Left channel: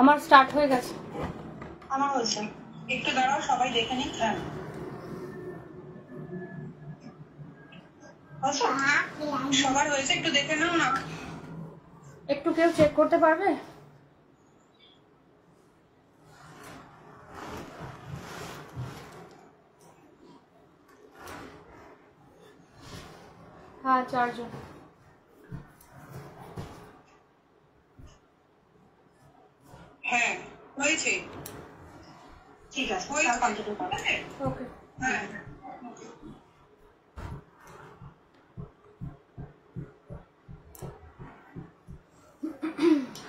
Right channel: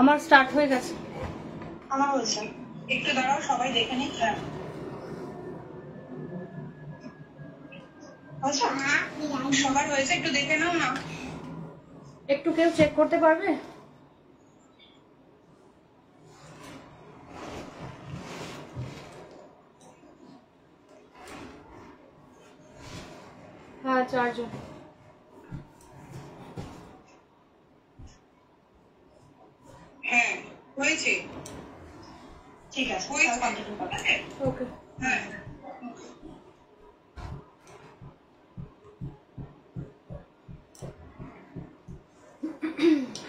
আমার স্টার্ট হয়ে গেছে। আমার হয়েছে, একটু দাঁড়াও সবাই দেখে নিক। হ্যাঁ সবার হয়েছে, একটু দেখে নাও না। একটু কেউ চেক করতে পারবে? হ্যাঁ 4 জন। হ্যাঁ হয়েছে, ঠিক আছে ওকে। হ্যাঁ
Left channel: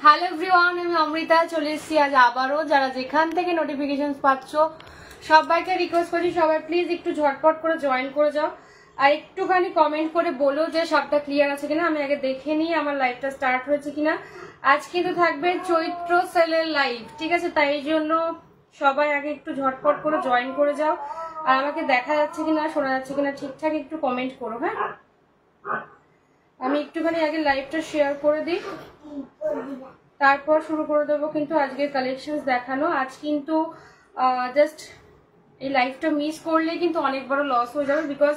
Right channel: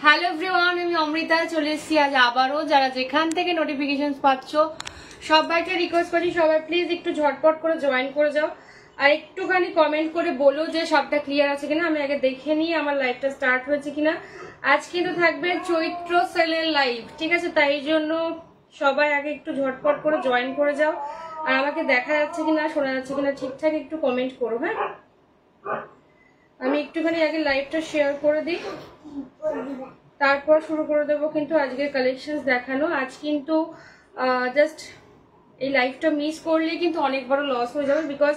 হ্যালো এভরিওয়ান, আমি অমৃতা চলে এসেছি আজ আবারও। যারা যেখান থেকে নোটিফিকেশন পাচ্ছ সবাইকে রিকোয়েস্ট করি সবাই প্লিজ একটু ঝটপট করে জয়েন করে যাও আর একটুখানি কমেন্ট করে বলো যে সবটা ক্লিয়ার আছে কিনা। আমি আগে দেখে নিই আমার লাইভটা স্টার্ট হয়েছে কিনা। আজ কিন্তু থাকবে চৈত্র সেলের লাইভ, ঠিক আছে? তাই জন্য সবাই আগে একটু ঝটপট করে জয়েন করে যাও আর আমাকে দেখা যাচ্ছে কিনা শোনা যাচ্ছে কিনা ঠিকঠাক একটু কমেন্ট করো। হ্যাঁ, আমি একটুখানি আগে লাইভটা শেয়ার করে দিই, তারপর শুরু করে দেবো কিন্তু আজকে কালেকশন দেখানো। আজ কিন্তু জাস্ট এই লাইভটা মিস করলে কিন্তু অনেক বড় লস হয়ে যাবে, বিকজ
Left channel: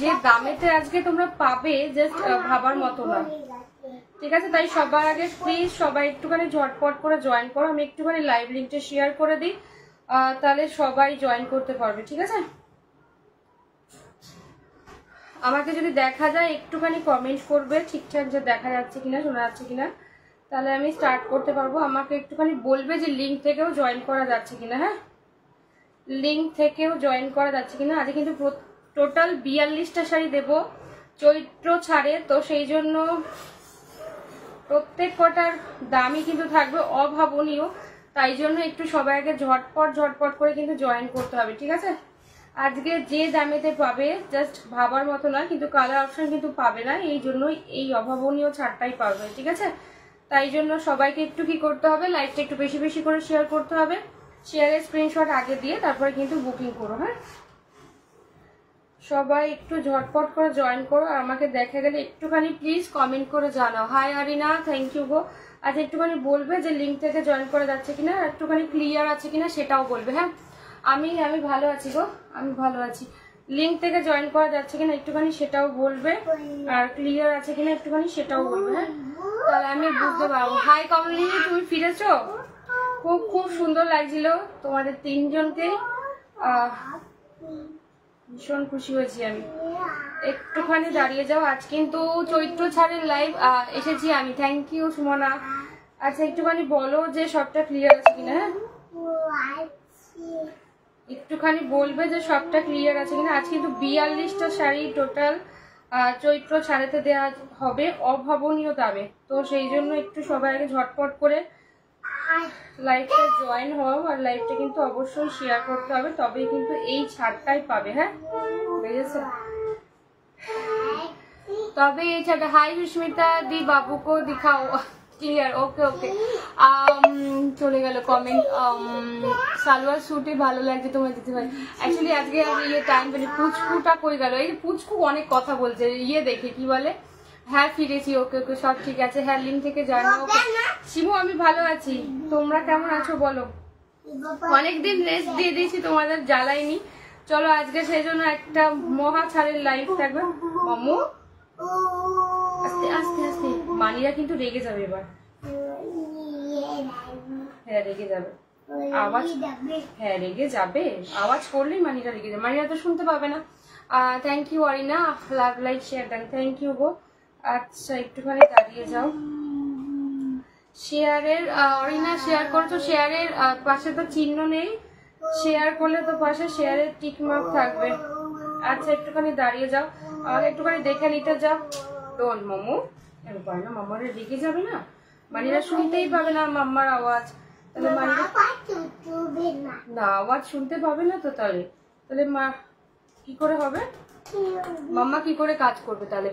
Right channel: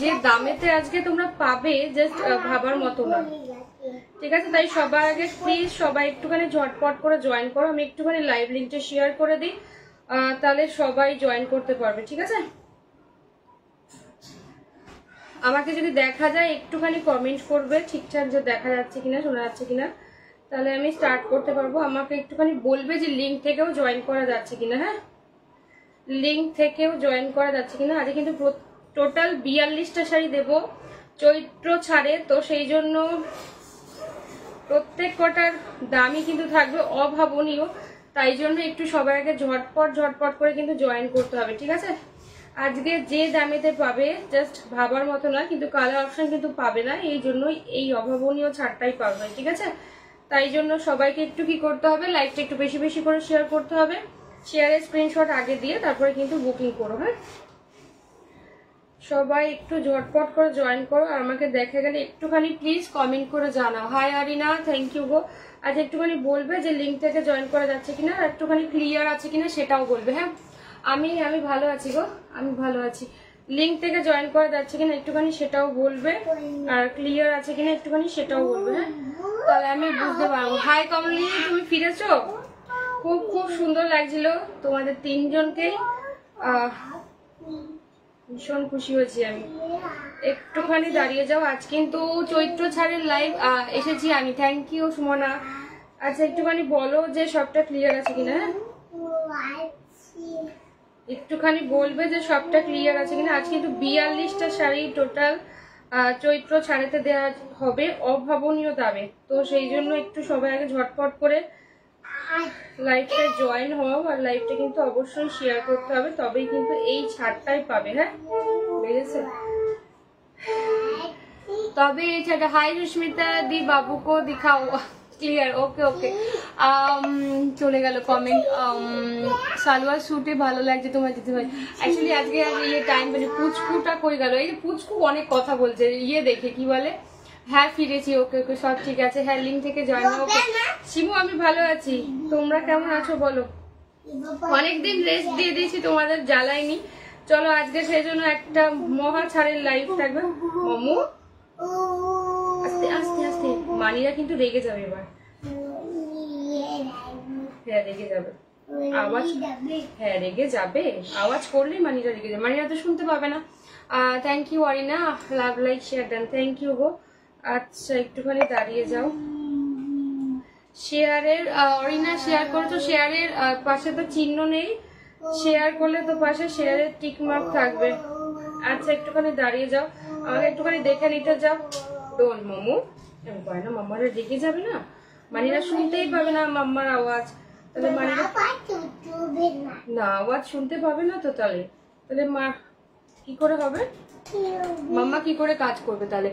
যে দামেতে আজকে তোমরা পাবে জাস্ট ভাবার মতো না, ঠিক আছে? তাই সবার আগে প্লিজ সবাই একটুখানি ঝটপট করে জয়েন করো। আমি একটুখানি লাইভ লিঙ্কটা শেয়ার করে দিই, তাহলে সবাই জয়েন করতে পারবে, ঠিক আছে? আমাকে যদি দেখা যায় একটুখানি কমেন্ট করবে ঠিকঠাক যে দেখা যাচ্ছে কিনা শোনা যাচ্ছে কিনা, তাহলে আমি স্টার্ট করতে পারবো। আমাকে একটুখানি বলবে যে লিঙ্ক থেকেও জয়েন করা যাচ্ছে কিনা। হ্যাঁ, লিঙ্ক থেকেও জয়েন করা যাচ্ছে কিনা। আজকে কিন্তু টোটাল 42টা শাড়ি দেবো চৈত্র ছাড়ে, তো সেই জন্য প্রত্যেক কটার দামই কিন্তু থাকবে অভাবনীয়। তাই জন্য একটু সবাই আগে ঝটপট করে কিন্তু জয়েন করতে হবে, ঠিক আছে? আজকে যে দামেতে পাবে জাস্ট ভাবার মতো না, কিন্তু কালার অপশন কিন্তু পাবে না, এই জন্যই এই অভাবনীয় ছাড়টাই পাবে, ঠিক আছে? তাই জন্য সবাইকে একটু কি করতে হবে, লাইভটা একটু বেশি বেশি করে শেয়ার করতে হবে। শেয়ারের স্ক্রিনশট আগে দিয়ে তারপরে কিন্তু বুকিং করো। হ্যাঁ, সবাই একটু ঝটপট করে জয়েন করো আর আমাকে দেখা গেলে একটুখানি প্লিজ কমেন্ট করে জানাও। হাই আরিনা, থ্যাংক ইউ গো। আজ একটুখানি বলবে যে লিঙ্ক থেকে জয়েন করা যাচ্ছে কিনা, একটুখানি ক্লিয়ার আছে কিনা সেটাও বলবে। হ্যাঁ, আমি ভালো আছি গো, আমি ভালো আছি। লিঙ্ক থেকে জয়েন করা যাচ্ছে কিনা একটুখানি সেটাও বলবে, আর ক্লিয়ার আছে কিনা একটুখানি সেটাও বলবে। হ্যাঁ, তাহলে আমি বুঝতে পারবো। হাই কমলি, তুমি ফিরেছো? খুব খুব সুন্দর লাগছিল তোমাদের তিনজনকে, ভীষণ খুশি হয়েছি আমি। একটুখানি দাঁড়িয়ে যাও, আজ কিন্তু চৈত্র ছাড়ের লাইভ এসেছি আমি। Thank you Sumana. আচ্ছা একটুখানি বলো যে সবটা ক্লিয়ার আছে কিনা। হ্যাঁ, একটুখানি বলবে যে সবটা ক্লিয়ার আছে কিনা। আজ কিন্তু 42টা শাড়ি টোটাল চৈত্র ছাড়েতে দেওয়া হবে অভাবনীয় দামে, তো সেই জন্য একটু সবাই আগে ঝটপট করে লাইভটা জয়েন হও আর লাইভটা কিন্তু অবশ্যই শেয়ার করতে হবে, তবেই কিন্তু এই ছাড়টাই পাবে। হ্যাঁ, বুঝেছো? তবে এই ছাড়টা। হাই সুস্মিতা দি, বাবুকো দিখাও ক্লিয়ার। ওকে ওকে, চলে গেল কমেন্ট। সালোয়ার স্যুটে ভালো লাগছে তোমার দিতে ভাই। অ্যাকচুয়ালি আজকে টাইম মানে পুচকুটা কই গেল? এই পুচকু অনেক কথা বলছে, দেখে কি বলে। হ্যাঁ ফিরেছি, ওকে ওকে সব ঠিক আছে। হ্যাঁ, লিঙ্ক থেকে জয়েন হও। শিমু আমি ভালো আছি, তোমরা কেমন আছো বলো? অনেকদিন রেস্ট দিয়ে দিয়েছি, তোমাদের জ্বালাইনি। চলো আজকে সেই জন্য একটা মহা ছাড়ের লাইভ থাকবে। মামু আস্তে আস্তে আস্তে, মানিরা কিন্তু রেগে যাবে এবার। হ্যাঁ রেগে যাবে, আওয়াজ, হ্যাঁ রেগে যাবে, আওয়াজ করলেই মানিরা রেগে যাবে। মানিরা তো শুনতে পাবে না। Thank you Arina, love like share done, thank you গো। আচ্ছা একটুখানি দাঁড়িয়ে যাও। শেয়ারের অরিনা শেয়ার করছো, শেয়ারের পাশে তো চিহ্ন নেই, শেয়ার করলে তো পাশে শেয়ারের টিক মার্ক থাকবে। আচ্ছা একটুখানি দাঁড়িয়ে যাও, আমাকে একটুখানি দেখে নিতে যাও। ডোল মামু, আমি পারি না, মাম্মারা রেগে যাবে না, মানিরা শুনতেই পাবে না মাম্মার আওয়াজ। তাহলে মানিরা না আওয়াজ শুনতে পাবে না, তো তাহলে তাহলে মা কি করে হবে, মাম্মা কি করে কাজ করবে তাহলে?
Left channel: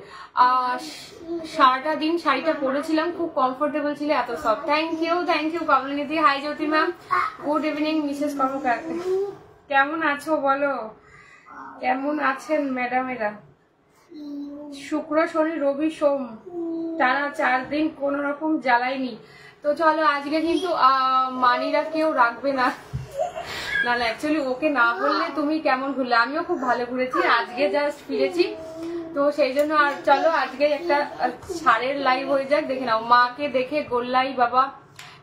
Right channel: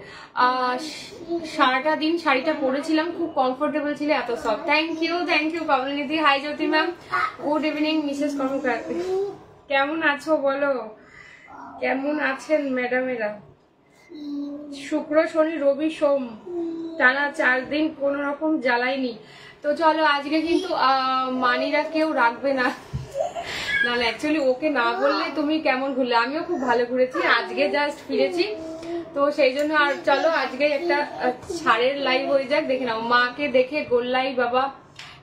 সারাটা দিন শাড়িটা পরেছিলাম, খুব কমফোর্টেবল ছিল, এত সফট। থ্যাংক ইউ কমলিদি। Hi Jyoti ma'am, good evening Mrs Karmakar. কেমন আছো বলো, কেমন আছেন ম্যাডামেরা? শুক্র শনি রবি সোম টানা 4 দিন কোন রকম জ্বালাইনি। তো চলো আজকে কিন্তু মানিরা কেউ রাখবে না, না অ্যাকচুয়ালি ওকে না বললে তুমি কেমন ঘুরলে, আমিও খুব ভালো ঘুরেছি, আজকে জাস্ট ফিরেছি তো সেই জন্য। আর চলো আজকে একটা ছাড়ের লাইভ হয়ে যাক, দেখে নাও মাকে দেখে গোল্লাই বাবা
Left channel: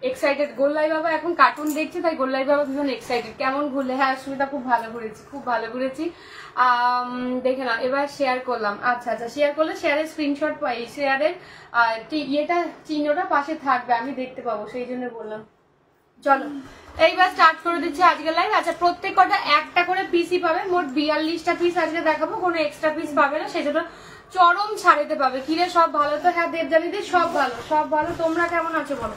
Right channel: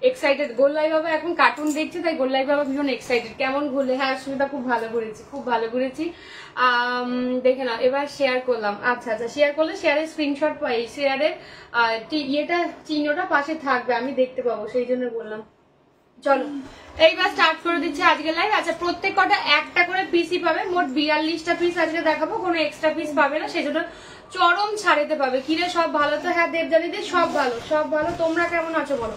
এক্সাইটেড। গোল্লাই বাবা এখন কার্টুন দেখছে, তাই গোল্লাই বাবা ভীষণ এক্সাইটেড। কেমন ঘুরলে? হ্যাঁ সুমিতা খুব ভালো ঘুরেছি, খুব ভালো ঘুরেছি। দেখে নাও এবার শেয়ার করলাম। আচ্ছা আচ্ছা শেয়ার করলে শেয়ারের স্ক্রিনশট পাই, শেয়ারের ইয়েটা চিহ্নটা পাশে থাকবে, আমি দেখতে পাবো, সেই জন্য বললাম। চলো এইবার স্টার্ট করে দিচ্ছি আজকে লাইভ। আচ্ছা প্রত্যেক কটা একটা করে পিসই পাবে, মোট 42টা পিস আজকে দেখাবো, কোনো এক্সট্রা পিস পাবে না, সেজন্য চরম ছাড়েতে পাবে। কিরে সব ভালো তো? হ্যাঁ দেবজানি দি সব ভালো, সব ভালো। তোমরা কেমন আছো বলো?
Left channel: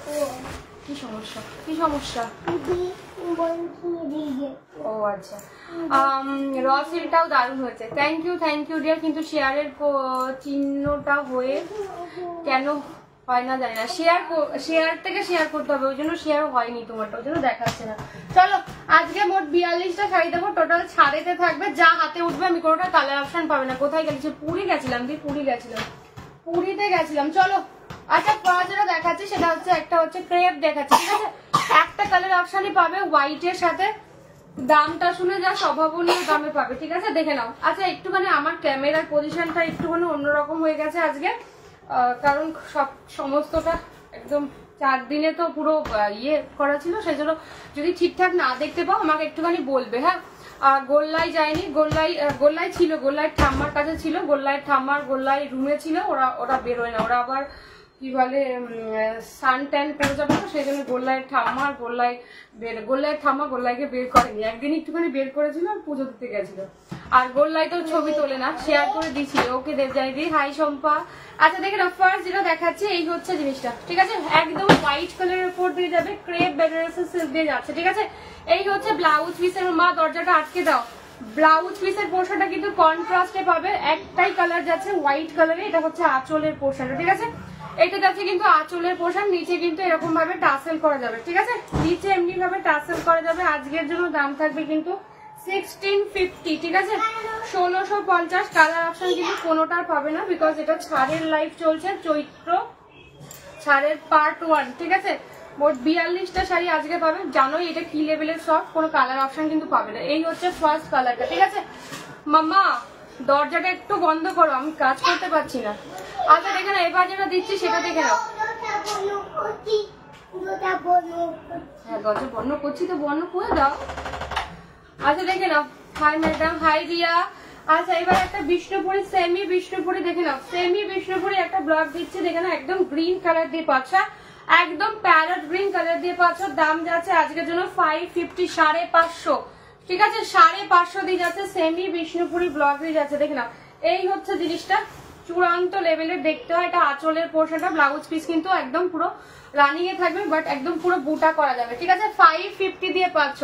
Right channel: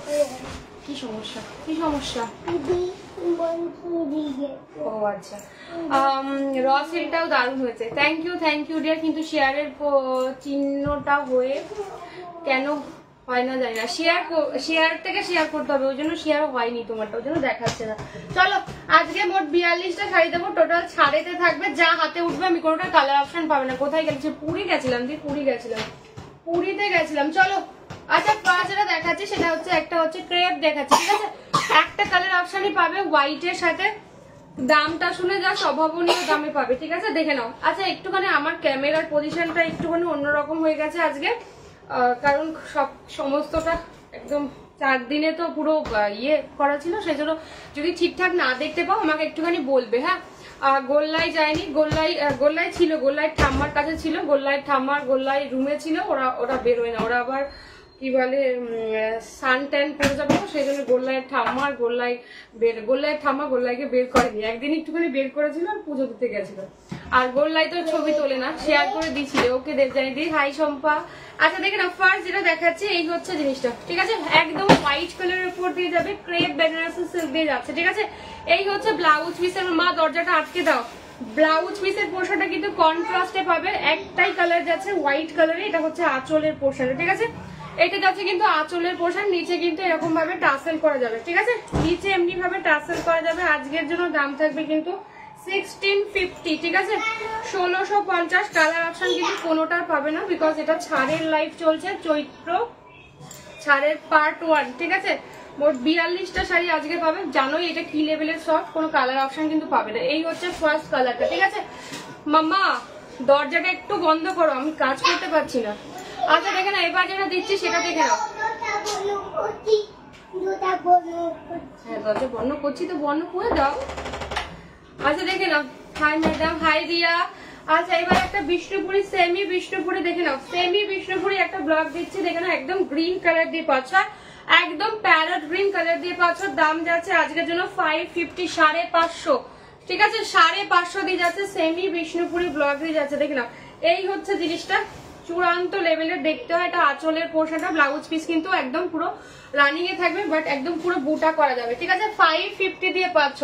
কি সমস্যা? কি সমস্যা? ও আচ্ছা র সিলটাও দারুণ হয়েছে, থ্যাংক ইউ ডিয়ার। কিন্তু শেয়ারের চিহ্নটা হয়ে কেন হয় না জানি না, শেয়ার থেকে শেয়ার করতে হবে, ওই জন্য শেয়ার হয়নি তোমারটা, ওই জন্য দেখাচ্ছে না। চলো আজকে মোট 42টা শাড়ি দেবো, টোটাল ছাড়েতে থাকবে, যা হাতে উঠবে। আমি কোনোটা কালার অপশন পাবে না। কোথায় গেছি? পুরী গেছিলাম দি, পুরীতে গেছিলাম। চলো আচ্ছা ফার্স্ট যেটা দেখাচ্ছি সেটা হচ্ছে একটা হচ্ছে ক্রেপ দেখাচ্ছি, ঠিক আছে? একটা কালার অপশনই পাবে হোয়াইটের সাথে, দামটা শুনে যা স্বভাবনীয় দামে পাবে, ঠিক আছে? দেখে নাও। আচ্ছা একটুখানি আমার ক্যামেরার পজিশনটা একটুখানি অন্যরকম হয়ে গেছে আজকে, কারণ সমস্তটা একদম 4 দিনে তো পুরো ইয়ে করা ছিল, সেজন্য যদি ঠিকঠাক না দেখতে পাও আমাকে একটুখানি বলবে। হ্যাঁ গোল্লাই যায়নি, গোল্লাই ছিল, গোল্লাইয়ের ঠাম্মার কাছে ছিল, গোল্লাই রুমে ছিল, ওরা বেরোয় না, ওরা আবার কি বলে সান ট্যান পড়ে যাবে, তো সেই জন্য গোল্লাইয়ের ঠাম্মা গোল্লাইকে বের করেনি, একদিন একটুখানি বের করেছিল আর পুজো দিতে গেছিল। আর গোল্লাই তো ছবি তোলে না, শেয়ার করে দিচ্ছি ওকে দেবজানি দি। হাই শম্পা। আচ্ছা দেখে না ফার্স্ট যেটা দেখাচ্ছি এই হচ্ছে জিনিসটা, ঠিক আছে? একদম হোয়াইট কালারের উপর দিয়ে যাবে, ক্রেপ বেনারসি সিল্ক দিয়ে যাচ্ছে, ঠিক আছে? এই হচ্ছে ব্লাউজ পিসের, মা দরজাটা আটকে দাও। ব্লাউজ পিসের পোর্শনটা কিন্তু কন্ট্রাস্টে পাবে, একটাই কালার যাচ্ছে হোয়াইট কালারে, এটা হচ্ছে আঁচলের পোর্শন, ঠিক আছে? এটা যাচ্ছে কিন্তু আঁচলের পোর্শন, নিচে কিন্তু এরকম ভাবে টাসেল করা যাবে, ঠিক আছে? নিচে এমনি ভাবে টাসেল করা যাবে। আজকের জন্য দাম থাকবে কিন্তু 1650, ঠিক আছে? 1650। কালার অপশন কিন্তু কোনোটা পাবে না, বিকজ এটা ছাড়ের লাইভ চলছে, চৈত্র ছাড়ের পার্ট 1, ঠিক আছে? মোট 42টা শাড়ি আজকে পাবে, জানোই এটা কি লেভেলের সব, কোনো কালার অপশন কিন্তু পাবে না। এই হচ্ছে ফার্স্ট কালারটা, ঠিক আছে? মাম্মা দরজাটা একটু বন্ধ করো, আমি কাজ করতে পারছি না। আচ্ছা দেখে না এবার যেটা দিচ্ছি সেটা দেখে নাও। হ্যাঁ দরজা বন্ধ করছি তো বন্ধ করে দাও। আচ্ছা দেখে নাও। Hi madam, hi Riya. আচ্ছা এবার একটা বিষ্ণুপুরি, সেমি বিষ্ণুপুরি দেখে নাও, সেমি বিষ্ণুপুরি একটা ব্লক দিচ্ছি, দেখে নাও একদম গ্রিন কালার দিয়ে পাচ্ছ, একদম প্যারট গ্রিন কালার দিয়ে পাচ্ছ। দাম যাচ্ছে আজকের জন্য 550, 550, ঠিক আছে? 550 দিয়ে যাচ্ছে, সেমি বিষ্ণুপুরি ব্লক দিয়ে যাচ্ছে, দেখে নাও। এই হচ্ছে জিনিসটা, চূড়ান্ত লেভেলের দেখতে হয়। এটা আঁচলের পোর্শনটা, ব্লাউজ পিস কিন্তু একদম পুরো রানিং এ থাকবে, বাট একদম পুরো বুটা করা যাবে, ঠিক আছে? 550 দিয়ে পাচ্ছ।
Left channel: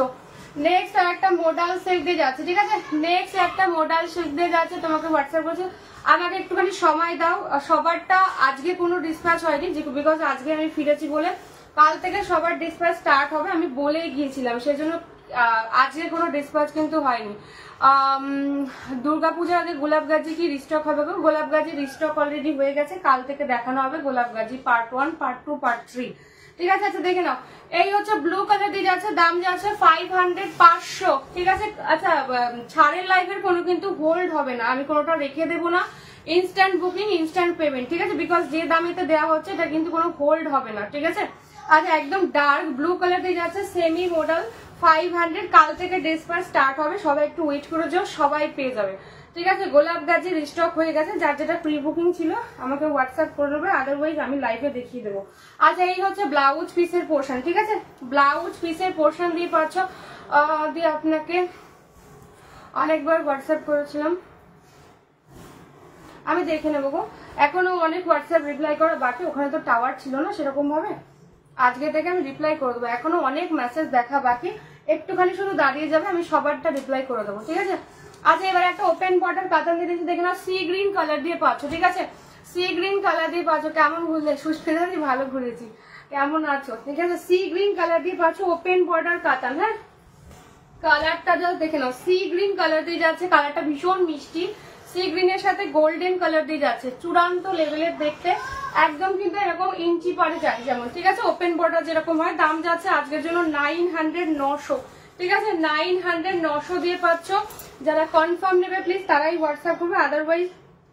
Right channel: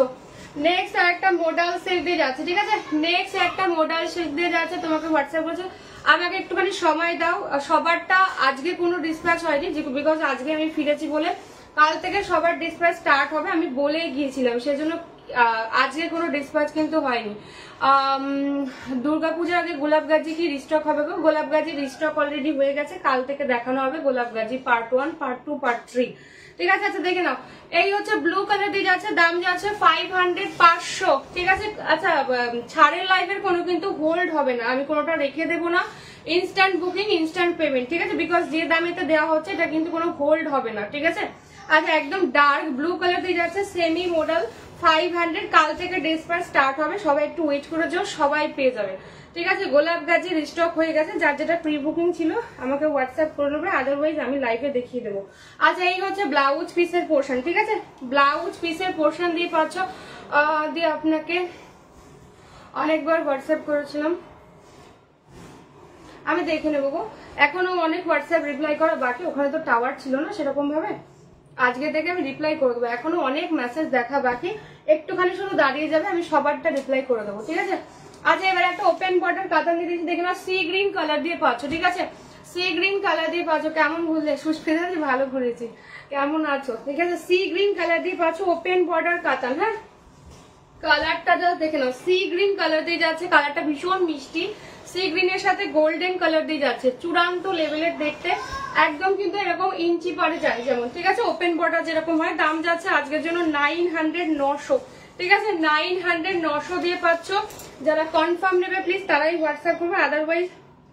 নেক্সট আর একটা মোডাল সিল্ক দিয়ে যাচ্ছে, ঠিক আছে? নেক্সট একটা মোডাল সিল্ক দিয়ে যাচ্ছে, তোমাকে হোয়াটসঅ্যাপ করেছে। আমাকে একটুখানি সময় দাও, সবারটা আজকে কোনো ডিসপ্যাচ হয়নি, বিকজ আজকে আমি ফিরেছি বলে, কাল থেকে সবার ডিসপ্যাচ স্টার্ট হবে, আমি বলে গিয়েছিলাম, সেজন্য আজকে কোনো ডিসপ্যাচ কিন্তু হয়নি। দুর্গাপূজার আগে গোলাপগাজি কি রিস্টক হবে গো? গোলাপগাজি রিস্টক অলরেডি হয়ে গেছে, কাল থেকে দেখানো হবে গোলাপগাজি পার্ট 1, পার্ট 2, পার্ট 3, ঠিক আছে? আচ্ছা দেখে নাও। এই হচ্ছে ব্লু কালার দিয়ে যাচ্ছে, দাম যাচ্ছে 500, 500, ঠিক আছে? আচ্ছা ছাড়ের লাইভের কোনো কিন্তু হোল্ড হবে না, আমি কোনোটা রেখে দেবো না, ইনস্ট্যান্ট বুকিং, ইনস্ট্যান্ট পেমেন্ট, ঠিক আছে? বিকজ যে দামেতে দেওয়া হচ্ছে এটা কিন্তু কোনো হোল্ড হবে না, ঠিক আছে? আচ্ছা একদম ডার্ক ব্লু কালার দিয়ে যাচ্ছে, সেমি মডেল, 500, কাল থেকে ডিসপ্যাচ স্টার্ট হবে, সবাই একটু ওয়েট করে যাও, সবাই পেয়ে যাবে, ঠিক আছে? গোলাপ গাজি রিস্টক হয়ে গেছে, যার যেটা প্রি বুকিং ছিল আমাকে হোয়াটসঅ্যাপ করে দেবে, আদারওয়াইজ আমি লাইভে দেখিয়ে দেবো। আচ্ছা এই হচ্ছে ব্লাউজ পিসের পোর্শন, ঠিক আছে? ব্লাউজ পিসের পোর্শন দিয়ে পাচ্ছ, দিয়ে আপনাকে অনেকবার হোয়াটসঅ্যাপ করেছিলাম, আমি দেখে নেবো গো, এখনো অনেক হোয়াটসঅ্যাপ রিপ্লাই করা বাকি, ওখানে তো টাওয়ার ছিল না সেরকম ভাবে, আজকে থেকে আমি রিপ্লাই করে দেবো, এখনো অনেক মেসেজ দেখা বাকি, একটুখানি শুধু দাঁড়িয়ে যাবে, আমি সবারটা রিপ্লাই করে দেবো, ঠিক আছে? আচ্ছা এবার একটা ওপেন বর্ডার কাতান দিয়ে দিচ্ছি, দেখে না সি গ্রিন কালার দিয়ে পাচ্ছ, ঠিক আছে? সি গ্রিন কালার দিয়ে পাচ্ছ, কেমন ঘুরলে? সুস্মিতা ভালো ঘুরেছি, কেমন আছো? ঠিক আছে, সি গ্রিন কালার দিয়ে পাচ্ছ, ওপেন বর্ডার কাতান। হ্যাঁ কালারটা যা দেখে নাও, সি গ্রিন কালার দিয়ে যাচ্ছে, কালারটা ভীষণ মিষ্টি, সি গ্রিনের সাথে গোল্ডেন কালার দিয়ে যাচ্ছে, চূড়ান্ত লেভেলের দেখতে, একদম কিন্তু এরকম ইঞ্চি পরে যায় যেমন, ঠিক আছে। ওপেন বর্ডার যেরকম হয়, দাম যাচ্ছে আজকের জন্য 900 900, ঠিক আছে। 900 900 দিয়ে পাচ্ছ। যারা কনফার্ম নেবে প্লিজ তারাই হোয়াটসঅ্যাপ করবে, আদারওয়াইজ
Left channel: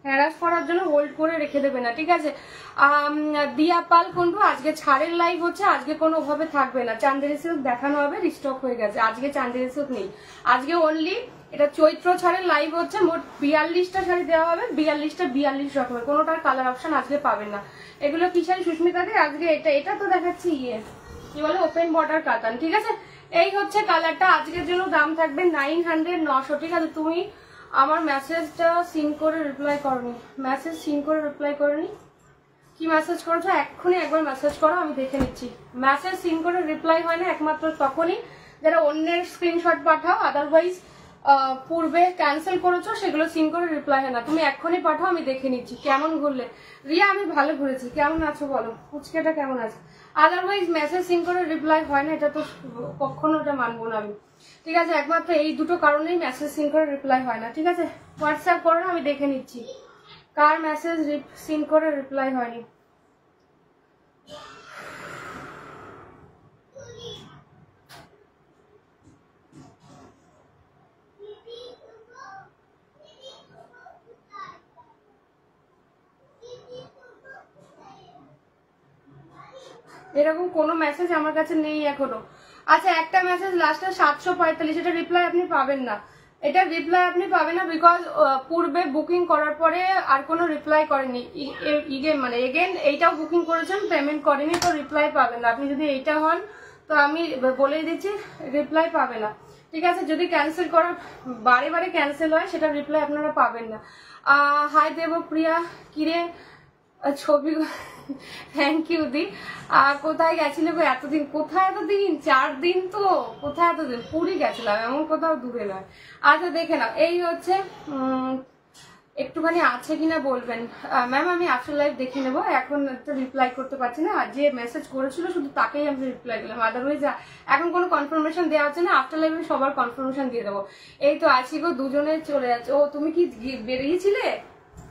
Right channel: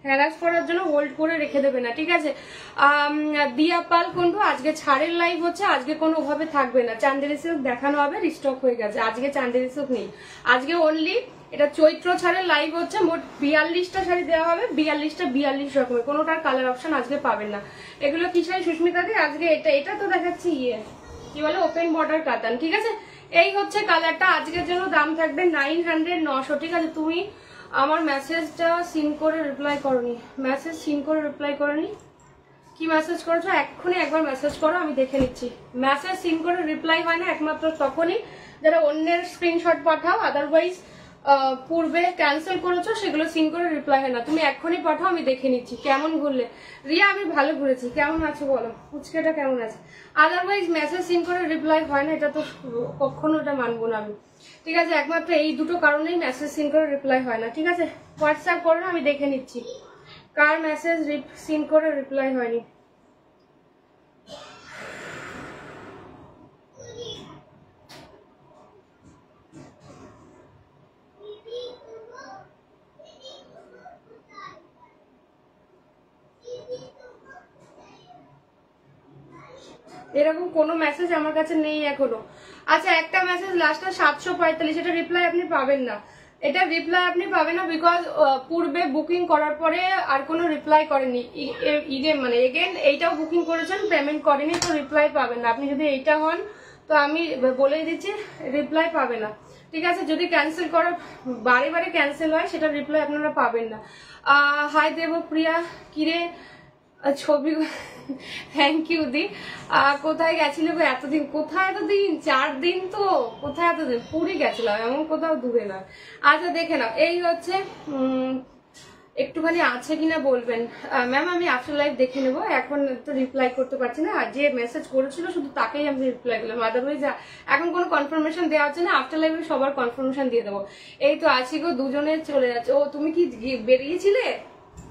হ্যারাস করার জন্য হোল্ড করে রেখে দেবে না, ঠিক আছে। দিয়া পাল কিন্তু আজকে ছাড়ের লাইভ হচ্ছে, আজকে কোনো ভাবে থাকবে না। চান্দেরি সিল্ক দেখানো হবে, রিস্টক হয়ে গেছে, আজকে চান্দেরি সিল্ক নেই। আজকে অনলি এটা চৈত্র ছাড়ের লাইভ হচ্ছে, মোট 42টা শাড়ি দেওয়া হবে, 42টা 42 রকমের, কোনোটার কালার অপশন আজকে পাবেন না। এগুলো কি শাড়ি সুস্মিতাকে আজকে এটা তো দেখাচ্ছি কি বলে ওপেন বর্ডার কাতান, ঠিক আছে। এই হচ্ছে কালারটা, আজকের জন্য দাম থাকবে 900 900, ঠিক আছে। তুমি আমার মেসেজটা সিন করে রিপ্লাই করনি, মেসেজ সিন করে রিপ্লাই করনি, কি মেসেজ করেছো এক্ষুনি একবার মেসেজ করো, আমি দেখে নিচ্ছি। মেসেজ সিন করে রিপ্লাই হয় না একমাত্র তখনই যারা অন্যের স্ক্রিনশট পাঠাও, আদারওয়াইজ পূর্বে ক্যান্সেল করেছো সেগুলো সিন করে রিপ্লাই হয় না। তুমি এক্ষুনি পাঠাও, আমি দেখে নিচ্ছি। কেমন ঘুরলে রিয়া? আমি ভালো ঘুরেছি, কেমন আছো বলো, ফুচকাটা কেমন আছে? আদারওয়াইজ মেসেজ সিন করে রিপ্লাই হয় না, এটা তো কখনো এটা মানবো না আমি, ঠিক আছে। একমাত্র এই দুটো কারণেই মেসেজ সিন করে রিপ্লাই হয় না, ঠিক আছে। হোয়াটসঅ্যাপ করো, আমি দেখে নিচ্ছি কার মেসেজ সিন করে রিপ্লাই হয়নি। এরকম কোনো মেসেজ আমার কাছে নেই এখনো। আচ্ছা, একটা মেসেজ লাস্টে 745, এটা রিপ্লাই আপনি পাবেন না, এটা রিপ্লাই আপনি পাবেন না, বিকজ পূর্বে বুকিং করার পরে আর কোনো রিপ্লাই করেনি, মানে এগেন এইটাও বুকিং করেছেন, পেমেন্ট করেনি, তো রিপ্লাই পাবেন না। আপনি যদি এইটা হন তো আমি বলে দিচ্ছি রিপ্লাই পাবে না, ঠিক আছে। যদি ক্যান্সেল করার বারে বারে ক্যান্সেল হয় সেটা রিপ্লাই আপনারা পাবেন না। হাই দেবপ্রিয়া, কিরে ছবি, থ্যাংক ইউ দি। কোথায় গেছিলে গো এতদিন? কোথায় এতদিন? 4 দিন তো, কোথায় এতদিন? পুরী গেছিলাম, এমন কোথাও দূরে নয়। আচ্ছা দেখে নাও, এই হচ্ছে একটুখানি আছে কিনা বলবেন। ম্যাম আমি আফটার লাইভ দেখে নেবো, এখন তো রিপ্লাই করতে পারছি না, আর যে মেসেজ করেছিল শুধু তাকেই আমি রিপ্লাই দিলাম, আদারওয়াইজ এখন কোনো কনফার্মেশন দেওয়া হচ্ছে না। আফটার লাইভে সবার কনফার্মেশন দিয়ে দেবো। এই তো আছি গো, দুজনে চলে যাচ্ছে। ও তুমি কি বেরিয়েছিলে?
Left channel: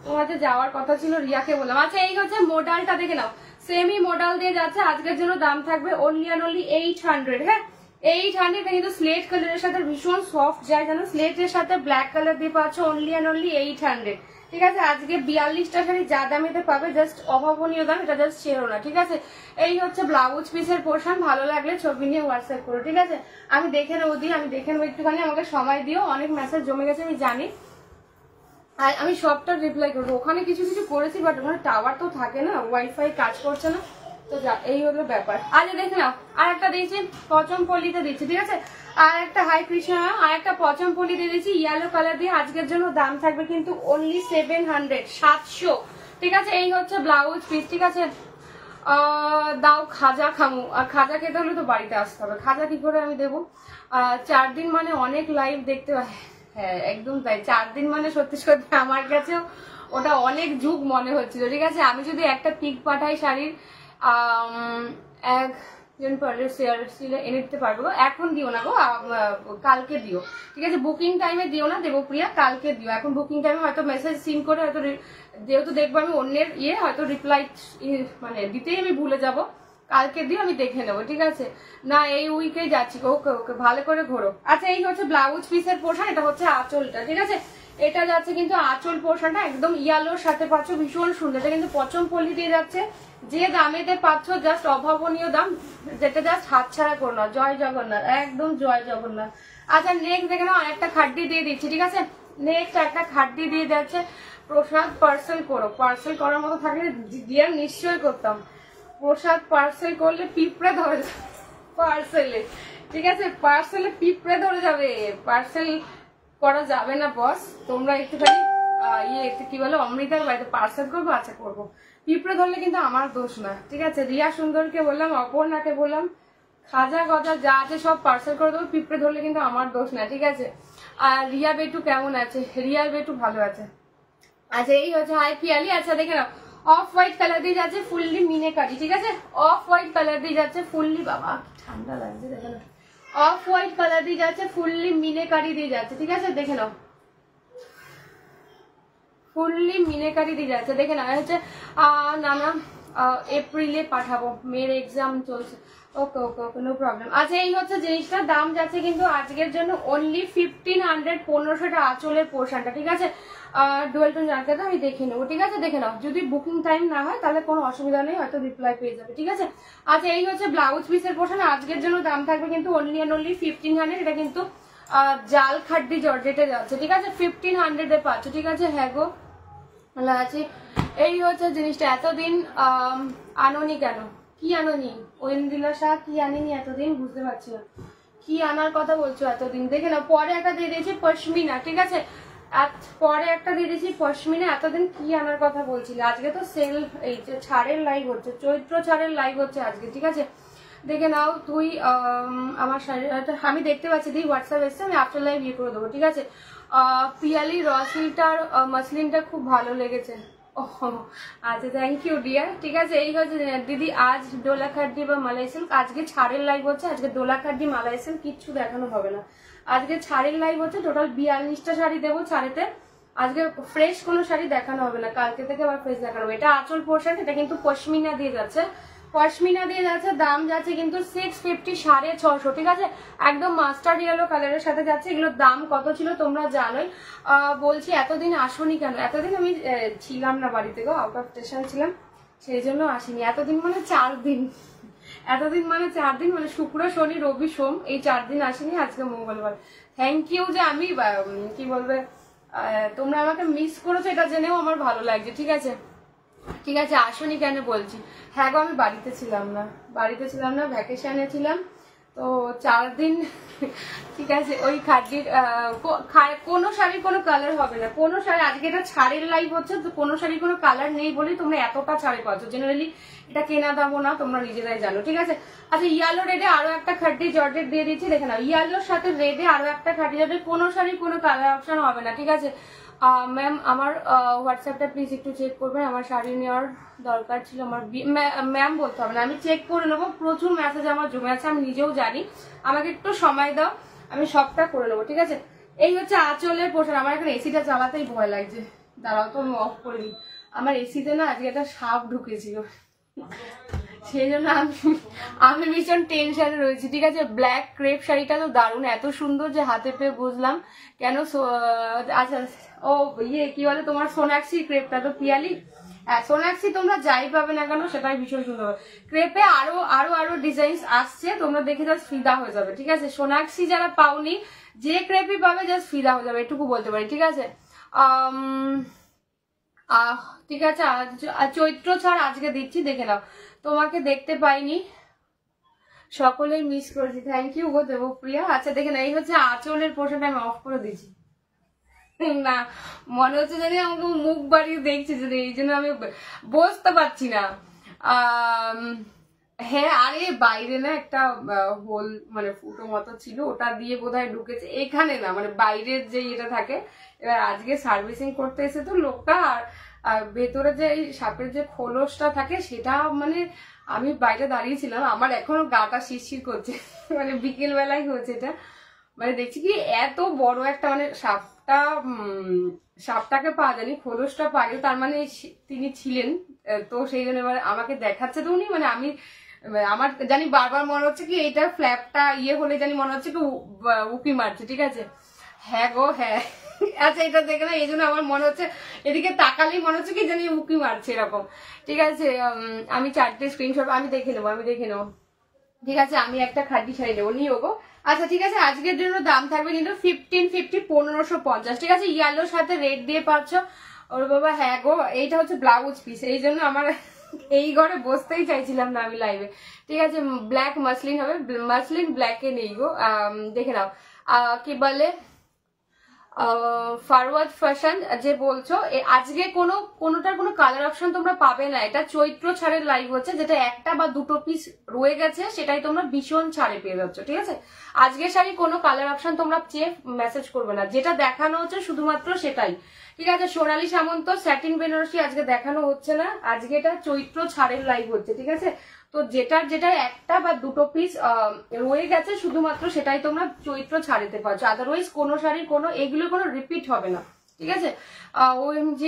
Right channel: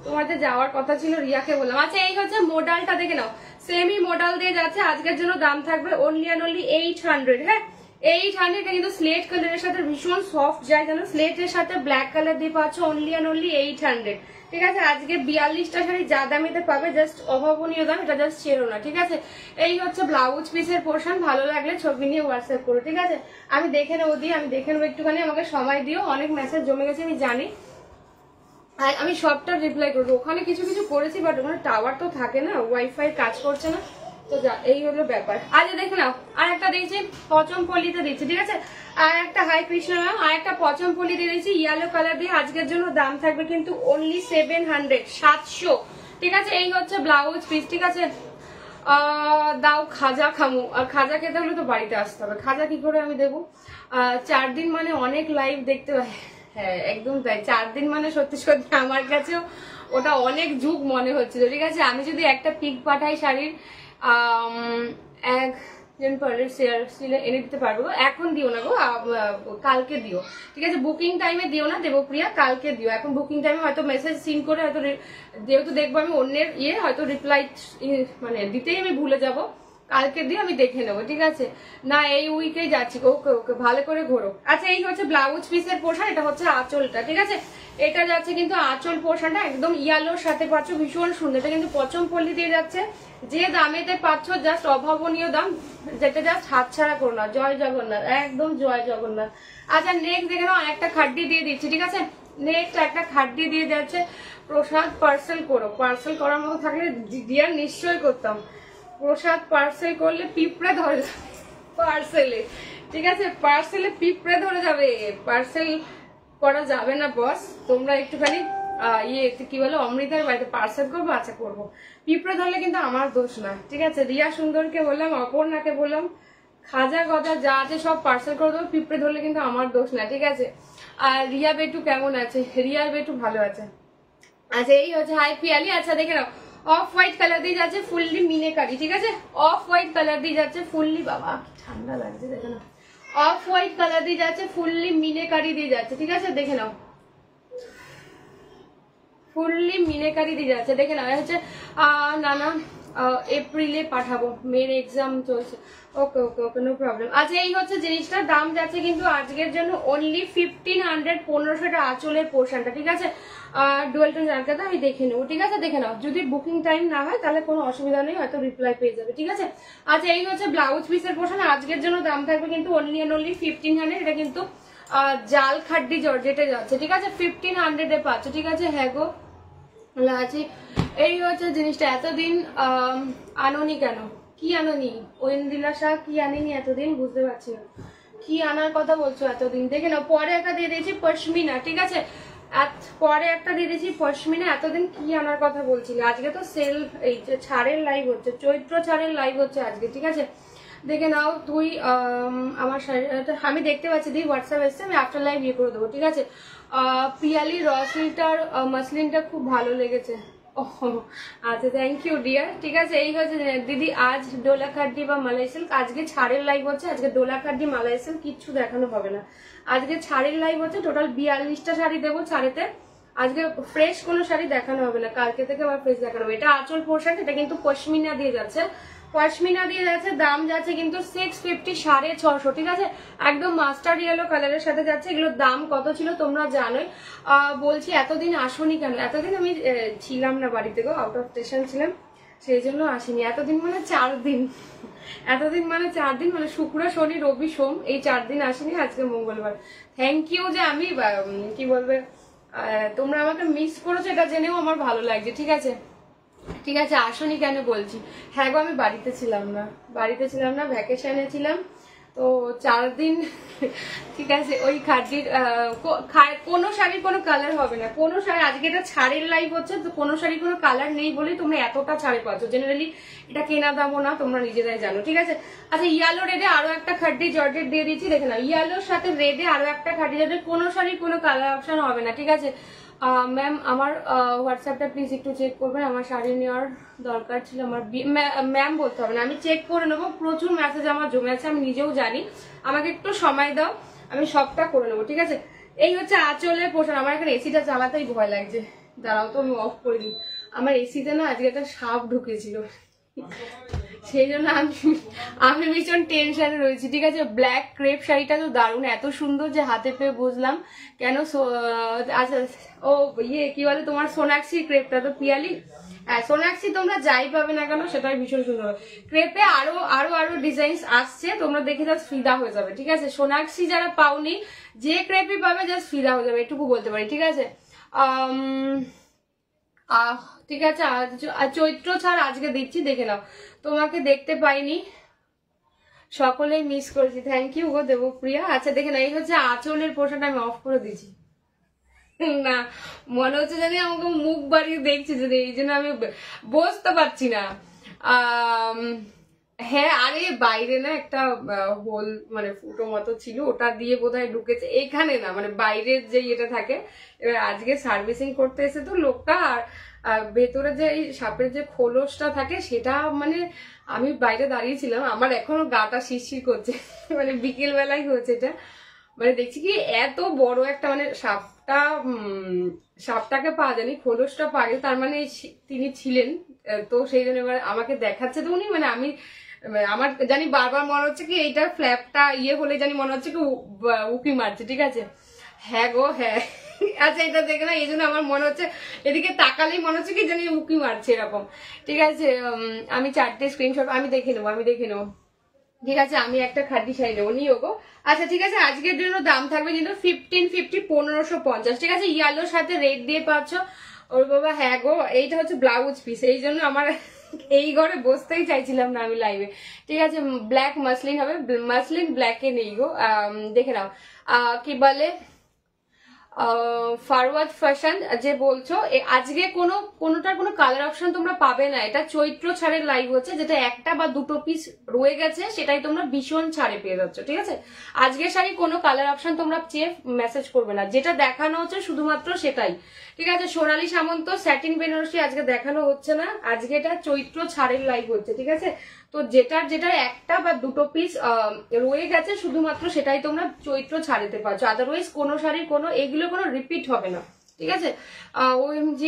তোমাদের যাওয়ার কথা ছিল, রিয়াকে বললাম। আচ্ছা এই হচ্ছে মোডালটা দেখে নাও, সেমি মোডাল দিয়ে যাচ্ছে, আজকের জন্য দাম থাকবে অনলি অ্যান্ড অনলি 800। হ্যাঁ 800, কিন্তু স্লেট কালারের সাথে ভীষণ সফট যায়, জানো, স্লেটের সাথে ব্ল্যাক কালার দিয়ে পাচ্ছ অনলি অ্যান্ড অনলি 800, ঠিক আছে। আজকে 42টা শাড়ি যা দামিতে পাবে, জাস্ট অভাবনীয় দাম, এটা জাস্ট ছেড়ো না, ঠিক আছে। এই হচ্ছে ব্লাউজ পিসের পোর্শন, ভালো লাগলে ছবি নিয়ে হোয়াটসঅ্যাপ করো, ঠিক আছে। আমি দেখে নেবো আমি দেখে নেবো, একটুখানি আমাকে সময় দিও, অনেক মেসেজ জমে গেছে আমি জানি, আমি সবটা রিপ্লাই করবো। ওখানে কিছু কিছু করেছি, বাট ওখানে টাওয়ার তো থাকে না, ওয়াইফাই কাজ করছে না, তো যা এই হলো ব্যাপার। আচ্ছা দেখে নাও, আর একটা দিয়েছি পচমপল্লিতে দিচ্ছি, ঠিক আছে। আর একটা হাই কৃষ্ণা ম্যাম, আর একটা পচমপল্লি দিয়ে দিয়েছি ইয়েলো কালার দিয়ে, আজকের জন্য দাম থাকবে কিন্তু অনলি 700, ঠিক আছে। এই হচ্ছে ব্লাউজ পিস, ঠিক আছে। দাও খাজা খামু, আর খাজা খেতে হলে তো বাড়িতে আসতে হবে, খাজা কি করে আমি দেবো? 4 দিন মানে অনেক লাইভ দেখতে হয়, হ্যাঁ একদম তাই। 4 দিন মানে সত্যি সত্যি আমার কাছেও ওটা অনেক যুগ মনে হচ্ছিল, ঠিক আছে। আমি যদি একটা পিক পাঠাই শাড়ির, একজন পরের শেয়ার এনে দিতে পারবো। এখন দিও না গো, কালকে দিও, ঠিক আছে। বুকিং টাইমে দিও না দেবপ্রিয়া, কালকে দিও। এখন বুকিং টাইমে হয়তো মেসেজ সিন করে, হয়তো যেহেতু দেখবো আমি অন্যের হয়তো রিপ্লাই মানে দিতেই আমি ভুলে যাব, কালকে দিয়ে আমি দেখে নেবো, ঠিক আছে। না এই উইকেই যাচ্ছি, ওকে ওকে, ভালো করে ঘোরো। আচ্ছা এই হচ্ছে ব্লাউজ পিসের পোর্শন, এটা হচ্ছে আঁচলটা, ঠিক আছে। এটা যাচ্ছে কিন্তু আঁচল পোর্শনটা একদম ইয়ালোর সাথে পাচ্ছ, ভীষণ সুন্দর। এটা কিন্তু পচমপল্লি দিয়ে যাচ্ছে, যে দামেতে পাচ্ছ জাস্ট অভাবনীয় দাম, যেটা জাস্ট হাতছাড়া করো না। জয় জগন্নাথ, একদম জয় জগন্নাথ। আচ্ছা নেক্সট দেখে নাও, একটা খাড্ডি দিয়ে দিচ্ছি, ঠিক আছে। নেক্সট একটা খাড্ডি দিয়ে যাচ্ছে, প্রসাদ পার্সেল করো। পার্সেল করার মতো থাকলে ডিয়ার নিশ্চয়ই করতাম। প্রসাদ পার্সেল করলে পিঁপড়ে ধরে যাবে পার্সেলে, ঠিক আছে। পার্সেলে পিঁপড়ে ধরে যাবে, পার্সেল করা যাবে না বস। তোমরা একটুখানি কি বলে, অমৃতার বাড়িতে পার্সেল করবো, আচ্ছা করবো। পিঁপড়ে ধরলে কিন্তু আমার দোষ না, ঠিক আছে। রিয়া সুন্দরকে বললাম, অপর্ণাকে বললাম, খাজা গজা যা আছে সব পার্সেল করে দেবো, পিঁপড়ে ধরলে কিন্তু আমার দোষ না, ঠিক আছে। আর রিয়া বেটু কেমন আছে? রিয়া বেটু ভালো আছে। আচ্ছা এই হচ্ছে হাই পিয়ালি। আচ্ছা দেখে নাও, অফ হোয়াইট কালার দিয়ে যাচ্ছে ফুললি মিনেকারি, ঠিক আছে। অফ হোয়াইট কালার দিয়ে যাচ্ছে ফুললি, বাবা ঠান্ডা লাগছে, দেখে নাও। অফ হোয়াইট কালার দিয়ে যাচ্ছে ফুললি মিনেকারি দিয়ে যাচ্ছে, ঠিক আছে। দেখে নাও, ফুললি মিনেকারি দিয়ে যাচ্ছে। দেখে না হচ্ছে না এপ্রিলে পাঠাবো, মেয়ের এক্সাম চলছে। ওকে ওকে ওকে, নো প্রবলেম। আচ্ছা এই হচ্ছে জিনিসটার দাম যাচ্ছে কিন্তু আজকের জন্য অনলি 1500, 1500টা আঁচলের পোর্শনটা, ঠিক আছে। ডুয়েল টোন জানকাটা আমি দেখে নেবো, ঠিক আছে, দেখে নাও। যদি বুকিং টাইম না হয় তাহলে কোনো অসুবিধা নেই, হয়তো রিপ্লাই পেয়ে যাবে, ঠিক আছে। আচ্ছা এই হচ্ছে ব্লাউজ পিসের পোর্শন, আজকের জন্য দাম থাকবে কিন্তু অনলি 1500। এটা কিন্তু জাল খাড্ডি জর্জেটে যাচ্ছে, ঠিক আছে, 1500 পাচ্ছ, ঠিক আছে। হ্যাঁ গো আছে। এই হচ্ছে জিনিসটা। এতদিন আনোনি কেন, কি আনোনি? ঐন্দ্রিলা শাহ কি আনেনি এতদিন, বুঝতে পারছি না কি আনার কথা বলছো এতদিন। দেখে নাও, পরে একটা দিয়ে দিয়েছি পশমিনা, ঠিক আছে, পরে একটা দিয়ে দিয়েছি পশমিনা। এতদিন কি আনার কথা বলছিলে? আজকে তো সেল, এই ছাড়ের লাইভ হচ্ছে, চৈত্র ছাড়ের লাইভ হচ্ছে আজকে, ঠিক আছে। দেখে নাও তুই আমার শাড়ি, আমি দেখতে পাচ্ছি দিদি হোয়াটসঅ্যাপ এসছে, আমি আফটার লাইভ ইয়ে করে দেবো, ঠিক আছে। পিয়ালি রসলিটার মাসলিনটা খুব ভালো লেগেছে। আচ্ছা থ্যাংক ইউ ডিয়ার, ঠিক আছে। এই হচ্ছে দিদি আজ ডোলা খাড্ডি বা মালাই সিল্ক, আজকে ছাড়ের লাইভ হচ্ছে। আজকে ডোলা খাড্ডি মালাই সিল্ক কিচ্ছু দেখানো হবে না, আজকে ছাড়ের লাইভ হচ্ছে। টোটাল 42টা শাড়ি দেবো ছাড়েতে, আজকে ফ্রেশ কোনো শাড়ি দেখানো হবে না, কালকে থেকে আবার ফ্রেশ দেখানো হবে। এটা আঁচল পোর্শন, এটা কিন্তু পশমিনা দিয়ে যাচ্ছে, পশমিনা দিয়ে যাচ্ছে। দাম যাচ্ছে কিন্তু 650, 650, ঠিক আছে। একদম মাস্টার ইয়েলো কালারের সাথে যাচ্ছে। এগুলোর দাম কত ছিল তোমরা জানোই। বলছি এতদিন আসোনি কেন? এতদিন আমি ছিলাম না বাড়িতে গো, আউট অফ স্টেশন ছিলাম, সেই জন্য আসিনি। এতদিন মানে 4 দিন, এতদিন মানে 4 দিন, মানে শুক্র শনি রবি সোম, এই 4 দিন আসিনি, আজকে মঙ্গলবার। থ্যাংক ইউ যে আমি কি বলবে, তোমরা আমাকে মিস করেছো, এটা জেনেও আমার ভালো লাগছে, ঠিক আছে, ঠিক আছে। আসনি কেন বলছি, হ্যাঁ গো আমি বাড়িতে ছিলাম না, ভ্যাকেশনে ছিলাম তো 4 দিন, ঠিক আছে। ওই খাদ্যের কোনো শাড়ির কোনো কালার হবে না, কোনো শাড়ি, আজকে এটা ছাড়ের লাইভ হচ্ছে তো কোনো শাড়ির কোনো কালার নেই বলেই তোমরা এতটা ছাড়ে পাচ্ছ। জেনারেলি এটা কেনা দামও না, তোমরা নিজেরাই জানো, ঠিক আছে। আচ্ছা ইয়েলো রেডে আরো একটা খাড্ডি জর্জেট দিয়ে দিচ্ছি, দেখে নাও। ইয়েলোর সাথে রেডে আরো একটা খাড্ডি জর্জেট, কোনো শাড়ির কোনো কালার অপশন হবে না, ঠিক আছে। ম্যাম আমার হোয়াটসঅ্যাপটা প্লিজ একটু চেক করবেন, আমার শাড়ি নেওয়ার দরকার ছিল। আমার ম্যাম বলতে হবে না, আমি চেক করে নেবো, প্রচুর মেসেজ আমার জমে আছে, আমি নিজেও জানি, আমাকে একটু সময় দাও, আমি সবটা করে নেবো, ঠিক আছে। এই হচ্ছে আঁচলের পোশাক। আমার এখানে এসিটা চালাতেই ভয় লাগছে, দাঁড়াও তো আমি অফ করে দিই। আমার এসিতে না আজকে একটা সাপ ঢুকেছিল, সেই জন্য আমি ভীষণ টেনশনে রয়েছি, ঠিক আছে। ব্ল্যাক ক্রেপ শাড়িটা তো দারুণ, এত সুন্দর যে হাতে পেয়ে বুঝলাম কেন। আচ্ছা ও ইয়ে কি বলে তোমার সোনাক্ষী ক্রেপটা তো পিয়ালি, হ্যাঁ সোনাক্ষী তোমরা যাই পাবে না কেন সেটাই ভীষণ সুন্দর। ক্রেপে আরো আরো আরো ডিজাইন আসছে, তোমরা দেখে জাস্ট ফিদা হয়ে যাবে, ঠিক আছে। সোনাক্ষী যারা পাওনি, যে ক্রেপই পাবে জাস্ট ফিদা হয়ে যাবে, এটুকু বলতে পারি, ঠিক আছে। ঠিক আছে। চৈত্র ছাড় আজকে দিচ্ছি, দেখে নাও। তোমাকে দেখতে পাইনি, সকলেই মিস করেছি, থ্যাংক ইউ গো দেবপ্রিয়া। আচ্ছা দেখে না, এই হচ্ছে আঁচলের পোর্শনটা আমি অফ করে দিচ্ছি, না মনে হচ্ছে জানি আমাকে মুখ বাড়িয়ে দেখছে যদি, এই জন্য আমি বসতে পারছি না। হ্যাঁ আরে বাইরে না একটা হোল মানে ফুটো মতো ছিল, ওটা দিয়ে বোধহয় ঢুকেছে, এখানে না মানে বাইরের যে এটা থাকে। আজকে সার্ভিসিং করতে এসে তো লোকটা, আর ভেতরে যে এই সাপের যে খোলসটা থাকে সেটা, মানে আমি বাইরে দাঁড়িয়েছিলাম, আমার এখনো গাটা শিরশির করছে, মানে বিকেল বেলায় হয়েছে এটা। মানে দেখছি কি এত বড় একটা, মানে সাপটাকে পাওয়া যায়নি, খোলসটা পাইনি, তার মানে তিনি ছিলেন তো সেই জন্য এবার আমাকে দেখাচ্ছে তো উনি, মানে আমি আমার জানি বারবার মনে হচ্ছে কি এইটার ফ্ল্যাপটা ইয়ে হলে জানি মনে হচ্ছে কি উকি মারছে, ঠিক আছে। হ্যাঁ গো হ্যাঁ, আচ্ছা এটা দেখে না, এই জন্য আমার মনে হচ্ছে এদিকে তাকালেই মনে হচ্ছে কি জানি উকি মারছে এরকম, ঠিক আছে। আমি 4টে স্ক্রিনশট আমি দেখে নেবো, ঠিক আছে। আমি একটা খাড্ডি শাড়ি নেবো, নিও গো। আচ্ছা ঠিক আছে, আজকের জন্য দাম থাকবে কিন্তু 1550, 1550, ঠিক আছে। ইয়েলোর সাথে রেড দিয়ে পাচ্ছ, ওর বাবা। হ্যাঁ গো এইটা হচ্ছে ব্লাউজ পিস, এই জন্য আমার এই ঘরে বসতেই চাইছিলাম না আমি লাইভে, ঠিক আছে। ব্ল্যাক মাসলিন হবে, মাসলিন ব্ল্যাকে নেই গো, দেখে নাও। কি বলে ফরওয়ার্ড ফ্যাশন যে বলছো, আজকে কোনোটার কোনো কালার অপশন তোমরা পাবে না, এটা চৈত্র ছাড়ের লাইভ হচ্ছে, যেটা একটা বা দুটো পিস রয়ে গেছে সেটাই তোমরা ভীষণ ছাড়ে পেয়ে যাচ্ছ, ঠিক আছে। আজকের শাড়ি কোনো কালার অপশন তোমরা চেয়ে মেসেজ করবে না, যেটা দেখানো হচ্ছে শুধুমাত্র সেটাই, ঠিক আছে। সোনালী সামন্ত স্যাটিন বেনারসি আজকে দেখানো হচ্ছে না, আজকে এটা চৈত্র ছাড়ের লাইভ হচ্ছে, ঠিক আছে। তো যেটা একটা বা দুটো পিস রয়ে গেছে শুধুমাত্র সেটাই তোমরা চৈত্র ছাড়িতে পারছো, আদারওয়াইজ কোনো শাড়ির কোনো এগুলো কোনো রিপিট হবে না, ঠিক আছে। OMG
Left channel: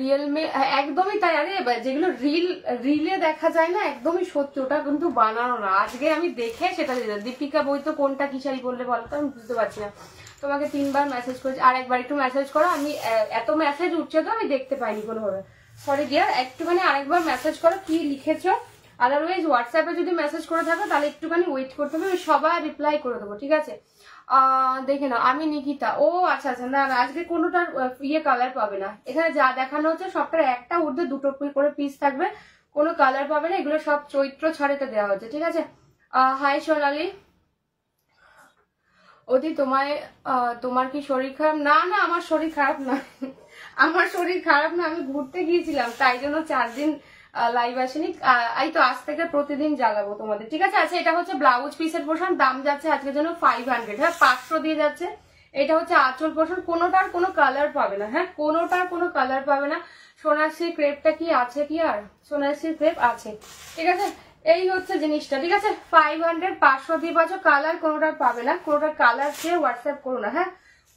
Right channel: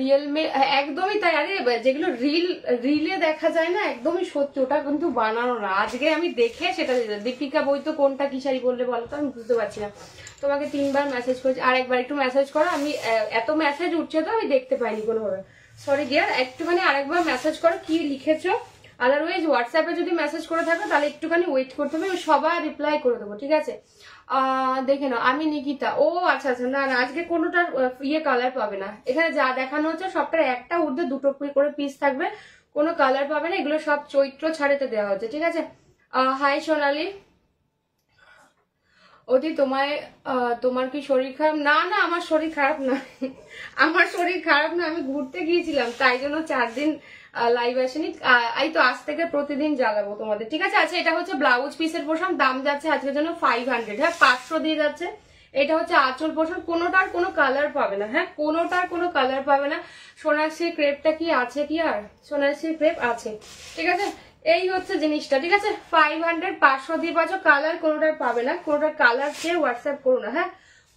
রিয়েল মে, একদমই তাই। আরে যেগুলো রিলে দেখা যায় না, একদমই সত্যি, ওটা কিন্তু বানানো না। আজকে আমি দেখে সেটা দীপিকা বই তো কোনটা কি শাড়ি বললে বলতো, আমি বুঝতে পারছি না। তোমাকে 3 বার মেসেজ করেছি, আর একবার একটু মেসেজ করো। আমি এত মেসেজ উঠছে তো আমি দেখতে পাইনি কোনোভাবে, সরি ডিয়ার। একটুখানি আরেকবার মেসেজ করো কি লিখেছো। আদারওয়াইজ হোয়াটসঅ্যাপে যদি মেসেজ করে থাকো তাহলে একটুখানি ওয়েট করতে হবে, আমি সবার রিপ্লাই করে দেবো, ঠিক আছে। দেখে নাও, আমি নিকিতা। ও আচ্ছা আচ্ছা, না না আজকে কোনোটার কালার পাবে না। এখানে যা দেখানো হচ্ছে সবটার একটা ঊর্ধ্বে 2টো করে পিস থাকবে, কোনো কালার পাবে না। এগুলো সব চৈত্র ছাড়েতে দেওয়া হচ্ছে, ঠিক আছে। হাই সোনালি। ওদি তোমার কি শরীর খারাপ? না না, আমার শরীর খারাপ না, আমার শরীর খারাপ না। আমি ঘুরতে গিয়েছিলাম, তাই জন্য 4 দিন লাইভ আসেনি। এই তো আজ থেকে প্রতিদিন জ্বালাবো তোমাদের, ঠিক আছে। আচ্ছা, এটা হচ্ছে ব্লাউজ পিসের পোর্শন, দাম যাচ্ছে আজকের জন্য 500, হ্যাঁ 500 দিয়ে যাচ্ছে। এটা হচ্ছে আঁচল পোর্শন, কোনোটার কোনো কালার পাবে না, হ্যাঁ কোনোটার কোনো কালার পাবে না। সোনাক্ষী ক্রেপটা কি আছে কি? আর সোনাক্ষী ক্রেপ আছে, ঠিক আছে। এই হচ্ছে জিনিসটা, ঠিক আছে। 500 500 দিয়ে পাচ্ছ, কালার কোনোটার পাবে না। কোনোটার কালার চেয়ে হোয়াটসঅ্যাপ করো না, হ্যাঁ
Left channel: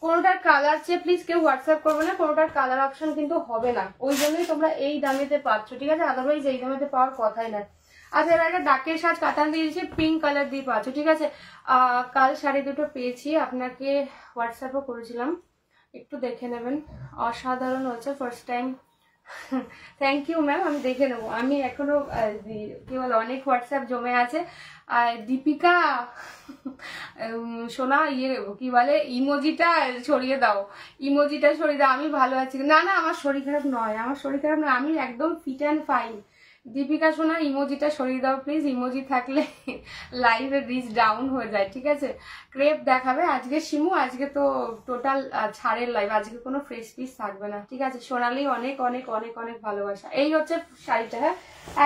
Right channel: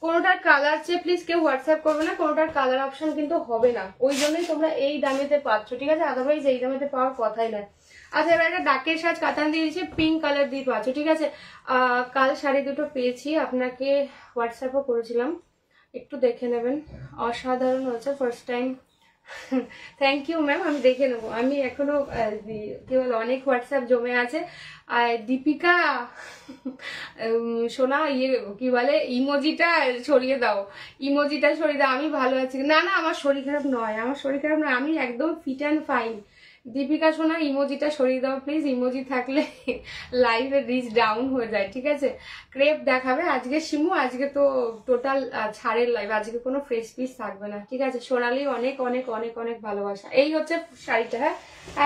কোনোটার কালার চেয়ে প্লিজ কেউ হোয়াটসঅ্যাপ করবে না, কোনোটার কালার অপশন কিন্তু হবে না। ওই জন্যই তোমরা এই দামেতে পাচ্ছ, ঠিক আছে। আদারওয়াইজ এই দামেতে পাওয়ার কথাই নয়। আচ্ছা, এবার একটা ডাকের সাজ কাতান দিয়ে দিয়েছি, পিঙ্ক কালার দিয়ে পাচ্ছ, ঠিক আছে। কাল শাড়ি দুটো পেয়েছি, আপনাকে হোয়াটসঅ্যাপও করেছিলাম, একটু দেখে নেবেন। অসাধারণ হচ্ছে, first time. Thank you ma'am, আমি দেখে নেবো। আমি এখনো কি বলে অনেক হোয়াটসঅ্যাপ জমে আছে। দীপিকা সোনা কি বলে ইমোজিটা ছড়িয়ে দাও, ইমোজিটা ছড়িয়ে দাও। আমি ভালো আছি। না না, আমার শরীর খারাপ নয়, আমার শরীর খারাপ নয়, আমি একদম ফিট অ্যান্ড ফাইন। দীপিকা সোনা ইমোজিটা সরিয়ে দাও প্লিজ, ইমোজি থাকলে লাইভে রিচ ডাউন হয়ে যায়, ঠিক আছে। ক্রেপ দেখাবে আজকে শিমু, আজকে তো টোটাল ছাড়ের লাইভ, আজকে কোনো ফ্রেশ পিস থাকবে না, ঠিক আছে। সোনালি অনেক অনেক অনেক অনেক ভালোবাসা। এই হচ্ছে শাড়িটা, হ্যাঁ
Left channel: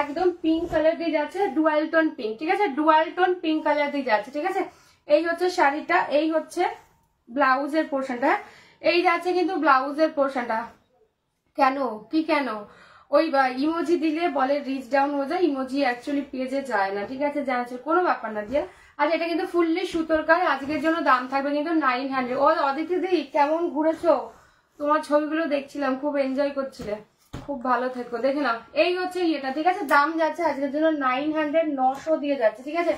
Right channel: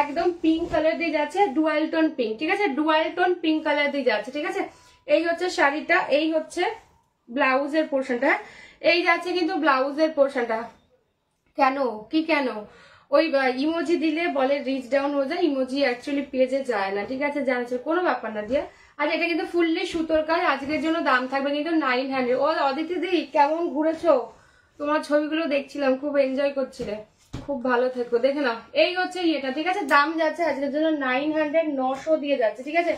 একদম পিঙ্ক কালার দিয়ে যাচ্ছে, ডুয়াল টোন পিঙ্ক, ঠিক আছে, ডুয়াল টোন পিঙ্ক কালার দিয়ে যাচ্ছে, ঠিক আছে। এই হচ্ছে শাড়িটা, এই হচ্ছে ব্লাউজের পোর্শনটা, এই যাচ্ছে কিন্তু ব্লাউজের পোর্শনটা। কেন কি কেন ওই ইমোজি দিলে বলে রিচ ডাউন হয়ে যায়, ইমোজি অ্যাকচুয়ালি পেজে যায় না, ঠিক আছে, জানাচ্ছে কোনো ব্যাপার না দিয়ে। আচ্ছা, এটা কিন্তু ফুললি সুতোর কাজ, আজকের জন্য দাম থাকবে কিন্তু 900। ও অদিতি দি কেমন ঘুরেছো? তোমার ছবিগুলো দেখছিলাম, খুব এনজয় করছিলে, খুব ভালো থেকো। দেখে নাও, এই হচ্ছে ইয়েটা, ঠিক আছে। দাম যাচ্ছে আজকের জন্য 900, 900 দিয়ে যাচ্ছে, ঠিক আছে।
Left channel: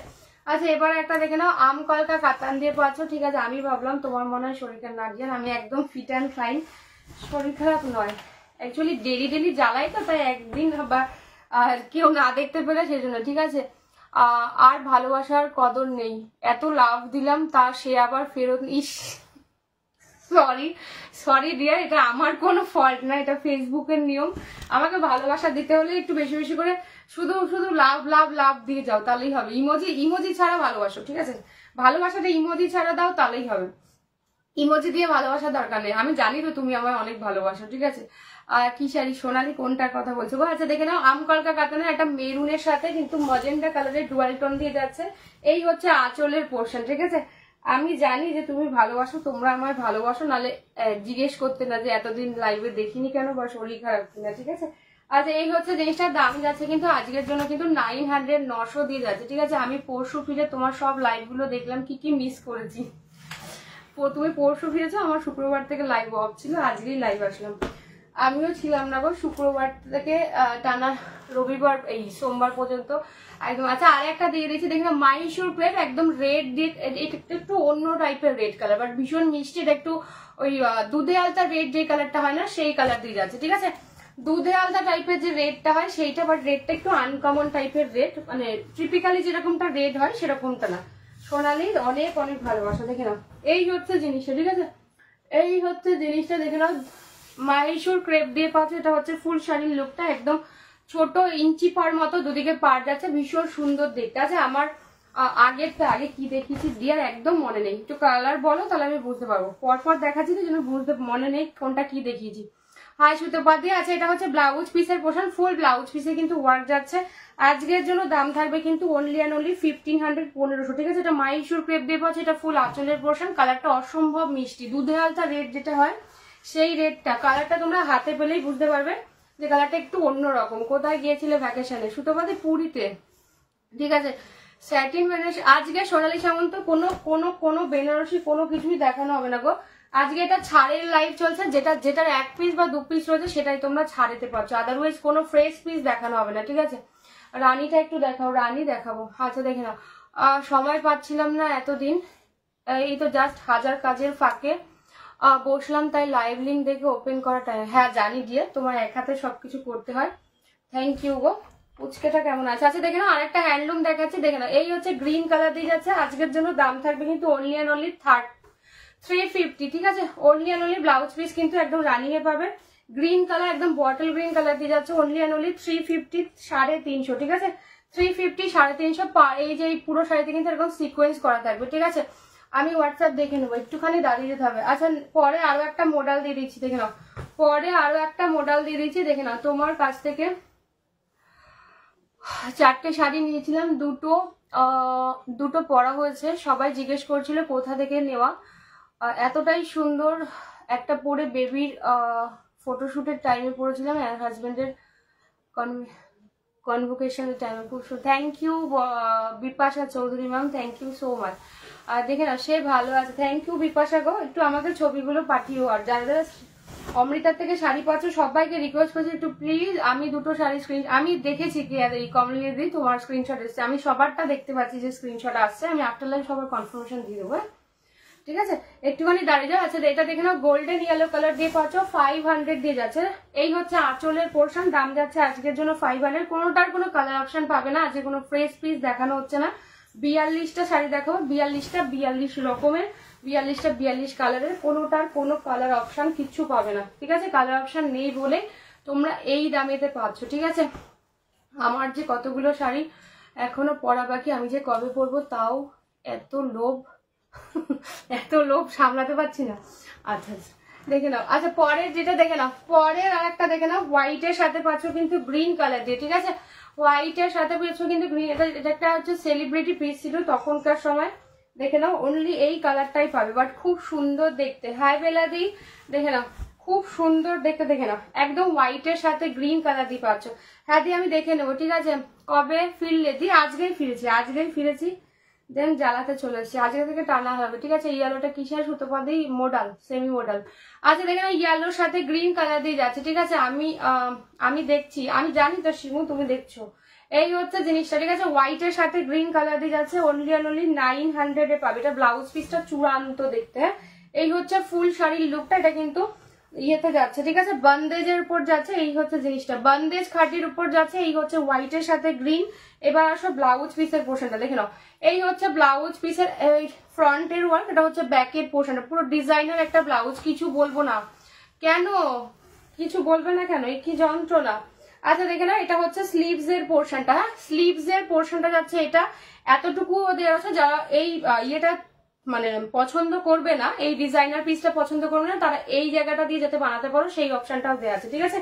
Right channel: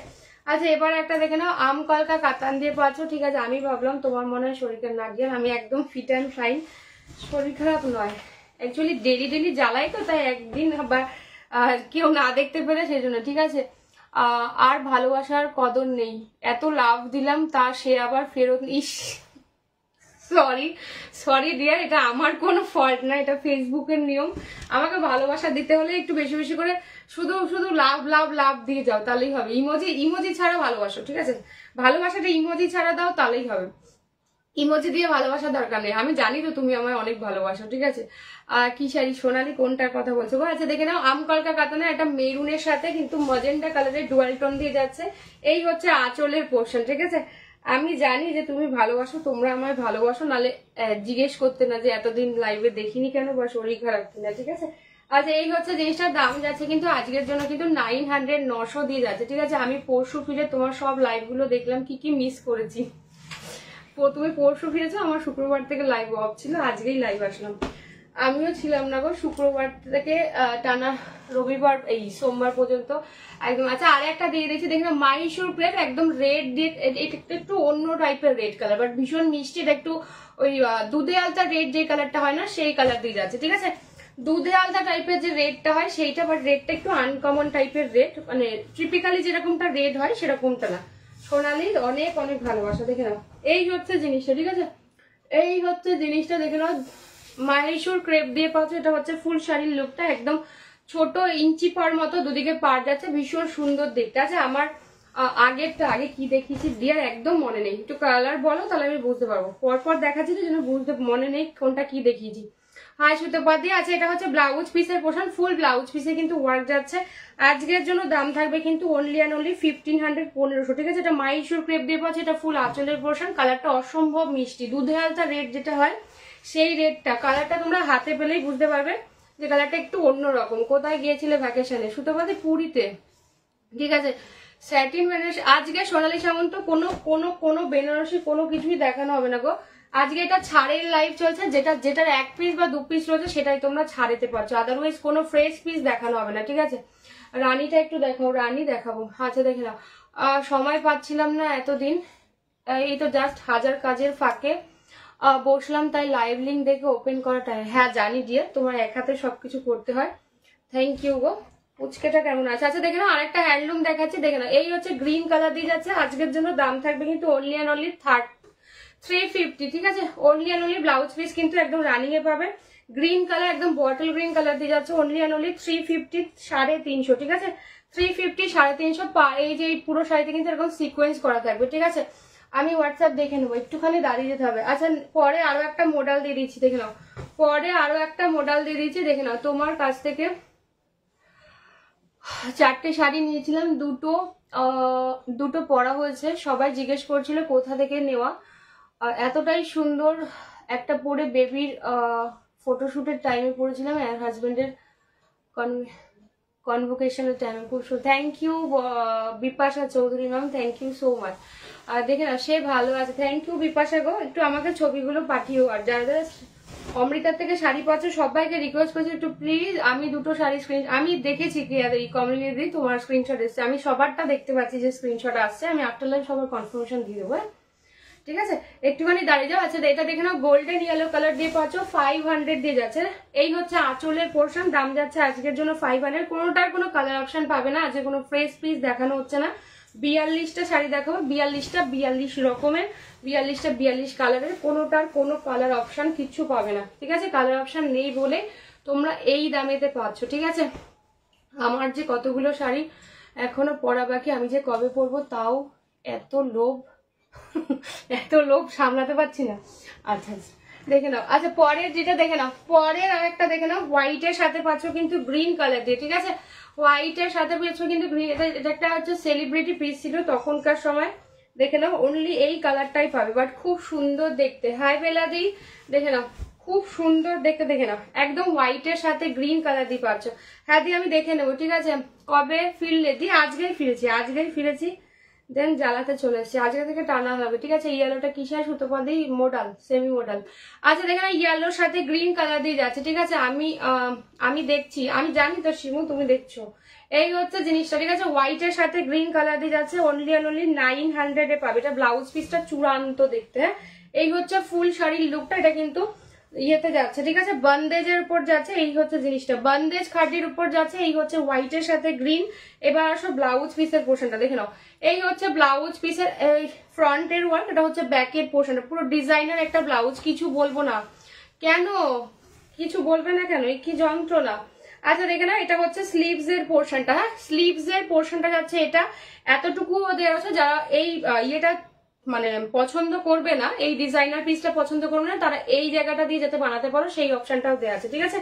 আচ্ছা, এবার একটা দেখে নাও, আম কলকা কাতান দিয়ে পাচ্ছ, ঠিক আছে। আমি ভাবলাম তোমার মনে হয় শরীর খারাপ, না দিয়ে আমি একদম ফিট অ্যান্ড ফাইন, শরীর খারাপ নয়। অ্যাকচুয়ালি ডেলি ডেলি জ্বালাই তো, তাই একদিন বা কেউ না দেখতে পেলে সেই জন্য, ঠিক আছে। আর ভালোবাসার কদর নেই, এত লাভ দিলাম তার সে আবার ফেরত। ইস সরি সরি ডিয়ার, এটা আমার কোনো ফল্ট না, এটা ফেসবুকের নিয়ম। আমাকে ভালোবাসা দিতে হলে একটু বেশি বেশি করে শুধু শুধু লাভ লাভ লাভ দিয়ে যাও, তাহলেই হবে। ইমোজি ছাড়া ভালোবাসো, ঠিক আছে। ভালোবাসাটা ইমোজি ছাড়া দাও, তাহলেই হবে। ইমোজি দিয়ে ভালোবাসার দরকার নেই, আমি জানি তো তুমি আমায় অনেক ভালোবাসো, ঠিক আছে। কি শাড়ি সোনালি কোনটার কথা বলছো গো? আচ্ছা, দেখে নাও, আম কলকা কাতানে একটা মেরুনের সাথে কিন্তু মজেন্টা কালারের ডুয়াল টোন দিয়ে যাচ্ছে। এই হচ্ছে আঁচলের পোর্শন, ঠিক আছে। আমি জানি যে তুমি ভালোবাসো, তোমরা আমায় ভালোবাসো, নালে জিজ্ঞেস করতে না যে এতদিন লাইভে দেখিনি কেন বা শরীর খারাপ কিনা, ঠিক আছে। আচ্ছা, এই হচ্ছে জিনিসটার দাম যাচ্ছে কিন্তু আজকের জন্য কিন্তু 900, 900 দিয়ে যাচ্ছে, ঠিক আছে। আমি পরশু ফিরে তোমার সব লাইভ গুলো দেখলাম, কি কি মিস করেছি। তুমি পরশু ফিরেছো, আমার শুক্রবার থেকে লাইভ অফ ছিল, আজকেই লাইভ আসলাম। আমিও ছিলাম না গো, শুক্রবার থেকে টানা রবিবার এই সোমবার পর্যন্ত একদম। আচ্ছা, আর একটা দিয়ে দিয়েছি, দেখি না, মাইশুর প্লেট একদম রেড, একটু অন্য টাইপের রেড কালার, বাট ভীষণ মিষ্টি। এটা একটু ওই দুধে আলতা রেড যে কালারটা হয় না, সেই কালার দিয়ে যাচ্ছে, ঠিক আছে। দুধে আলতা টাইপের যে রেডটা হয় সেইটা, বাট রেডটা একটু আনকমন টাইপের রেড, মানে টিপিক্যালি যেরকমটা রেড হয় সেরকমটা না। সোনালির অনেক অনেক ভালোবাসা, দেখে নাও। এই হচ্ছে জিনিসটা, ঠিক আছে। এই হচ্ছে জিনিসটা, দেখে নাও, মাইশুর ক্রেপ দিয়ে পাচ্ছ। এটা হচ্ছে ফুল শাড়ির লুকটা, একদম ছোট ইঞ্চি পার মতো দুদিকে পার যাচ্ছে, ভীষণ সুন্দর দেখতে আছে। আমার আগেরটা আগে কি দেখিয়েছি দিয়ার একদম মনে নেই, একটু কালার বলো তাহলে আমি বুঝতে পারবো। পরপর দেখাচ্ছি তো, যেন বুঝতে মনে নেই কোনটা কি দেখিয়েছি। হাই সুতোপাতি। আচ্ছা, এটা হচ্ছে ব্লাউজ পিসের পোর্শন, ফুল ব্লাউজ পিসে কিন্তু ওয়ার্ক যাচ্ছে। আজকের জন্য দাম থাকবে কিন্তু অনলি অ্যান্ড অনলি 1500, 1500, ঠিক আছে। এটা মাইশুর ক্রেপ দিয়ে পাচ্ছে, এটা ফুল আঁচলের পোর্শন। কালারটা অসম্ভব মিষ্টি, দুধে আলতা রেড যেটা হয় সেই রেডটা। কালারটা তোমরা হাতে পেলেই বুঝতে পারবে যে কালারটা একটু অন্যরকম। কোথায় গিয়েছিলে ভ্যাকেশনে? সুতোপাতি পুরীতে, ঠিক আছে। স্যাটিন বেনারসি, আজকে সোনালী সামন্ত কোনো কোনো কোনো বেনারসি কোনো কিছুই দেখানো হবে না গো। আজকে এটা ছাড়ের লাইভ চলছে, যেটার 1 পিস বা 2 পিস রয়েছে সেটাই তোমরা ছাড়েতে পারছো, আদারওয়াইজ কোনো ফ্রেশ পিস দেখানো হবে না, ঠিক আছে। রানীটা একটু দেখাও, রানী দেখাবো। আচ্ছা দেখে নাও, সময় পাচ্ছিলাম না এতদিন, এই তো জাস্ট হাজার কাজের ফাঁকে বসলাম, তাই লাইভ লিঙ্ক দেখে ওপেন করাটা। হ্যাঁ জানি দিয়ে, তোমার এক হাতে সবকিছু করতে হয়। থ্যাংক ইউ গো। পুচকেটা কেমন আছে? আচ্ছা দেখে নাও, আরেকটা হ্যান্ডলুম দেখাচ্ছি, দেখে নাও। এই হচ্ছে গ্রিন কালার দিয়ে যাচ্ছে, আজকের জন্য দাম থাকবে কিন্তু অনলি অ্যান্ড অনলি 350, ঠিক আছে। Only and only blouse piece কিন্তু একদম রানিং এ পাবে, গ্রিন কালার, একদম বটল গ্রিন কালার দিয়ে যাচ্ছে, অনলি অ্যান্ড অনলি 350, 350, ঠিক আছে। 350, 350। এই যে পুরো শাড়িতে কিন্তু এরকম সিকোয়েন্স করা থাকবে, ঠিক আছে। আমি হোয়াটসঅ্যাপ দেখে নেবো, একটুখানি দাঁড়িয়ে যেতে হবে। আচ্ছা পরে আরো একটা মডেল দিয়ে দিচ্ছি, দেখে নাও, পরে আরো একটা মডেল দিয়ে দিচ্ছি, দেখে নাও। তোমার কাছ থেকে 4টে শাড়ি নিয়েছিলাম, দুটো পরা হয়েছে, সবাই জিজ্ঞেস করছিল কোথা থেকে নেওয়া। এতটাই সুন্দর একটা পরে বেবির ফটোশুটের টাইমে পরেছিলাম, আর হাজবেন্ডের কনভোকেশনের টাইমে। Thank you Bipasha Chowdhury ma'am, thank you so much. দেখে না সে ভালো আছে, থ্যাংক ইউ বিপাশা গো। একটু আমাকে ছবিগুলো পাঠিও, আর যারা যারা অমৃতার থেকে শাড়ি পাচ্ছ সবাইকে রিকোয়েস্ট করছি একটু প্লিজ, আমি দুটো শাড়ি আমি দেখেছি এই কমিউনিটি তোমার স্ক্রিনশট এসছে, আমি সবারটা দেখতে পাচ্ছি যে স্ক্রিনশট আসছে, আমি আফটার লাইভ সবার কনফার্মেশন দিয়ে দেবো, ঠিক আছে। একটুখানি দাঁড়িয়ে যাও। আচ্ছা এটা দেখে নাও, গোল্ডেন ইয়েলো কালার দিয়ে পাচ্ছ, 500 দিয়ে যাচ্ছে। এই হচ্ছে আঁচলের পোর্শন, দাম যাচ্ছে আজকের জন্য 500। কোনোটার কোনো কালার অপশন পাবে না, আজকে কোনো ফ্রেশ পিস দেখানো হচ্ছে না। 42টা শাড়ি দেখাবো, 42 রকমের, 42 কালারের, কোনোটার কোনো কালার অপশন কিচ্ছু পাবে না, ঠিক আছে। কালার অপশন নেই বলে তোমরা এই দামেতে পাচ্ছ, ঠিক আছে। আমার যে কতগুলো শাড়ি এখনো পরা বাকি, আমি যে কবে পরবো তাও এত লোভ সামলাতে পারছি না। আচ্ছা দেখে নাও। আচ্ছা পরের যেটা দেখে নাও, পরের আর একটা দেখে নাও, হোয়াইটের সাথে পাচ্ছ কিন্তু গ্রিন কালার দিয়ে, ঠিক আছে। হোয়াইটের সাথে পাচ্ছ কিন্তু গ্রিন, এটা একটা হচ্ছে সেলিব্রিটি পিস ছিল তখনকার সময়, দেখে নাও। অনলি এই কালারটাই পাবে, বাট খুব সুন্দর দেখতে। হাই বেলাদি, দেখে নাও খুব সুন্দর দেখতে, দেখে নাও একদম হোয়াইটের সাথে গ্রিন কালার দিয়ে পাচ্ছ। হ্যাঁ দি আমি দেখে নেবো, ঠিক আছে। কবে ফিরলে দি? আজকেই ফিরেছি, দেন জ্বালাতে চলে এসেছি, আজকে থেকে টানা হবে, ঠিক আছে। ইয়েলোটা কিসের সুতোপাদি মডেল, সেমি মডেল। আচ্ছা দেখে নাও, ইয়েলোর সাথে গ্রিন কালার দিয়ে যাচ্ছে, ঠিক আছে। আমি দেখছি, আমি জানি তো শিমু তুমি দেখছো। এই হচ্ছে জিনিসটা, ঠিক আছে। হোয়াইটের সাথে গ্রিন কালার দিয়ে যাচ্ছে, অনলি অ্যান্ড অনলি 900 এ পাবে। এটা ব্লাউজ পিসটা চূড়ান্ত দেখতে, হ্যাঁ। এই হচ্ছে ফুল শাড়ির লুকটা, এটা কিন্তু ইয়েতে যাচ্ছে, ঠিক আছে। বন্দেজের উপর যাচ্ছে, এই হচ্ছে জিনিসটা, বন্দেজ খাটির উপর যাচ্ছে। এই হচ্ছে হোয়াইটের সাথে গ্রিন। এবার আসো ব্লাউজ পিসের পোর্শনটা দেখে নাও। এই হচ্ছে ব্লাউজ পিসের ফ্রন্টের ওয়ার্ক, এটা হচ্ছে ব্যাকের পোর্শনটা, পুরো ডিজাইনার একটা ব্লাউজ। কিছু বলবো না কেন, কিছু বলবে না কেন, এই কি যন্ত্রণা। আচ্ছা দেখে না, এটা হচ্ছে স্লিভস এর পোর্শনটা, হ্যাঁ স্লিভস এর পোর্শনটা যাচ্ছে, এটা এতটুকু দেওয়া আছে। যারা এই ইয়েটা মানে পছন্দ করবে না, এই ডিজাইনার পিসটা পছন্দ করবে না, তারা এই জায়গাটা দিয়ে যাতে বানাতে পারো সেই অপশনটাও দেওয়া আছে, ঠিক আছে।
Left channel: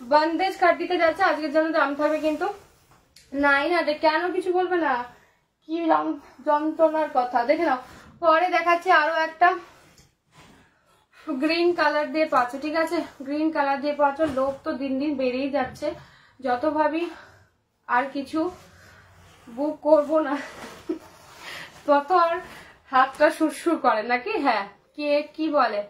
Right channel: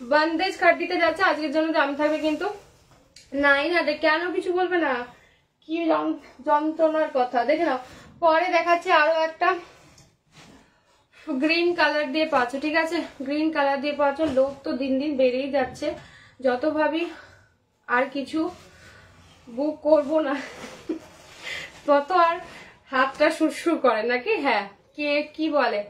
বন্দেজ কাট দিতে যাচ্ছে, আজকের জন্য দাম থাকবে কিন্তু 900। কেন কিছু বলবে না, কি যন্ত্রণার কথা। দেখে নাও, পরে দেখাচ্ছে আরো একটা গ্রিন কালার দিয়ে পাচ্ছ, ঠিক আছে। গ্রিন কালার দিয়ে পাচ্ছ, লোক তো দিন দিন বেড়েই যাচ্ছে, যত ভাবি আর কিছু বুক করবো না তত আর হাতটা সুরসুর করে নাকি, হ্যাঁ কে কি বলে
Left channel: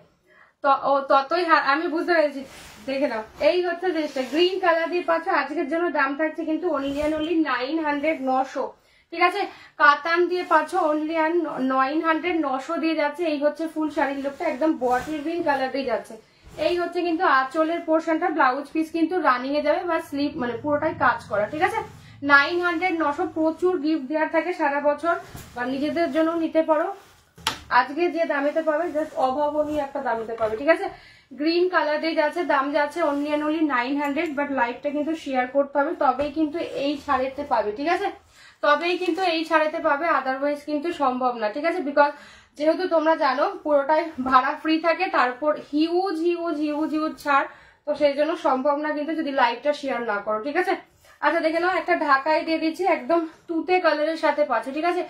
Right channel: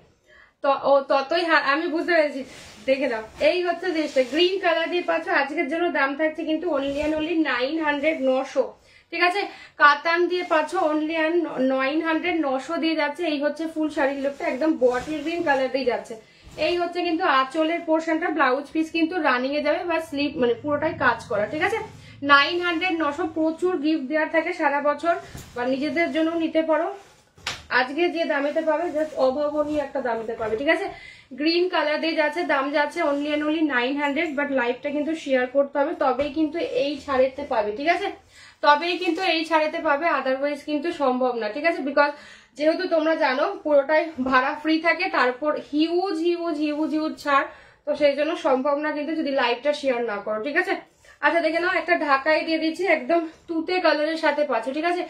তো ততই আমি বুঝতে পেরেছি। দেখে নাও, এই হচ্ছে জিনিসটা, গ্রিন কালার দিয়ে পাচ্ছ, আজকের জন্য দাম থাকছে কিন্তু অনলি অ্যান্ড অনলি 900, 900, ঠিক আছে। কাতান দিয়ে পাচ্ছ, অনলি অ্যান্ড 900, 900 দিয়ে যাচ্ছে। এই হচ্ছে ফুল শাড়ির লুকটা, একদম বটল গ্রিন কালার দিয়ে যাচ্ছে। এই হচ্ছে কিন্তু আঁচলের পোর্শনটা, ব্লাউজ পিস কিন্তু রানিং এ যাবে বা স্লিভ মানে পুরোটাই কাজ করা, ঠিক আছে। 900, 900 প্রচুর গিফট দেওয়ার থাকে সারা বছর, বা নিজেদের জন্য নিতে পারো। আজকে যে দামেতে পাবে জাস্ট অভাবনীয় একটা দামেতে পাবে, ঠিক আছে। গ্রিন কালার দিয়ে যাচ্ছে, দাম যাচ্ছে অনলি অ্যান্ড অনলি 900, বাট লাইভটা কিন্তু শেয়ার করতে হবে, তবেই কিন্তু এই ছাড়েতে পাবে, ঠিক আছে। তবেই কিন্তু এই ছাড়েতে পাবে, আদারওয়াইজ কিন্তু সম্ভব না, ঠিক আছে। বিকজ যেহেতু তোমরা জানো পুরোটাই ভাড়া ফ্রি থাকে, তারপর হিউজ হিউজ হিউজ হিউজ ছাড়, তো সেই জন্য সম্ভব না কিন্তু যদি লাইভটা শেয়ার না করো, ঠিক আছে। আচ্ছা দেখে নাও, একটা ঢাকাই দিয়ে দিচ্ছি, একদম তুতে কালারের সাথে পাচ্ছে, ঠিক আছে।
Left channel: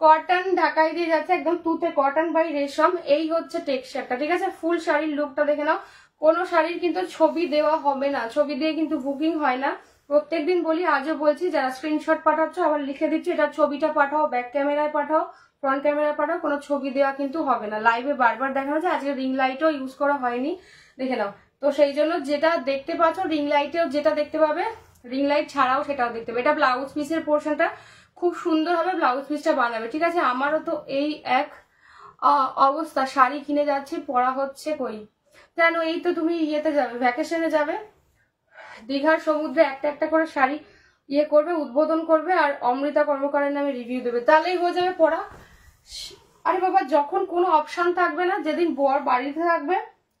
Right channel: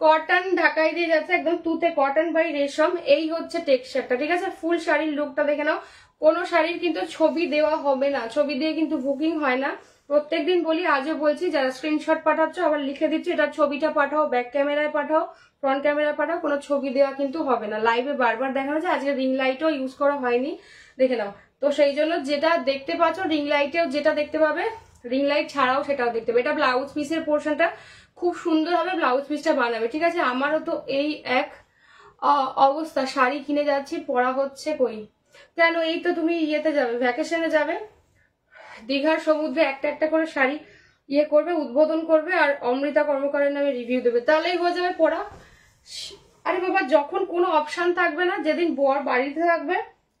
কটন ঢাকাই দিয়ে যাচ্ছে, একদম তুতে কটন বাই রেশম। এই হচ্ছে টেক্সচারটা, ঠিক আছে। ফুল শাড়ির লুকটা দেখে নাও, কোনো শাড়ির কিন্তু ছবি দেওয়া হবে না, ছবি দিয়ে কিন্তু বুকিং হয় না, প্রত্যেকদিন বলি, আজও বলছি, যারা স্ক্রিনশট পাঠাচ্ছ আবার লিখে দিচ্ছি, এটা ছবিটা পাঠাও, ব্যাক ক্যামেরায় পাঠাও, ফ্রন্ট ক্যামেরায় পাঠাও, কোনো ছবি দেওয়া কিন্তু হবে না। লাইভে বারবার দেখানো হচ্ছে, আজকে রিং লাইটও ইউজ করা হয়নি, দেখে নাও। তো সেই জন্য যেটা দেখতে পাচ্ছ রিং লাইটেও যেটা দেখতে পাবে, রিং লাইট ছাড়াও সেটাও দেখতে পাবে। এটা ব্লাউজ পিসের পোর্শনটা খুব সুন্দর হবে, ব্লাউজ পিসটা বানাবে, ঠিক আছে। আমারও তো এই এক অবস্থা, শাড়ি কিনে যাচ্ছি, পরা হচ্ছে কই, কেন এই তো তুমি ইয়েতে যাবে, ভ্যাকেশনে যাবে, দীঘার সমুদ্রে একটা একটা করে শাড়ি ইয়ে করবে, উদ্বোধন করবে, আর অমৃতা কর্মকারের নামে রিভিউ দেবে, তাহলেই হয়ে যাবে পড়া। আরে বাবা, যখন কোনো অপশন থাকবে না, যেদিন বর বাড়িতে থাকবে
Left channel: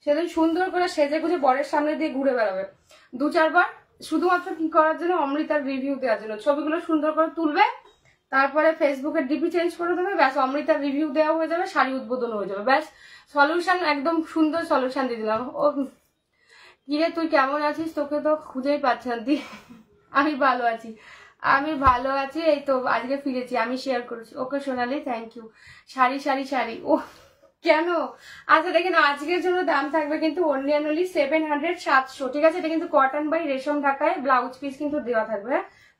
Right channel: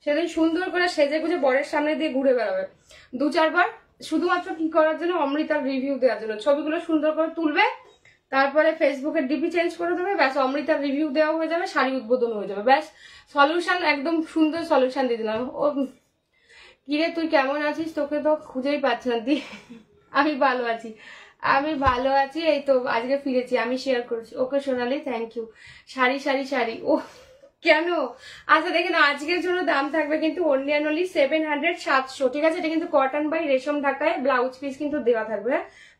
সেদিন সুন্দর করে সেজে গুজে বরের সামনে দিয়ে ঘুরে বেড়াবে 2-4 বার, শুধুমাত্র কি করার জন্য, অমৃতার রিভিউ দেওয়ার জন্য। ছবিগুলো সুন্দর করে তুলবে, তারপরে ফেসবুকের ডিপি চেঞ্জ করে দেবে, ব্যাস অমৃতার রিভিউ দেওয়া হয়ে যাবে, শাড়ি উদ্বোধন হয়ে যাবে, ব্যাস সলিউশন, একদম সুন্দর সলিউশন দিয়ে দিলাম। ও কিরে তুই কেমন আছিস, তোকে তো খুঁজেই পাচ্ছি না। আমি ভালো আছি, আমি ভালো আছি, এই তো আজকে ফিরেছি, আমি শেয়ার করেছি। ওকে সোনালি, থ্যাংক ইউ। শাড়ি শাড়ি শাড়ি, ও কেন? আচ্ছা দেখেন, আজকের জন্য দাম থাকবে কিন্তু অনলি 700, ঠিক আছে। এটা কিন্তু কটন বাই রেশম ঢাকায়, ব্লাউজ পিস কিন্তু দেওয়া থাকবে।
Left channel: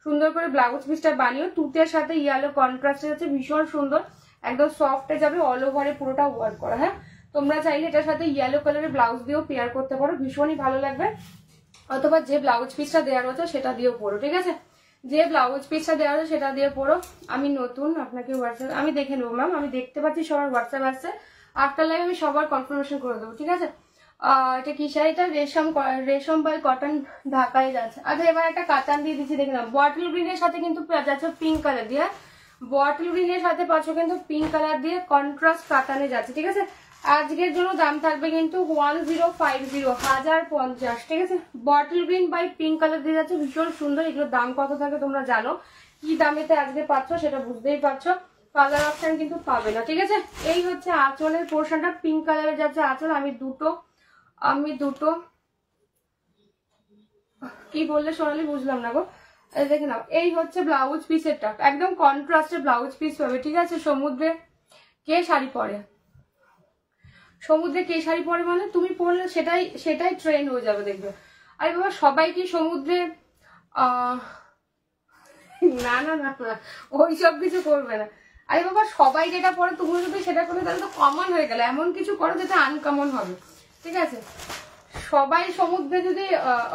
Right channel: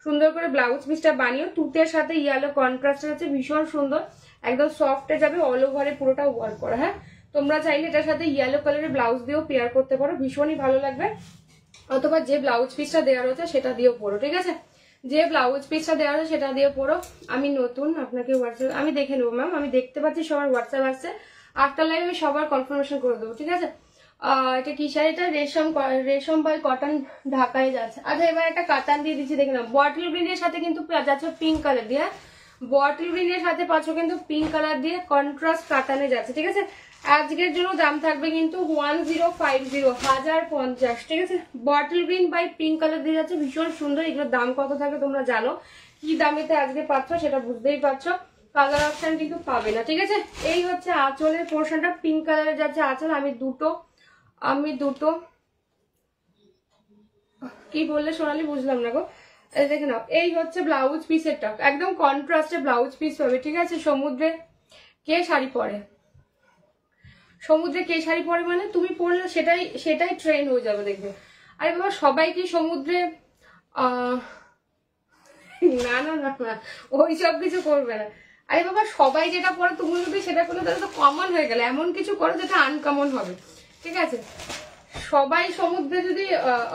সুন্দর করে ব্লাউজ পিসটা বানিয়ে তুতের সাথে ইয়েলো কন্ট্রাস্ট আছে, ভীষণ সুন্দর, একদম সফটে যাবে, অল ওভারে পুরোটা ওয়ার্ক করা। হ্যাঁ, তোমরা চাইলে এটার সাথে ইয়েলো কালারের ব্লাউজ দিয়েও পেয়ার করতে পারো, ভীষণই ভালো লাগবে। অথবা যে ব্লাউজ পিসটা দেওয়া রয়েছে সেটা দিয়েও পরো, ঠিক আছে। যে ব্লাউজ পিসটা দেওয়া রয়েছে সেটা দিয়ে পরো। আমি নতুন, আপনাকে হোয়াটসঅ্যাপ আমি দেখে নেবো ম্যাম, আমি দেখতে পাচ্ছি সবার হোয়াটসঅ্যাপ আসছে, আফটার লাইভ আমি সবার কনফার্মেশন করে দেবো, ঠিক আছে। এটা কি শাড়ি, এটা রেশম বাই কটন ঢাকায় যাচ্ছে। আচ্ছা এবার একটা কাতান দিয়ে দিচ্ছি, দেখে নাও। বটল গ্রিনের সাথে কিন্তু যাচ্ছে পিঙ্ক কালার দিয়ে, বটল গ্রিনের সাথে পাচ্ছ কিন্তু পিঙ্ক কালার দিয়ে কন্ট্রাস্ট কাতানে যাচ্ছে, ঠিক আছে। আজকের জন্য দাম থাকবে কিন্তু 1050, ঠিক আছে। Bottle green by pink colour দিয়ে যাচ্ছে, ভীষণ সুন্দর। এগুলোর দাম কত থাকে তোমরা জানো, কি দামেতে আজকে পাচ্ছ সেটা বুঝতেই পারছো, কালার অপশন কিন্তু পাবে না, ঠিক আছে। এই হচ্ছে আঁচলের পোর্শনটা, পিঙ্ক কালারের যাচ্ছে আঁচল। আমি দুটো কি বললে সোনালি, বুঝলাম না গো। এই দেখে নাও, এই হচ্ছে ব্লাউজ পিসেরটা, একদম কন্ট্রাস্টে ব্লাউজ পিস পাবে, ঠিক আছে। সমুদ্রে কে শাড়ি পরে, সমুদ্রে কে শাড়ি পরে মানে তুমি পরলে সেটাই ট্রেন্ড হয়ে যাবে, দেখবে। আরে বাবা, সবাই কি সমুদ্রে না না না না, ওই সব কিছু করবে না। আরে বাবা, সবাই যেটা পরে তুমি যদি সেটা করলে তাহলে তো কমন হয়ে গেলে, এমন কিছু করো যেটা আনকমন হবে, ঠিক আছে। সবাই সমুদ্রে যদি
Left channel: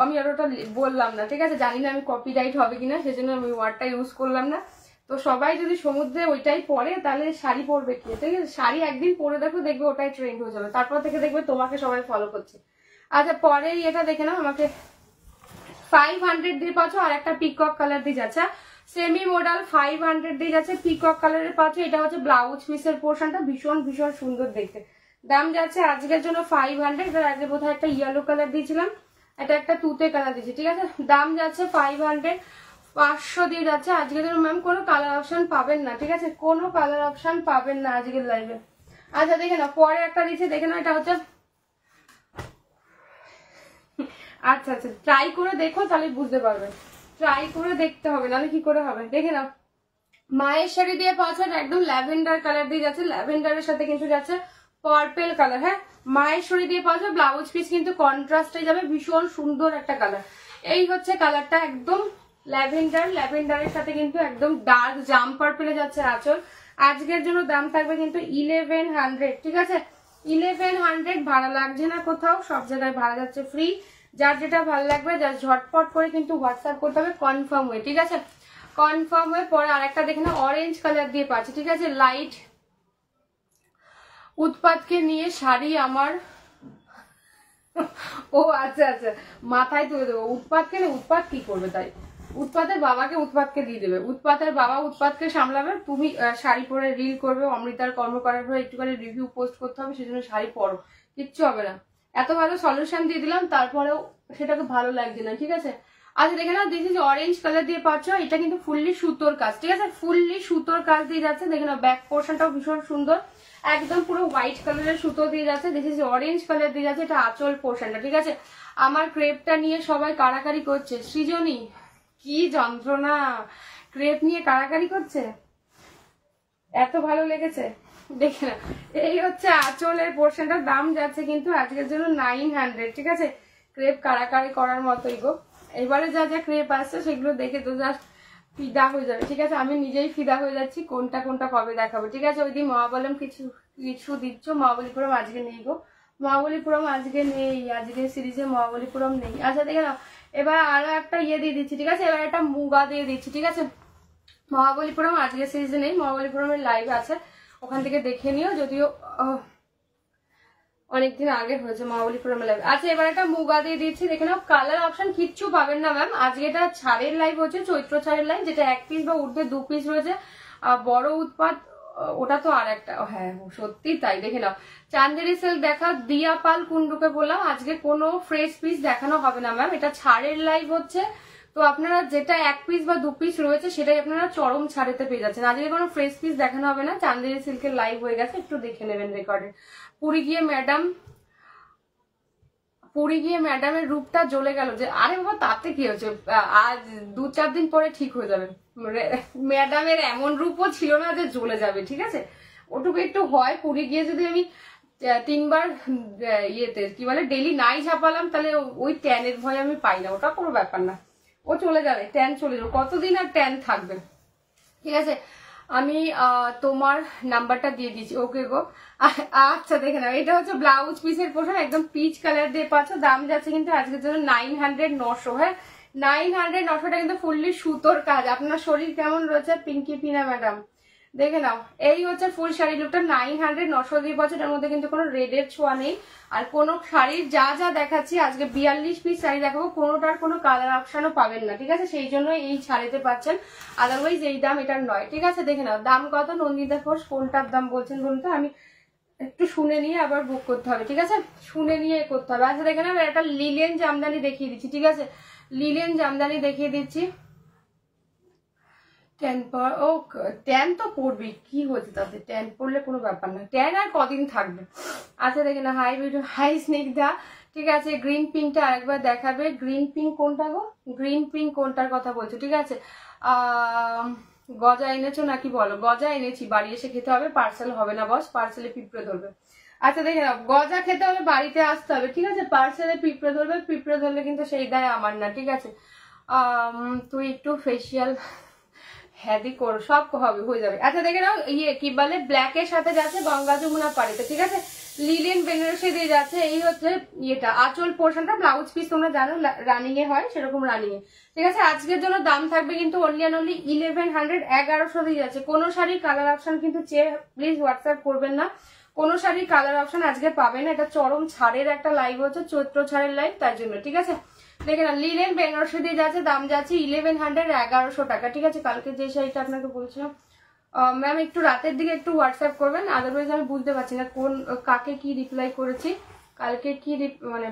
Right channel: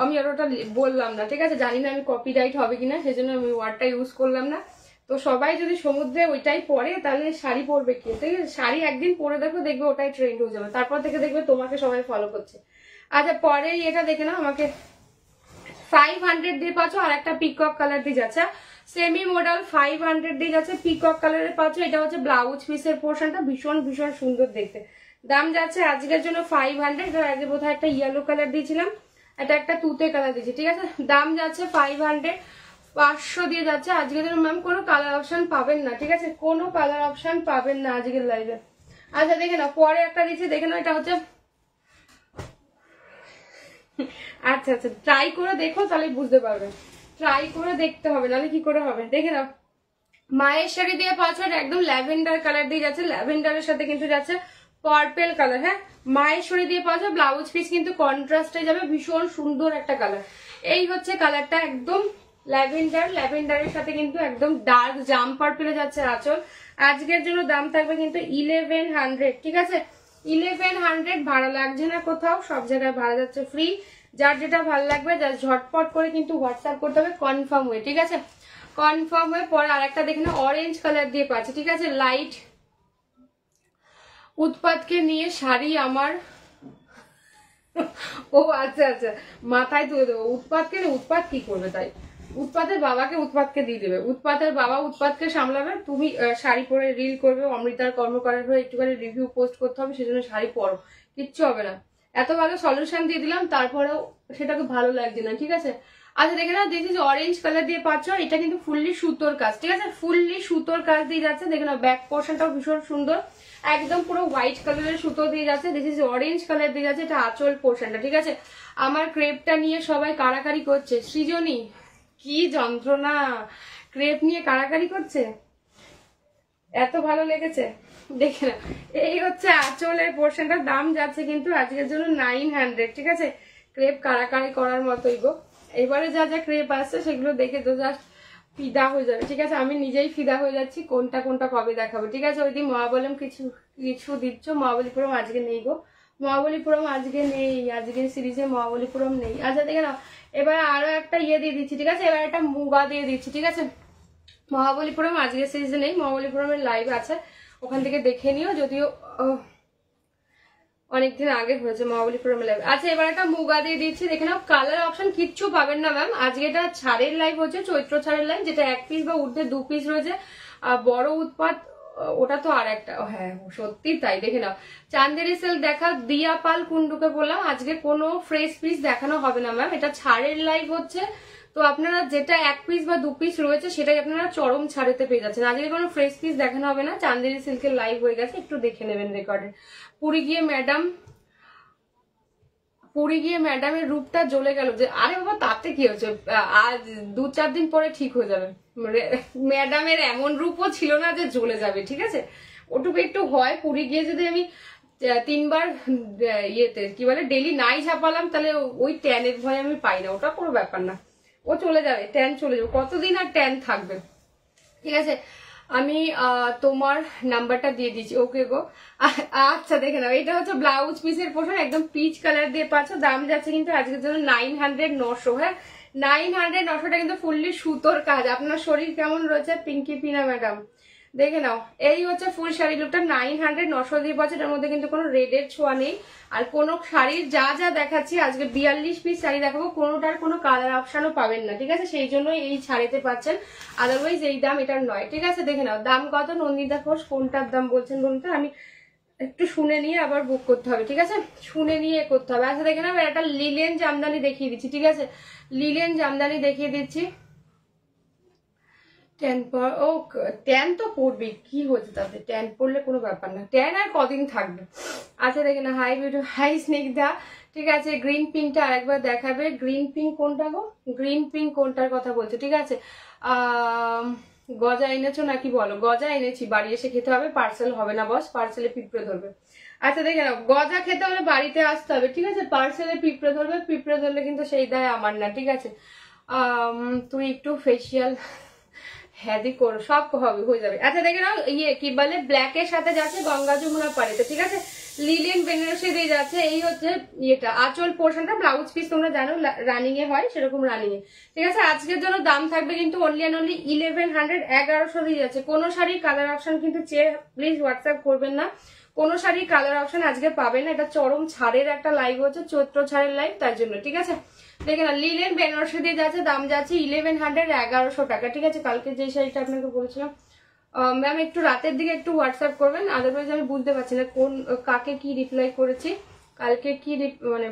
আমি আর ওটা বললাম না, ঠিক আছে, জানি না আমি কপিরাইট হবে কিনা, সেজন্য আমি ওয়ার্ডটা ইউজ করলাম না। তো সবাই যদি সমুদ্রে ওইটাই পরে তাহলে শাড়ি পরবে কি, ঠিক আছে। শাড়ি একদিন পরে দেখো, দেখবে ওটাই ট্রেন্ড হয়ে যাবে, তারপর থেকে দেখবে তোমাকে সবাই ফলো করছে। আচ্ছা পরে এটা দেখে নাও, আমাকে 500 দিয়ে পাচ্ছ, আর একটা পিকক কালার দিয়ে যাচ্ছে, সেমি মডেল 500 দিয়ে যাচ্ছে, পিকক কালারের পাচ্ছ। এটা হচ্ছে ব্লাউজ পিসের পোর্শনটা, ভীষণ ভীষণ সুন্দর দেখতে। দাম যাচ্ছে আজকের জন্য 500, আগে বোধহয় একটা ইয়েলো কালার দিয়েছিলাম, এটা একটা তুতে কালার দিয়েছি, ঠিক আছে। দাম যাচ্ছে 500, 500 দিয়ে যাচ্ছে আজকের জন্য। ম্যাম কোনো কালার অপশন পাবেন না, ঠিক আছে, কোনো কালার অপশন পাবেন না আজকের লাইভে। আচ্ছা দেখে নাও, পরে একটা দিচ্ছে, দেখে নাও, এটা হচ্ছে আচ্ছা আচ্ছা, ট্রাই করে দেখো তাহলে বুঝতে পারবে, ট্রাই করে দেখতে হবে, নাহলে কি করে হবে। দেখে নাও, মায়ের শাড়ি দিয়ে পাচ্ছ, একদম ল্যাভেন্ডার কালার দিয়ে যাচ্ছে, ল্যাভেন্ডারের সাথে কিন্তু যাচ্ছে পার্পেল কালার। হ্যাঁ, মায়ের শাড়ি দিয়ে পাচ্ছ, ব্লাউজ পিস কিন্তু কন্ট্রাস্টে যাবে, ভীষণ সুন্দর একটা কালার। এই হচ্ছে কালারটা, একদম ল্যাভেন্ডারের সাথে কিন্তু একদম ডার্ক জাম পার্পেলে যাচ্ছে আঁচল। আজকের জন্য দাম থাকবে কিন্তু 1100, ঠিক আছে। 1100 ভাড়া লাগছে না কোথাও, সব জায়গায় ভাড়া যাচ্ছে ফ্রি। যার যেটা ভালো লাগবে জাস্ট ঝটপট করে কিন্তু হোয়াটসঅ্যাপ করতে হবে কনফার্ম হয়ে, ঠিক আছে। কনফার্ম হয়ে পরে আরেকটা দেখে না, অরেঞ্জ কালার দিয়ে পাচ্ছি, ঠিক আছে। লাইট উৎপাতকে নিয়ে শাড়ি আমার, ও আচ্ছা আচ্ছা, মাথায় তুলে দেবো। উৎপাতকে নিয়ে, উৎপাত কি করবে তাই, উৎপাতের বাবাকে উৎপাতকে দিয়ে দেবে, উৎপাতের বাবা উৎপাতকে সামলাবে, তুমি শাড়ি পরে রিল করবে, অমৃতার কর্মকারের হয়ে একটুখানি রিভিউ পোস্ট করতে হবে, সেজন্য শাড়ি পরো, কিচ্ছু হবে না। এত ভালো সলিউশন দিয়ে দিলাম, তারপরেও সেটাকে ভালো লাগছে না, ঠিক আছে। আচ্ছা দেখে নাও, দিস ইজ অরেঞ্জ কালার দিয়ে পাচ্ছ, এটা কিন্তু ফুললি সুতোর কাজ, ঠিক আছে, ফুললি সুতোর কাজ দিয়ে যাচ্ছে। দেখে নাও, ব্যাক পোর্শনটাও ভীষণ সুন্দর, একদম পুরো হোয়াইট কালারের সুতো দিয়ে যাচ্ছে। দিস ইজ অরেঞ্জ কালার দিয়ে যাচ্ছে, এটা আঁচল পোর্শনটা, ঠিক আছে। আমার ক্রেপটা নিয়ে সবাই কারাকারি করছে, সৃজনী কি যন্ত্রণা, ক্রেপ নিয়ে কারাকারি করছে, এত ভালো লেগেছে। দেখে না, এই হচ্ছে আঁচলের পোর্শনটার দাম যাচ্ছে কিন্তু আজকের জন্য 900, ঠিক আছে। ক্রেপ কারাকারি করার মতোই গো। এবারে যা যা ক্রেপ আসছে সেগুলো দেখে তো জাস্ট ফিদা হয়ে যাবে, ঠিক আছে? আমি নিজেই ফিদা হয়ে যাচ্ছি কোনটা কোনটা কবে দেখাবো, ঠিক আছে? ওই দিন মহাবলম কিছু কিছু দিচ্ছ, মহাবলীপুরম আজকে নেই গো, মহাবলীপুরম আজকে নেই, আজকে সিরিজে মহাবলীপুরম নেই। আচ্ছা দেখে নাও, এবার আরো একটা ইয়ে দিয়ে দিচ্ছি, ঠিক আছে? এবার একটা মুগা দিয়ে দিচ্ছি, ঠিক আছে? মহাবলীপুরম আজকে সিরিজে নেই, মহাবলীপুরমের লাইভ আছে, ওখান থেকে দেখে নিও, যদিও অনেকদিন আগে হয়েছে মহাবলীপুরম লাইভ। আচ্ছা এবার একটা মুগা দিয়ে দিচ্ছি, দেখে নাও। কালার অপশন কিচ্ছু পাবেন না ম্যাম, আজকে এটা ছাড়ের লাইভ হচ্ছে, চৈত্র ছাড়ের লাইভ, যেটা 1 পিস বা ঊর্ধ্বে 2 পিস রয়েছে। বড় উৎপাত ওটা তো আর একটা, হ্যাঁ সত্যি তাই, দেখে নাও। চান্দেরি সিল্ক দেখা, দিয়া পাল কুন্ডুকে বললাম আজকে কোনো ফ্রেশ পিস দেখানো হবে না ম্যাম, এটা ছাড়ের লাইভ হচ্ছে, তো আপনারা যেটা 1 পিস বা 2 পিস রয়েছে সেটাই আপনারা চরম ছাড়েতে পেয়ে যাচ্ছেন, আজকে কোনো ফ্রেশ পিস দেখানো হবে না। চান্দেরি সিল্কের লাইভ হয়ে গেছে, একটু দেখে নেবেন রেকর্ডে। পুরী গিয়ে ম্যাডামের রূপটা জ্বলে গেল, যে আরে বাবা তাতে কি হচ্ছে, আজ 2-4 দিন পরে ঠিক হয়ে যাবে। ম্যাডামের এমন রূপও ছিল না যে জ্বলে যাবে, ঠিক আছে? ওটুকু একটু হয়, পুরী গিয়ে যদি আমি 3 বার ইয়েতে কি বলে ডেলি নাই ঝাপালাম, তাহলে ওই ট্যানের ভয় আমি পাই না, ওটা কোনো ব্যাপার না, ও চলে যাবে, ট্যান চলে যাবে, কতদিন আর ট্যান থাকবে, ঠিক আছে? আমি তোমার নাম্বারটা দিয়ে দিচ্ছি, ওকে গো। আচ্ছা দেখে নাও, এটা হচ্ছে ব্লাউজ পিসের পোর্শন, একদম পিচ কালার দিয়ে পাচ্ছ, দাম যাচ্ছে কিন্তু আজকের জন্য 900-900, হ্যাঁ 900-900টা কিন্তু ফুললি সুতোর কাজ। আপনার শরীর কেমন রয়েছে পিঙ্কি পিনা ম্যাডাম, দেখে নাও, এই হচ্ছে ফুল শাড়ি লুকটা, 900-900 দিয়ে পাচ্ছে, তার মধ্যে কিন্তু কোনো রেডের ছোঁয়া নেই। আর কোন শাড়ির যা যা দেখাচ্ছি আজকে 42 পিস শাড়ি দেখাবো, কোনোটার কোনো কালার অপশনও পাবেন না, ঠিক আছে? সেই জন্য এই শাড়িতে পাচ্ছেন, আদারওয়াইজ এই দাম এটার নয়, ঠিক আছে? দেখে নাও দাম কত, নন্দিতা ঘোষ কোনটার দাম বলছেন বলুন তো, আমি একটু শুনে নিয়ে আবার বুক করতে হবে, ঠিক আছে? শুনে নিয়ে করতে হবে। আচ্ছা দেখে নাও, একটা লিলেন জামদানি দেখিয়ে দিচ্ছি, ঠিক আছে? লিলেন জামদানি দেখিয়ে দিচ্ছি, 10 পর ও 10 তো পড়বি, কি হয়েছে তাতে, 10 পড়লে কোনো ব্যাপার না, 10 আর কদিন থাকবে। আচ্ছা দেখে না, হাই ভিডিও, হাই স্নিগ্ধা, ঠিক আছে? গ্রিন পিঙ্কটা আরেকবার দেখাবে, গ্রিন পিঙ্ক কোনটা গো, গ্রিন পিঙ্ক কোনটার কথা বলছো, ঠিক আছে? গজা এনেছো নাকি বলো? গজা এনেছি, বাড়ি এসে খেতে হবে, পার্সেল হবে না বস, পার্সেলে পিঁপড়ে ধরবে। আচ্ছা দেখে নাও, গজা খেতে হলে বাড়িতে আসতে হবে, ঠিক আছে? পার্সেলে পিঁপড়ে ধরবে, পিঁপড়ে ধরলে কিন্তু সেই দায় আমার না, ঠিক আছে? তুই একটু ফেসিয়াল হ্যাদি করো, সব হবে, হয়ে যাবে। আচ্ছা দেখে নাও, ইয়ে কি বলে ব্ল্যাক এর সাথে যাচ্ছে গঙ্গা যমুনা পাড়িতে, ঠিক আছে? লিলেন বেনারসি দিয়ে যাচ্ছে, এই হচ্ছে ইয়েটা আঁচল পোর্শনটা, ব্লাউজ পিস তোমরা জানো রানিং এ হয়, সেরকম রানিং এ, ঠিক আছে? আজকের জন্য দাম থাকবে কিন্তু অনলি অ্যান্ড অনলি 1100, 1100 দিয়ে যাচ্ছে। কোনো শাড়ির কালার অপশন কিন্তু চেয়ে প্লিজ হোয়াটসঅ্যাপ করবেন না, কোনো শাড়ির কালার অপশন আজকে পাবেন না, এটা চরম ছাড়ের একটা লাইভ হচ্ছে, চৈত্র ছাড়ের লাইভ, তার জন্য, ঠিক আছে? দেখে না, লিলেন বেনারসি দিয়ে যাচ্ছে, দাম যাচ্ছে 1100, 1100 টাকা, ঠিক আছে? কালকে যে শাড়িটা আপনাকে বলেছিলাম ম্যাম, একটু রাতের দিকে একটু হোয়াটসঅ্যাপ করবেন, আদারওয়াইজ আমি বুঝতে পারছি না কোন কাকে কি রিপ্লাই করেছি, কালকে কি মানে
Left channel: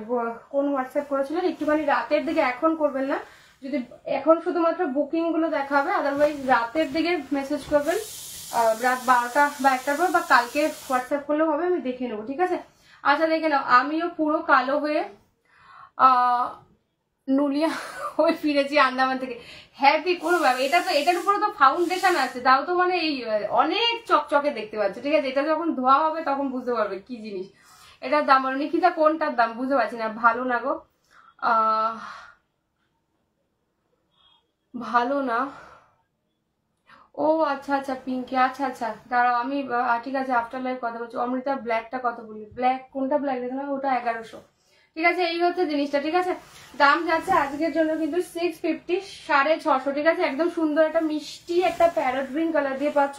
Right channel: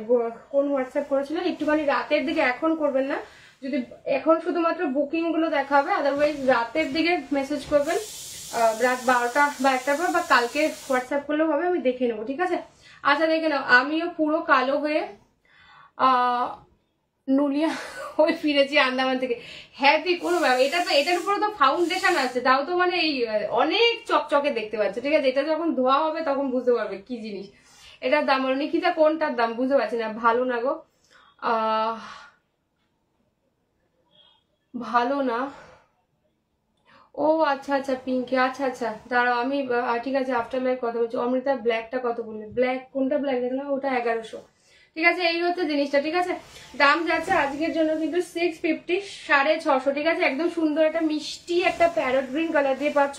কোন হোয়াটসঅ্যাপ করেছিলেন, একটুখানি রাতের দিকে, এখন করবেন না, যদি এখন শুধুমাত্র বুকিং গুলো দেখা হবে, আদারওয়াইজ রাতের দিকে মেসেজ করবেন, রাত 12টা বা 1টার পর, বা কালকে হোয়াটসঅ্যাপ করলেও হবে, আমি দেখে নেবো, ঠিক আছে? আচ্ছা দেখে নাও, আমিও পুরো কালো হয়ে নুলিয়া হয়ে ফিরেছি আন্দামান থেকে, হ্যাঁ তুই কোনো ব্যাপার, এটা তো এটার উপরে তো ফাউন্ডেশন আছে, তাও তো মানে এই অনেক চকচকে দেখতে পাচ্ছে, ঠিক আছে? এটা যখন ধোয়া হবে তখন বুঝতে পারবে কি জিনিস। এটার দাম বলো, নিকিতা কোনটার দাম বুঝতে পারছি না, ভালো না গো, ভালো না, ও আচ্ছা আচ্ছা পিঙ্কি, আচ্ছা আচ্ছা দাঁড়াও আমি ঠিক আছে আফটার লাইফ কথা বলছি। অমৃতা ব্ল্যাকটা কত বললে, ব্ল্যাক কোনটা, ব্ল্যাক দেখলাম ওটা 1100, ঠিক আছে? এই হচ্ছে জিনিসটা, ঠিক আছে? দাম যাচ্ছে আজকের জন্য কিন্তু 650, 650, ঠিক আছে? একদম সুন্দর একটা মিষ্টি একটা প্যারট গ্রিন কালার দিয়ে পাচ্ছ,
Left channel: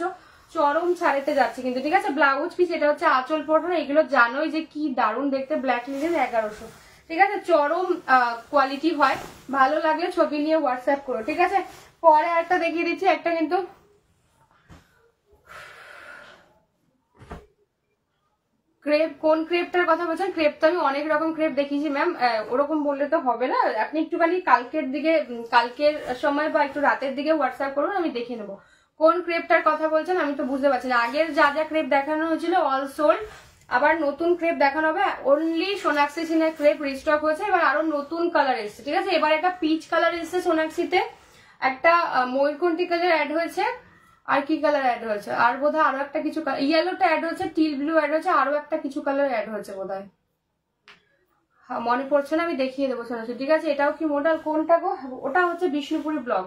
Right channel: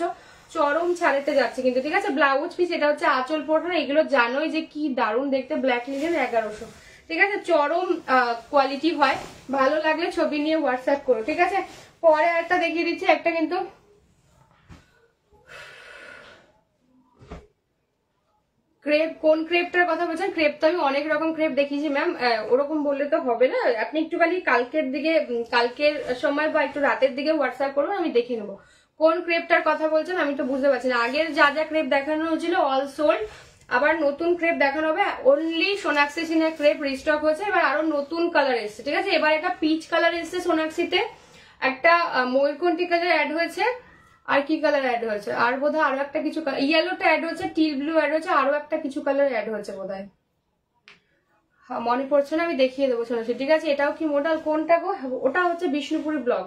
চরম ছাড়েতে যাচ্ছে কিন্তু, ঠিক আছে? ব্লাউজ পিস, এটা হচ্ছে আঁচল পোর্শন, এগুলো জানোই যে কি দারুণ দেখতে, ব্ল্যাক লিলেন 1100, ঠিক আছে? চরম কোয়ালিটি হয়, ভালো লাগলে ছবি নিয়ে হোয়াটসঅ্যাপ করো, ঠিক আছে? পরে একটা দেখিয়ে দিচ্ছি, একটা কিন্তু ক্রেপ, কোন ক্রেপটার কথা বলছেন? ক্রেপ তো আমি অনেক রকম ক্রেপ দেখিয়েছি ম্যাম, ওরকম বললে তো হবে না, আপনি একটুখানি কালকের দিকে, কালকের সময় বা একটু রাতের দিকে হোয়াটসঅ্যাপ করুন, আমি দেখে নেবো কোন ক্রেপটার কথা বলছেন, আমি তো বুঝতে পারছি না। আগের যা যা ক্রেপ দেখানো হয়েছিল অল সোল্ড, আবার নতুন ক্রেপ দেখানো হবে, অনলি সোনাক্ষী সিনের ক্রেপ রিস্টক হয়েছে, এবার আরো নতুন কালার এসছে, ঠিক আছে? এবার একটা পিচ কালার এসছে সোনাক্ষীতে, একটা ময়ূরকণ্ঠী কালার অ্যাড হয়েছে, আর কি কালার অ্যাড হয়েছে, আর বোধহয় আরো একটা কিছু ইয়েলোটা অ্যাড হয়েছে, টিল ব্লু অ্যাড হয়েছে, আরো একটা কিছু কালার অ্যাড হয়েছে বোধহয়, মনে পড়ছে না, আমি দেখিয়ে দেবো শোনাচ্ছি, ঠিক আছে। এটাও কি মডেল, কোনটা গো, ওটা হচ্ছে বিষ্ণুপুরি ব্লগ।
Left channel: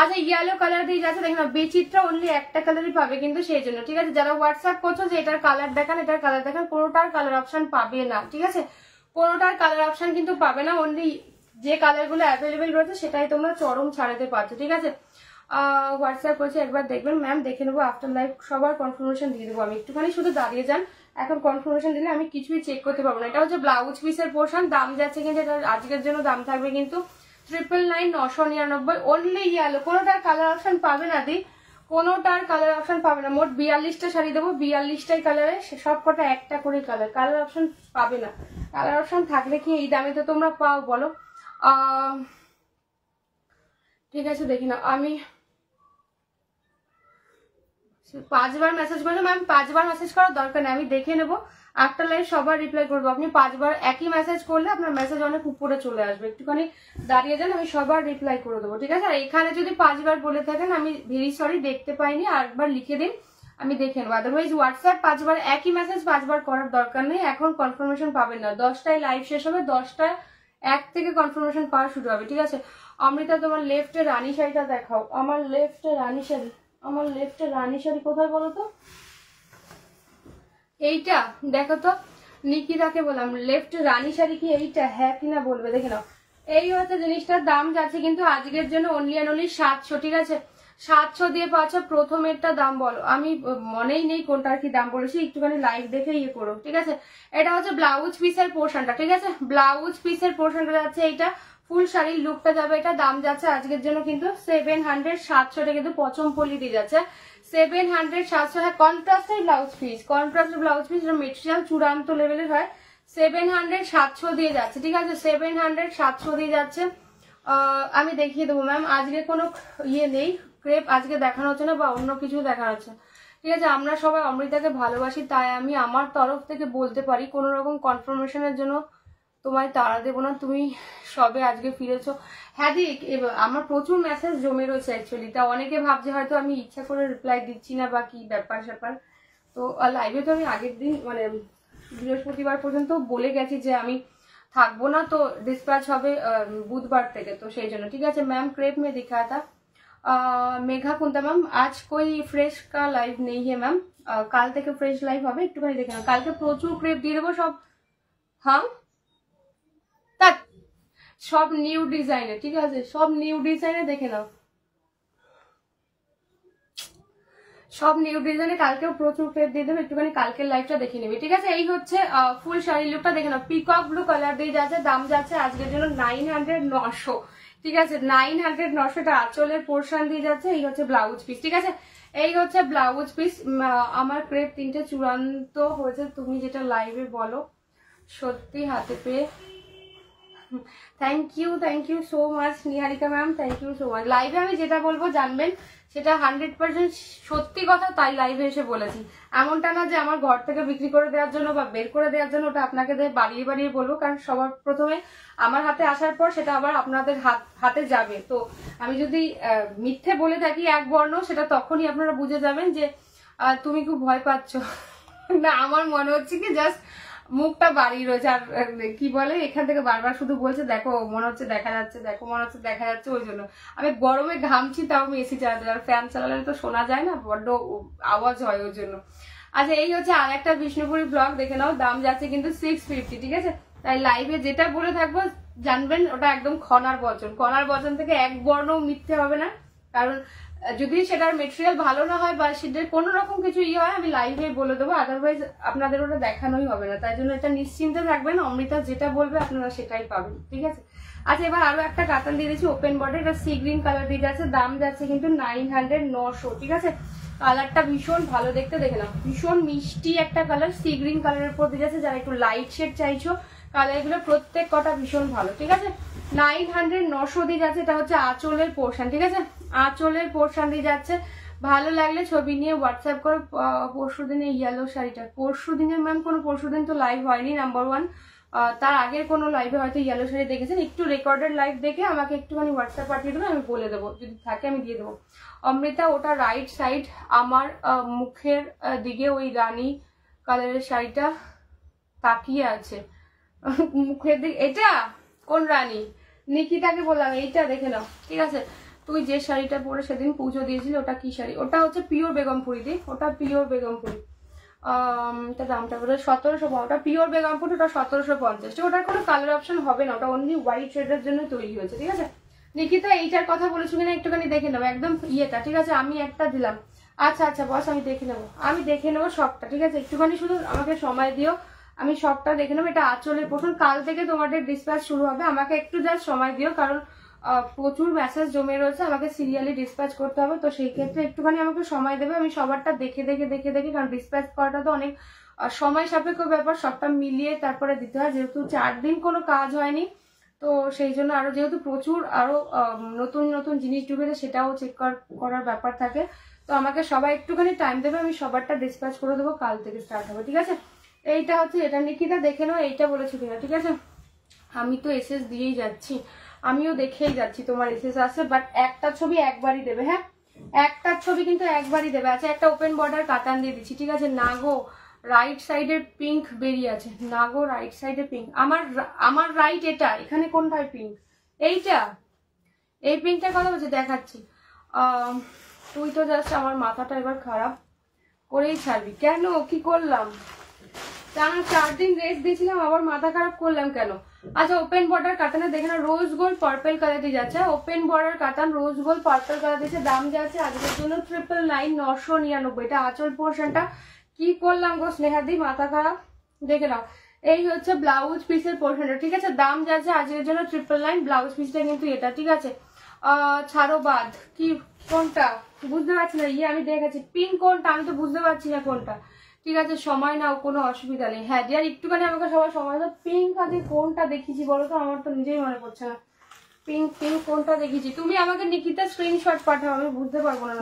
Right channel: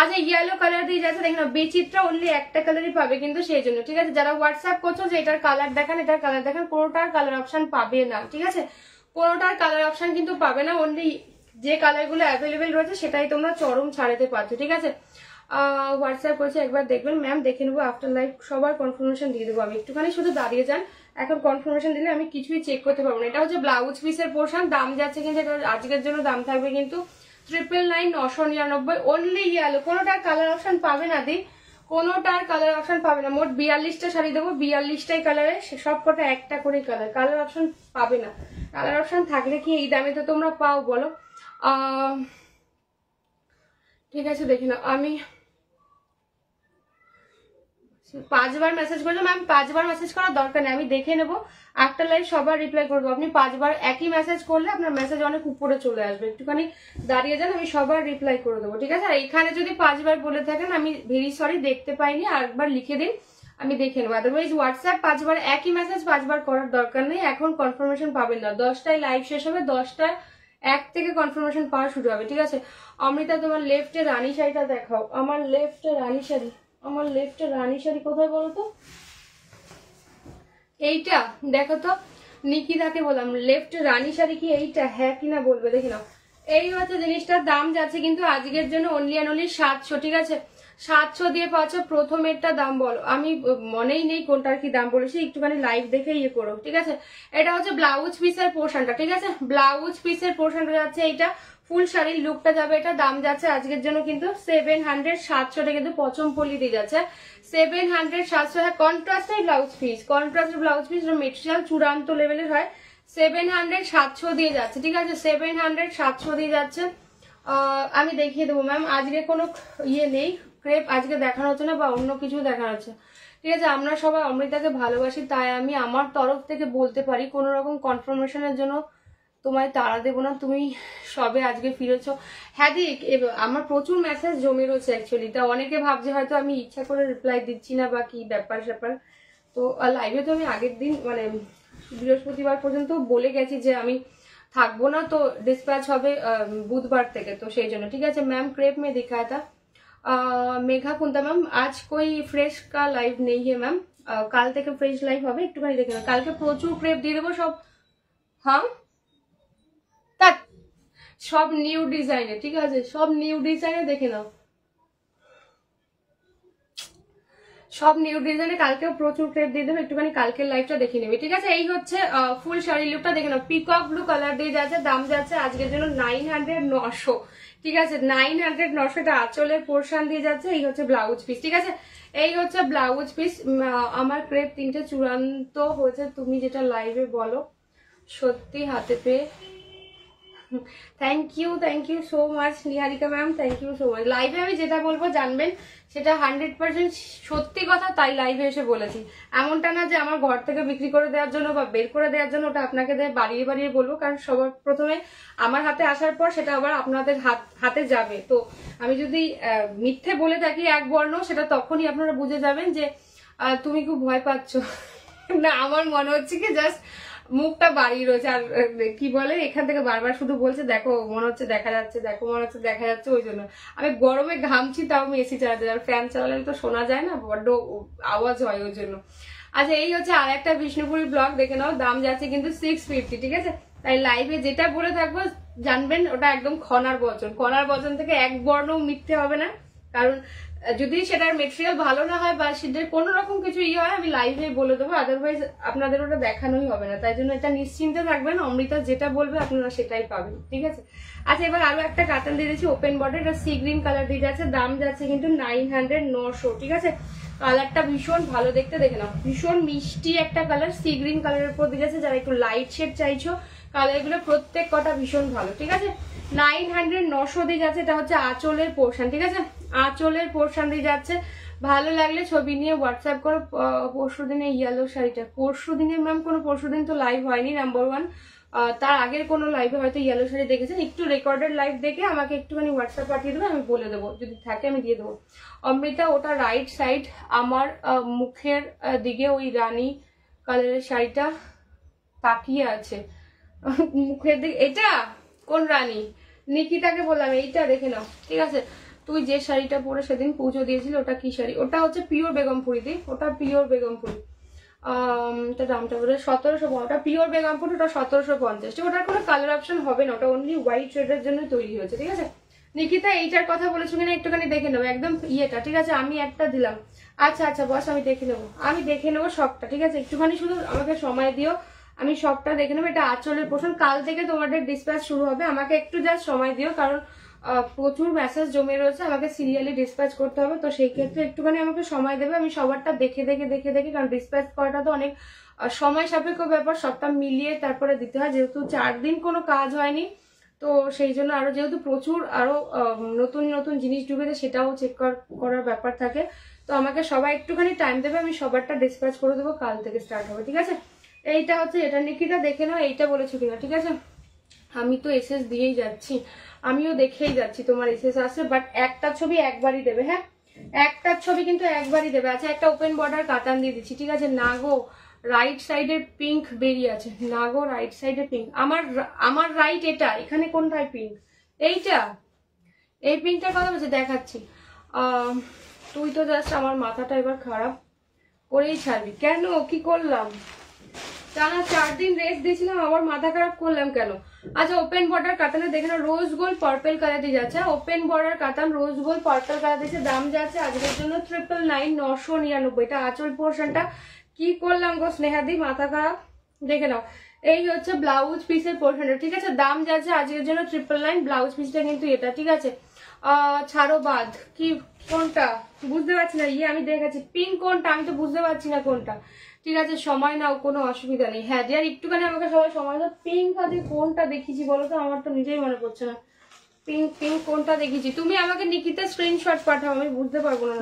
আচ্ছা ইয়েলো কালার দিয়ে যাচ্ছে, দেখুন বিচিত্রা অনলি একটা কালারই পাবে কিন্তু, সেই জন্য ঠিক আছে। যারা হোয়াটসঅ্যাপ করছো যে এটার কালার দেখান, এটার কালার দেখান, কোনোটার কালার অপশন পাবে না, ঠিক আছে। কোনোটার কালার অপশন কিন্তু পাবে না, অনলি যে কালার গুলো অ্যাভেলেবেল রয়েছে সেটাই তোমরা চরম ছাড়াতে পারছো, ঠিক আছে। হোয়াটসঅ্যাপ করছে, একবার দেখবেন ম্যাম, দেখে নেবো আফটার লাইভ, সবার কনফার্মেশন দিয়ে দেবো আমি। একটুখানি শুধু দাঁড়িয়ে যান, এখন কনফার্মেশন দিলে আমি কিছুই চেক করতে পারবো না। এটা হচ্ছে ব্লাউজ পিসের পোর্শন, দাম যাচ্ছে কিন্তু এটা আজকের জন্য দাম থাকবে কিন্তু 999 অনলি ইয়েলো। কোনোটার কালার অপশন পাবে না দি, কোনোটার কালার অপশন পাবে না। মোট 42টা শাড়ি দেবো, 42টাই কালারে, সব কটা একটা করে কালার, কালার অপশন পাবে না। কালার অপশন থাকলে কি এই দামে তো তোমরা পাও বলো? ঠিক আছে দেখি না, আমি 5 বার মেসেজ করলাম, আমি 5 বার মেসেজ করার দরকার নেই, আমি দেখে নেবো একটা লাইভ সবার রিপ্লাই করবো। আপনি 5 বার একই মেসেজ করলে আপনার মেসেজ অনেক উপরে চলে আসবে, একটুখানি দাঁড়িয়ে যান, আমি সবার রিপ্লাই করে দেবো, ঠিক আছে। আর এখানে যদি 5 বার বলে থাকেন আমি ভেরি সরি, দেখতে পাইনি, আরেকবার লিখে দিন, আমি দেখে নেবো। আদারওয়াইজ হোয়াটসঅ্যাপ 5 বার একই মেসেজ 5 বার করার দরকার নেই, এখন কনফার্মেশন পাবেন না। 10টায় লাইভ শেষ হবে, 10টায় 1 থেকে কনফার্মেশন পাওয়া শুরু হবে, ঠিক আছে। অমৃতা তোমার লেফটে রানী শাড়িটা দেখাও, আমার লেফটে রানী শাড়ি, আমার লেফটে রানী শাড়ি কোথায় বলো তো? এইটা দেখো তো, নিকিতাকে বললাম লেফট রানী শাড়ি কি এইটা, হ্যাঁ কিনা বলবে, দেখে নাও। এই হচ্ছে জিনিসটার দাম যাচ্ছে কিন্তু আজকের জন্য অনলি অ্যান্ড অনলি 700, ঠিক আছে। 700 দিয়ে পাচ্ছ। প্রথমেরটা দাম বলো, আমি মনেই নেই কোনটার কি দাম বলেছি, একটুখানি লাইভ দেখে ইয়ে করো, ঠিক আছে। এটা হচ্ছে ব্লাউজ পিসের পোর্শনটা, ঠিক আছে, ব্লাউজ পিসের পোর্শনটা যাচ্ছে এইটা, ফুল শাড়ির লুকটা যাবে, এটা দাম যাচ্ছে আজকের জন্য কিন্তু 700, 700 কিন্তু পচমপল্লি দিয়ে যাচ্ছে 700, 700। কন্ট্রাস্টের ব্লাউজ পিস, কন্ট্রাস্টের ব্লাউজ পিস মেটেরিয়াল চূড়ান্ত লেভেলের হয়, 700, 700 দিয়ে যাচ্ছে, ঠিক আছে, 700, 700 দিয়ে যাচ্ছে। আমি দেখিয়ে দেবো ম্যাম, আজকে কোনো ইয়ে নেই, ক্রেপ আজকে দেখানো হচ্ছে না বা অন্য কিছু দেখানো হচ্ছে, ঠিক আছে। আমরা সবাই অমৃতাকে ভালোবাসি, তাই আমি আমার তরফ থেকে বলতে পারি কোনো রকম কনফার্মেশনের জন্য তোমায় তাড়া দেবো না, তুমি সবে আজকে ফিরেছো। হ্যাঁ দিক, আমার প্রচুর মেসেজ জমে রয়েছে অ্যাকচুয়ালি, তা অনেকে ভাবছে হয়তো আমি ইচ্ছা করে রিপ্লাই দিচ্ছি না বা কি ব্যাপার স্যাপার। তো লাইভে তো আমি আগের দিন মানে বৃহস্পতিবার পর্যন্ত বলে গেছি যে আমি থাকবো না, তো ডিসপ্যাচ হবে বুধবার থেকে, তো সেই জন্য, ঠিক আছে। मैम क्रेप में दिखाया था मेघा कुंता मैम, आज कोई फ्रेश का लाइव नहीं है मैम, কাল থেকে ফ্রেশ লাইভ হবে, একটুখানি দেখে নাও। কালকে প্রচুর ক্রেপ দিয়ে দেবো সব, হ্যাঁ সব নিউ ডিজাইনে, ঠিক আছে, সব নিউ ডিজাইনে দেখে নাও, সব নিউ ডিজাইনে কালকেও প্রচুর ক্রেপ দিয়ে দেবো, একটুখানি কালকের লাইভটা দেখে নেবে, ঠিক আছে। এই হচ্ছে ফুল শাড়ি লুকটা দেখে নাও, পিকক ব্লু কালার দিয়ে যাচ্ছে, দাম যাচ্ছে আজকের জন্য 900, 900, ঠিক আছে, 900, 900 টা আঁচলের পোর্শন দিয়ে যাচ্ছে। এই হচ্ছে ব্লাউজ পিস, ঠিক আছে, এই হচ্ছে ব্লাউজ পিস। আমার ক্রেপ 3টে চূড়ান্ত হয়েছে, তুমি যেটা লাইভে বলো সত্যি হাতে পেয়ে thank you so much Niharika ma'am, thank you so much. লাইভে আমি যেটা বলবো জানবেন সেটা 100% সত্যি কথা, তাই লাইভে এসে বলেছি। এমনটা না যে আমার ঘর থেকে বিক্রি করে দেওয়ার জন্য বা বের করে দেওয়ার জন্য, ওটা আপনাকে বাড়িয়ে বাড়িয়ে বলবো, কারণ সবার প্রথমে আমার হাতে আসার পর সেটা আবার আপনাদের হাতে যাবে। তো আমি যদি মিথ্যে বলে থাকি এক বর্ণ, সেটা তখনই আপনারা বুঝে যাবেন যে তুমি খুব ভয় পাচ্ছ না, আমার মনে হচ্ছে কি জাস্ট মুখটা বাড়িয়ে রয়েছে, আর কি বলে এখান থেকে বারবার শুধু বলছে দেখো মনে হচ্ছে দেখা যাচ্ছে, দেখো মনে হচ্ছে দেখা যাচ্ছে, ওই জন্য আমি গরমে ঘামছি, তাও আমি এসি চালাতে, আর ফ্যান চালালে তো শোনা যায় না, বড্ড আওয়াজ হয় ওই জন্য। আচ্ছা এই হচ্ছে আর একটা বিষ্ণুপুরি ব্লগ, দেখে নাও, দাম যাচ্ছে কিন্তু 650, ঠিক আছে। তাই লাইভে যেটা বলে থাকবো জানবেন ওটা একদম খনার বচন থেকে এক বর্ণ মিথ্যে হবে না, কারণ যদি সেটার মেটেরিয়াল ভালো না হয় বা সেটার কোনো রকম কিছু ইয়ে হয় আমি লাইভে বলে দেবো, আদারওয়াইজ আপনাদের ওটা দেখানোই হবে না। তাই জন্য এটা নিশ্চিন্তে থাকবেন, অমৃতা যেটা বলবে আপনারা সেটাই পাবেন, ঠিক আছে। আচ্ছা এবার আরো একটা কাতান দিয়ে দিচ্ছি ওপেন বর্ডার, এটা সি গ্রিন কালার দিয়ে যাচ্ছে, দাম যাচ্ছে কিন্তু 900, 900, ঠিক আছে। কালারটা ভীষণ ভালো দেখতে, দেখে নাও, ভীষণ মিষ্টি একটা কালার, সি গ্রিন কালারের উপর দিয়ে যাচ্ছে। যারা একটু লাইট শেড চাইছো কালারগুলো প্রত্যেক কটা ভীষণ ভালো, ঠিক আছে। 900, 900 দিয়ে যাচ্ছে, এটা হচ্ছে আঁচলের পোর্শন, ঠিক আছে, আঁচলের পোর্শন দিয়ে যাচ্ছে। ভালো লাগলে ছবি নিয়ে হোয়াটসঅ্যাপ করো। পরশু দিনে ইয়েলো শাড়িটা, পরশু দিনে ম্যাম কোনো পরশু দিন তো লাইভ হয়নি, নাম্বার 1, তার আগের কোনো লাইভে হয়তো ইয়েলো শাড়ি দেখেছেন, একটু রেকর্ডেড লাইভ দেখে আমাকে একটুখানি হোয়াটসঅ্যাপ পাঠিয়ে দেবো, আমি বলে দেবো, যদি থাকে আমি দিয়ে দেবো। অমৃতা ওটা রাইট সাইড, আমার মুখের দিকে ওই রানী কালারের শাড়িটা তাকিয়ে আছে, মুখের দিকে এটা কোন রানী? নিকিতাকে বললাম এইটা দেখে নাও, ঠিক আছে? তুই যে শাড়িটা পরে সেদিন পুজো দিয়েছিল ওটা কি শাড়ি? ওটা হচ্ছে পিওর বেগমপুরি দি, ওটা পিওর বেগমপুরি। তার দামটা বলে 1750, ওটা পিওর বেগমপুরি, ওটা 1750। ওটার কোনো কালার অপশন হবে না, ওটা অনলি হোয়াইট শেডের জন্য তৈরি হয়েছে, ঠিক আছে? নিকিতা এইটার কথা বলেছো কিনা একটুখানি দেখে নেবো, একদম ইয়েটা, ঠিক আছে? আমি একটা দিলাম। আচ্ছা আচ্ছা বস, আমি দেখে নেবো সবটা, ঠিক আছে? একটুখানি শুধু আমাকে সময় দিও, আমি সবটা দেখে নেবো। এটা আঁচলের পোর্শন, কাল থেকে তোমাদের ডিসপ্যাচ শুরু হবে, আমাকে একটু জাস্ট সময় দিও, কারণ প্রচুর মেসেজ জমে রয়েছে, আমাকে সিরিয়ালি ডিসপ্যাচ করতে হবে, তো সেই ক্ষেত্রে একটুখানি আমাকে সময় দেবে। আমি সবারটা দেখে কারণ ডিসপ্যাচ করাটা তো অনেক সময় সাপেক্ষ ব্যাপার, সবটা মিলিয়ে তারপরে দিতে হয়, যেহেতু 4 দিন কোনো কাজ হয়নি, তো সেই জন্য আরো যেহেতু প্রচুর আরো নতুন নতুন জিনিস ঢুকেছে, সেটাও চেক করার ব্যাপার থাকে, তো আমাকে সবাই একটুখানি টাইম দেবে, আমি সবারটা ডিসপ্যাচ করে দেবো, কাল থেকে স্টার্ট হবে, ঠিক আছে? এইটা হচ্ছে এটা, নিকিতা দেখে নাও এইটা বলেছো কিনা, ঠিক আছে? আমি তো এসএস দিয়েই যাচ্ছি, আমিও দেখেই যাচ্ছি তোমার এসএস আছে, বাট একটা ছবি একবারই দেবে, হ্যাঁ একটা ছবি কিন্তু একবারই দেবে। আচ্ছা একটা ওপেন বর্ডার কাতান দিয়ে দিচ্ছি, ঠিক আছে? না গো রাইট সাইডের পিঙ্ক বেরিয়ে আছে, না গো রাইট সাইডে পিঙ্ক, আমার রাইট এটা, এখানে কোনটায় পিঙ্ক? এইটা, এই পিঙ্কটার কথা বলছি, দেখাচ্ছি। তুই তো জাস্ট আমার মাথাটা এবার খারাপ করেই ছাড়বি কেন? কি করলাম? টানা 4 দিন রেস্ট দিয়েছিলাম, আবার মাথা খারাপ করলাম কেন? আচ্ছা ওপেন বর্ডার কাতানে দেখে না, রোজ গোল্ড পার্পল কালার দিয়ে যাচ্ছে, ওপেন বর্ডার কাতান রোজ গোল্ড পার্পল কালার দিয়েছে, দাম যাচ্ছে আজকের জন্য 999 999। এটা আঁচল পোর্শনটা কি করলাম গো স্নেহাদি, মাথা খারাপ। দেখে নাও এই হচ্ছে ব্লাউজ পিসের পোর্শনটা, ঠিক আছে? দাম যাচ্ছে আজকের জন্য 999, ব্লাউজ পিসটা কিন্তু এটা, ঠিক আছে? ছাড়ো বাদ, কি কোনটা বুঝতে পারছি না, আমি দেখাচ্ছি পিঙ্ক কোনটা, আমি তো বুঝতে পারছি না কোনটা, ঠিক আছে? সময় নাও, কোনো অসুবিধা নেই। হ্যাঁ ডিয়ার একটুখানি আমাকে সবাই সময় দাও। পিঙ্ক আজকে কোনটা দেখিয়েছি বলো তো, আমার তো নিজেই মনে পড়ছে না। পিঙ্ক কোনটা দেখিয়েছি? তুমি আমাকে নিকিতা স্ক্রিনশট পাঠাও, আমি বুঝতে পারবো না।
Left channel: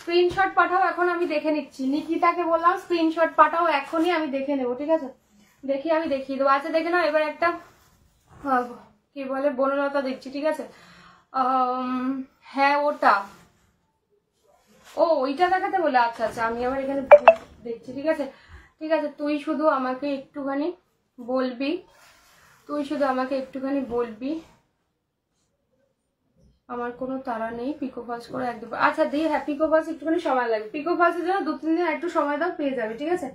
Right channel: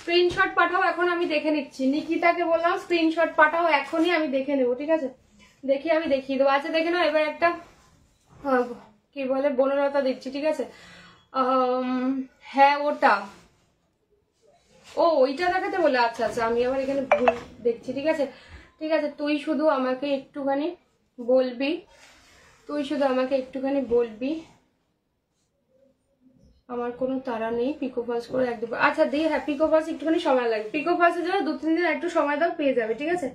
স্ক্রিনশট পাঠাও, এখন আমি দেখে নিচ্ছি। নিকিতাকে বললাম স্ক্রিনশট পাঠাও, এখনই আমি দেখে নেবো, ঠিক আছে? দেখি আমি দেখিয়ে দেবো। আচ্ছা দেখে নাও এবার একটা কি বলে বনলতা দিচ্ছি, ঠিক আছে? হ্যাঁ ওটা, ও ওইটা দেখাতে বলে, আচ্ছা আচ্ছা আমি আবার এখানে ভুল দেখছি, ঠিক আছে? ঠিক আছে তুই শুধু আমাকে একটুখানি বলবি, আমার কোনো তাড়া নেই, পিকো ফলস করে একদম। আচ্ছা দি হ্যাঁ পিকো ফলস একটুখানি সময় লাগবে, পিকো ফলসের জন্য 2-3 দিন একটু সময় দাও, পেয়ে যাবে, ঠিক আছে?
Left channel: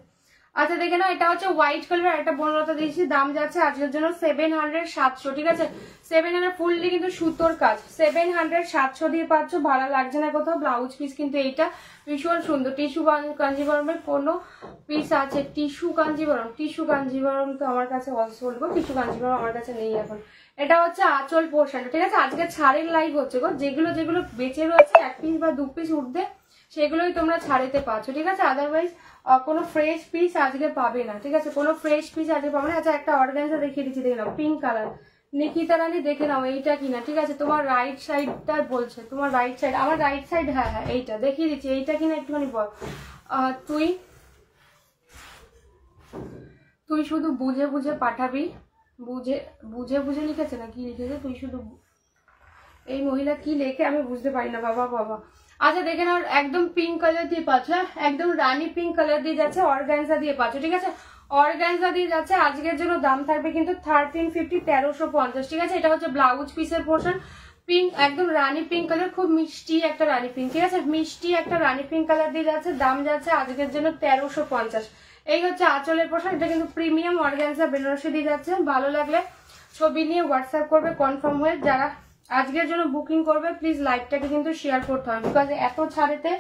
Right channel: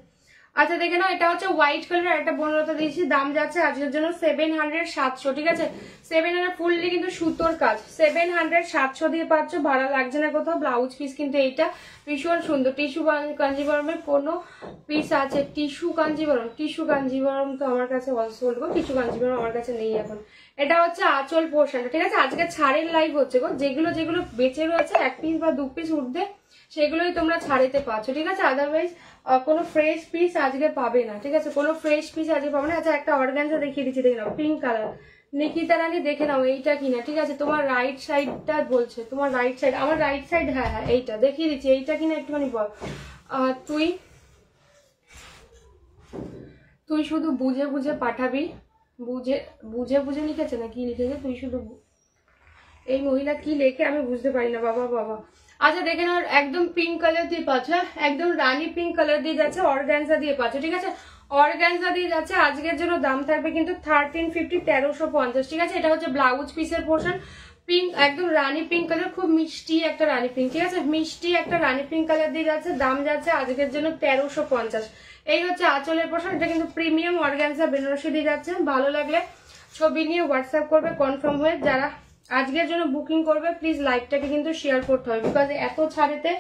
আচ্ছা দেখে নাও এটা হচ্ছে হোয়াইট কালার, আর একটা বনলতা দিয়েছি, দাম যাচ্ছে আজকের জন্য 700 ঠিক আছে? 700 ফুললি কিন্তু সুতোর কাজ, 700 দিয়ে পাচ্ছ, ভালো লাগছে না কোথাও। ব্লাউজ পিস কিন্তু এইটা ভীষণ সুন্দর, টিস্যু কাঞ্জিবরমের কোনো পিস আছে, টিস্যু কাঞ্জিবরম তো আমার কাছে অলসোল্ড গো, টিস্যু কাঞ্জিবরম আমার কাছে নেই এখন। এটা হচ্ছে আঁচল পোর্শনটা, ঠিক আছে? আজকে ছাড়ের লাইভ হচ্ছে গো, যেগুলো বেঁচে রয়েছে 1 পিস বা 2 পিস উঠবে সেগুলোই তোমরা ছাড়েতে পাচ্ছ, ঠিক আছে? আদারওয়াইজ কোনো ফ্রেশ পিস আজকে পাবে না, ঠিক আছে? কোনো ফ্রেশ পিস আজকে পাবে না। আচ্ছা একটা অর্গানজা দেখিয়ে দিচ্ছি, দেখে নাও পিঙ্ক কালার, নিকিতা রানী দেখে নাও এইটা কিনা, ঠিক আছে? তোমার রাইট সাইডটা বলছে, তোমার রাইট সাইড, আমার রাইট সাইড, হ্যাঁ হ্যাঁ এইটা দেখিয়ে দিচ্ছি, এইটা কিনা একটুখানি বল। তুই শুধু বুঝে বুঝে পাঠাবি, বুঝে লিখেছে না কি লিখেছে, তুই শুধু এই মহিলা কি লেখে আমি বুঝতে পারি না, বাবা। আচ্ছা দেখে নাও একদম পিঙ্ক কালার দিয়ে পাচ্ছ, একদম রানী পিঙ্ক কালার দিয়ে যাচ্ছে, অর্গানজা দিয়ে পাচ্ছ, ঠিক আছে? অর্গানজা দিয়ে যাচ্ছে, আজকের জন্য দাম থাকবে কিন্তু 1350 1350, ঠিক আছে? এটা হচ্ছে ব্লাউজ পিসের পোর্শন, পিঙ্ক একদম রানী পিঙ্ক কালার, খুব মিষ্টি একটা রানী পিঙ্ক, ঠিক আছে? মিষ্টি একটা রানী পিঙ্ক কালার দিয়ে যাচ্ছে, দাম যাচ্ছে আজকের জন্য 1350। এই হচ্ছে আঁচলের পোর্শন, এটা কিন্তু প্রিমিয়াম অর্গানজা বেনারসি দিয়ে যাচ্ছে। ভালো লাগলে ছবি নিয়ে হোয়াটসঅ্যাপ করবে কনফার্ম হয়ে, যারা আজকের জন্য বুকিং করবে প্লিজ লাইভটাকে কিন্তু শেয়ার করতে হবে, বিকজ এত ছাড়েতে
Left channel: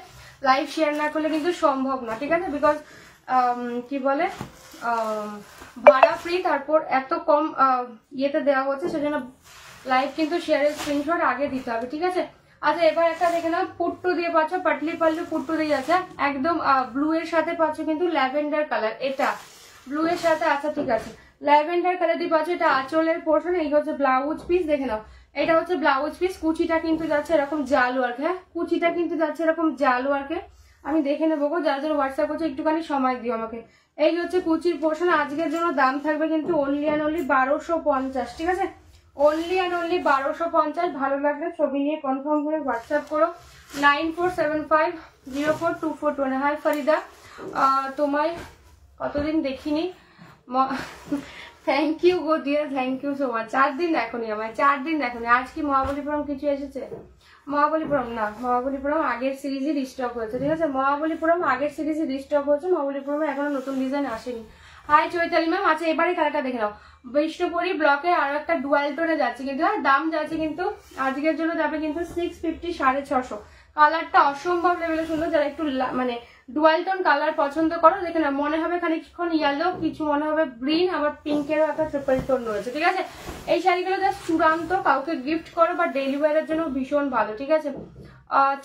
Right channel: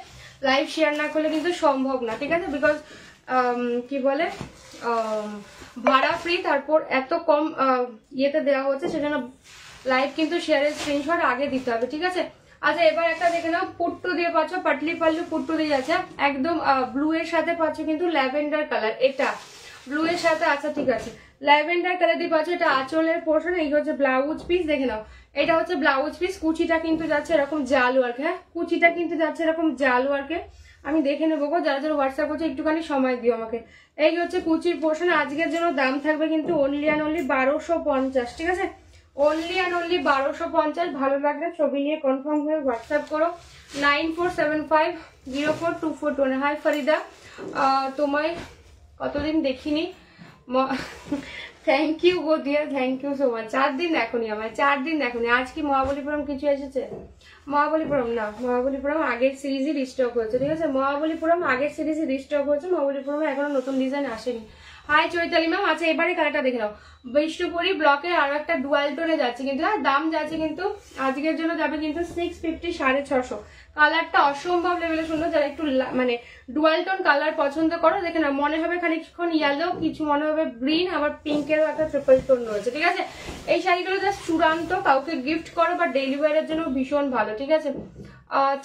লাইভ শেয়ার না করলে কিন্তু সম্ভব না, ঠিক আছে? বিকজ কি বলে ভাড়া ফ্রি, তারপর এত কম ইয়েতে দেওয়া হচ্ছে, সেজন্য লাইভ কিন্তু শেয়ারের স্ক্রিনশট আগে দিতে হবে, ঠিক আছে? আচ্ছা এবার একটা দেখে নাও, পুট্টু দিয়ে পাচ্ছ, পাটলি পাল্লু পুট্টু দিয়ে যাচ্ছে, একদম ব্লু এর সাথে পাচ্ছ কিন্তু ল্যাভেন্ডার কালার, এটা ব্লু এর সাথে, আচ্ছা ঠিক আছে ল্যাভেন্ডার কালার দিয়ে পাচ্ছ, এটা আঁচলের পোর্শন। এই হচ্ছে ব্লাউজ পিস, দেখে নাও এটা হচ্ছে ব্লাউজ পিস, কুচিটা কিন্তু যাচ্ছে এরকম জাল ওয়ার্ক, হ্যাঁ কুচিটা কিন্তু যাচ্ছে এরকম জাল ওয়ার্কে, আমি দেখে নেবো গো, যারা যারা হোয়াটসঅ্যাপ করছে একটুখানি সময় দিও আমাকে। এই হচ্ছে কুচির পোর্শন, আজকের জন্য দাম থাকবে কিন্তু অনলি অ্যান্ড অনলি 1250, ঠিক আছে? Only and only 1250। ভালো লাগলে ছবি নিয়ে কনফার্ম হয়ে হোয়াটসঅ্যাপ করো 9475042421। হাই ফরিদা, তোমায় কতদিন দেখিনি, থ্যাংক ইউ গো dear, thank you so much. 4 দিন দেখোনি আমার, 4 দিন দেখোনি। আজ কি মহাবলীপুরম কিছু এসেছে? মহাবলীপুরম না, মহাবলীপুরম আগের সিরিজে রিস্টক হয়েছে, ঠিক আছে? মহাবলীপুরম আগের সিরিজে রিস্টক হয়েছে, মহাবলীপুরম এখনো নতুন ডিজাইন আসেনি। Hi Chaitali ma'am. আচ্ছা এবারে কালারটা দেখে নাও। বিষ্ণুপুরি ব্লকে আরো একটা ডুয়াল টোনে যাচ্ছে কিন্তু, আর দাম যাচ্ছে কিন্তু আজকের জন্য যাবে কিন্তু 650, 650। কালারটা অসম্ভব লেভেলে সুন্দর। যারা একটু মানে ডুয়াল টোন কালার পছন্দ করো, দেখে না, মনে হবে খানিকক্ষণ ইয়েলো, কিছু মনে হবে গ্রিন, আবার পিঙ্কেরও একটা ট্রিপল টোন রয়েছে, ঠিক আছে? এই শাড়িগুলো জাস্ট চূড়ান্ত, কাউকে গিফট করো বা ডেলিভারির জন্য ভীষণ ভালো, ঠিক আছে?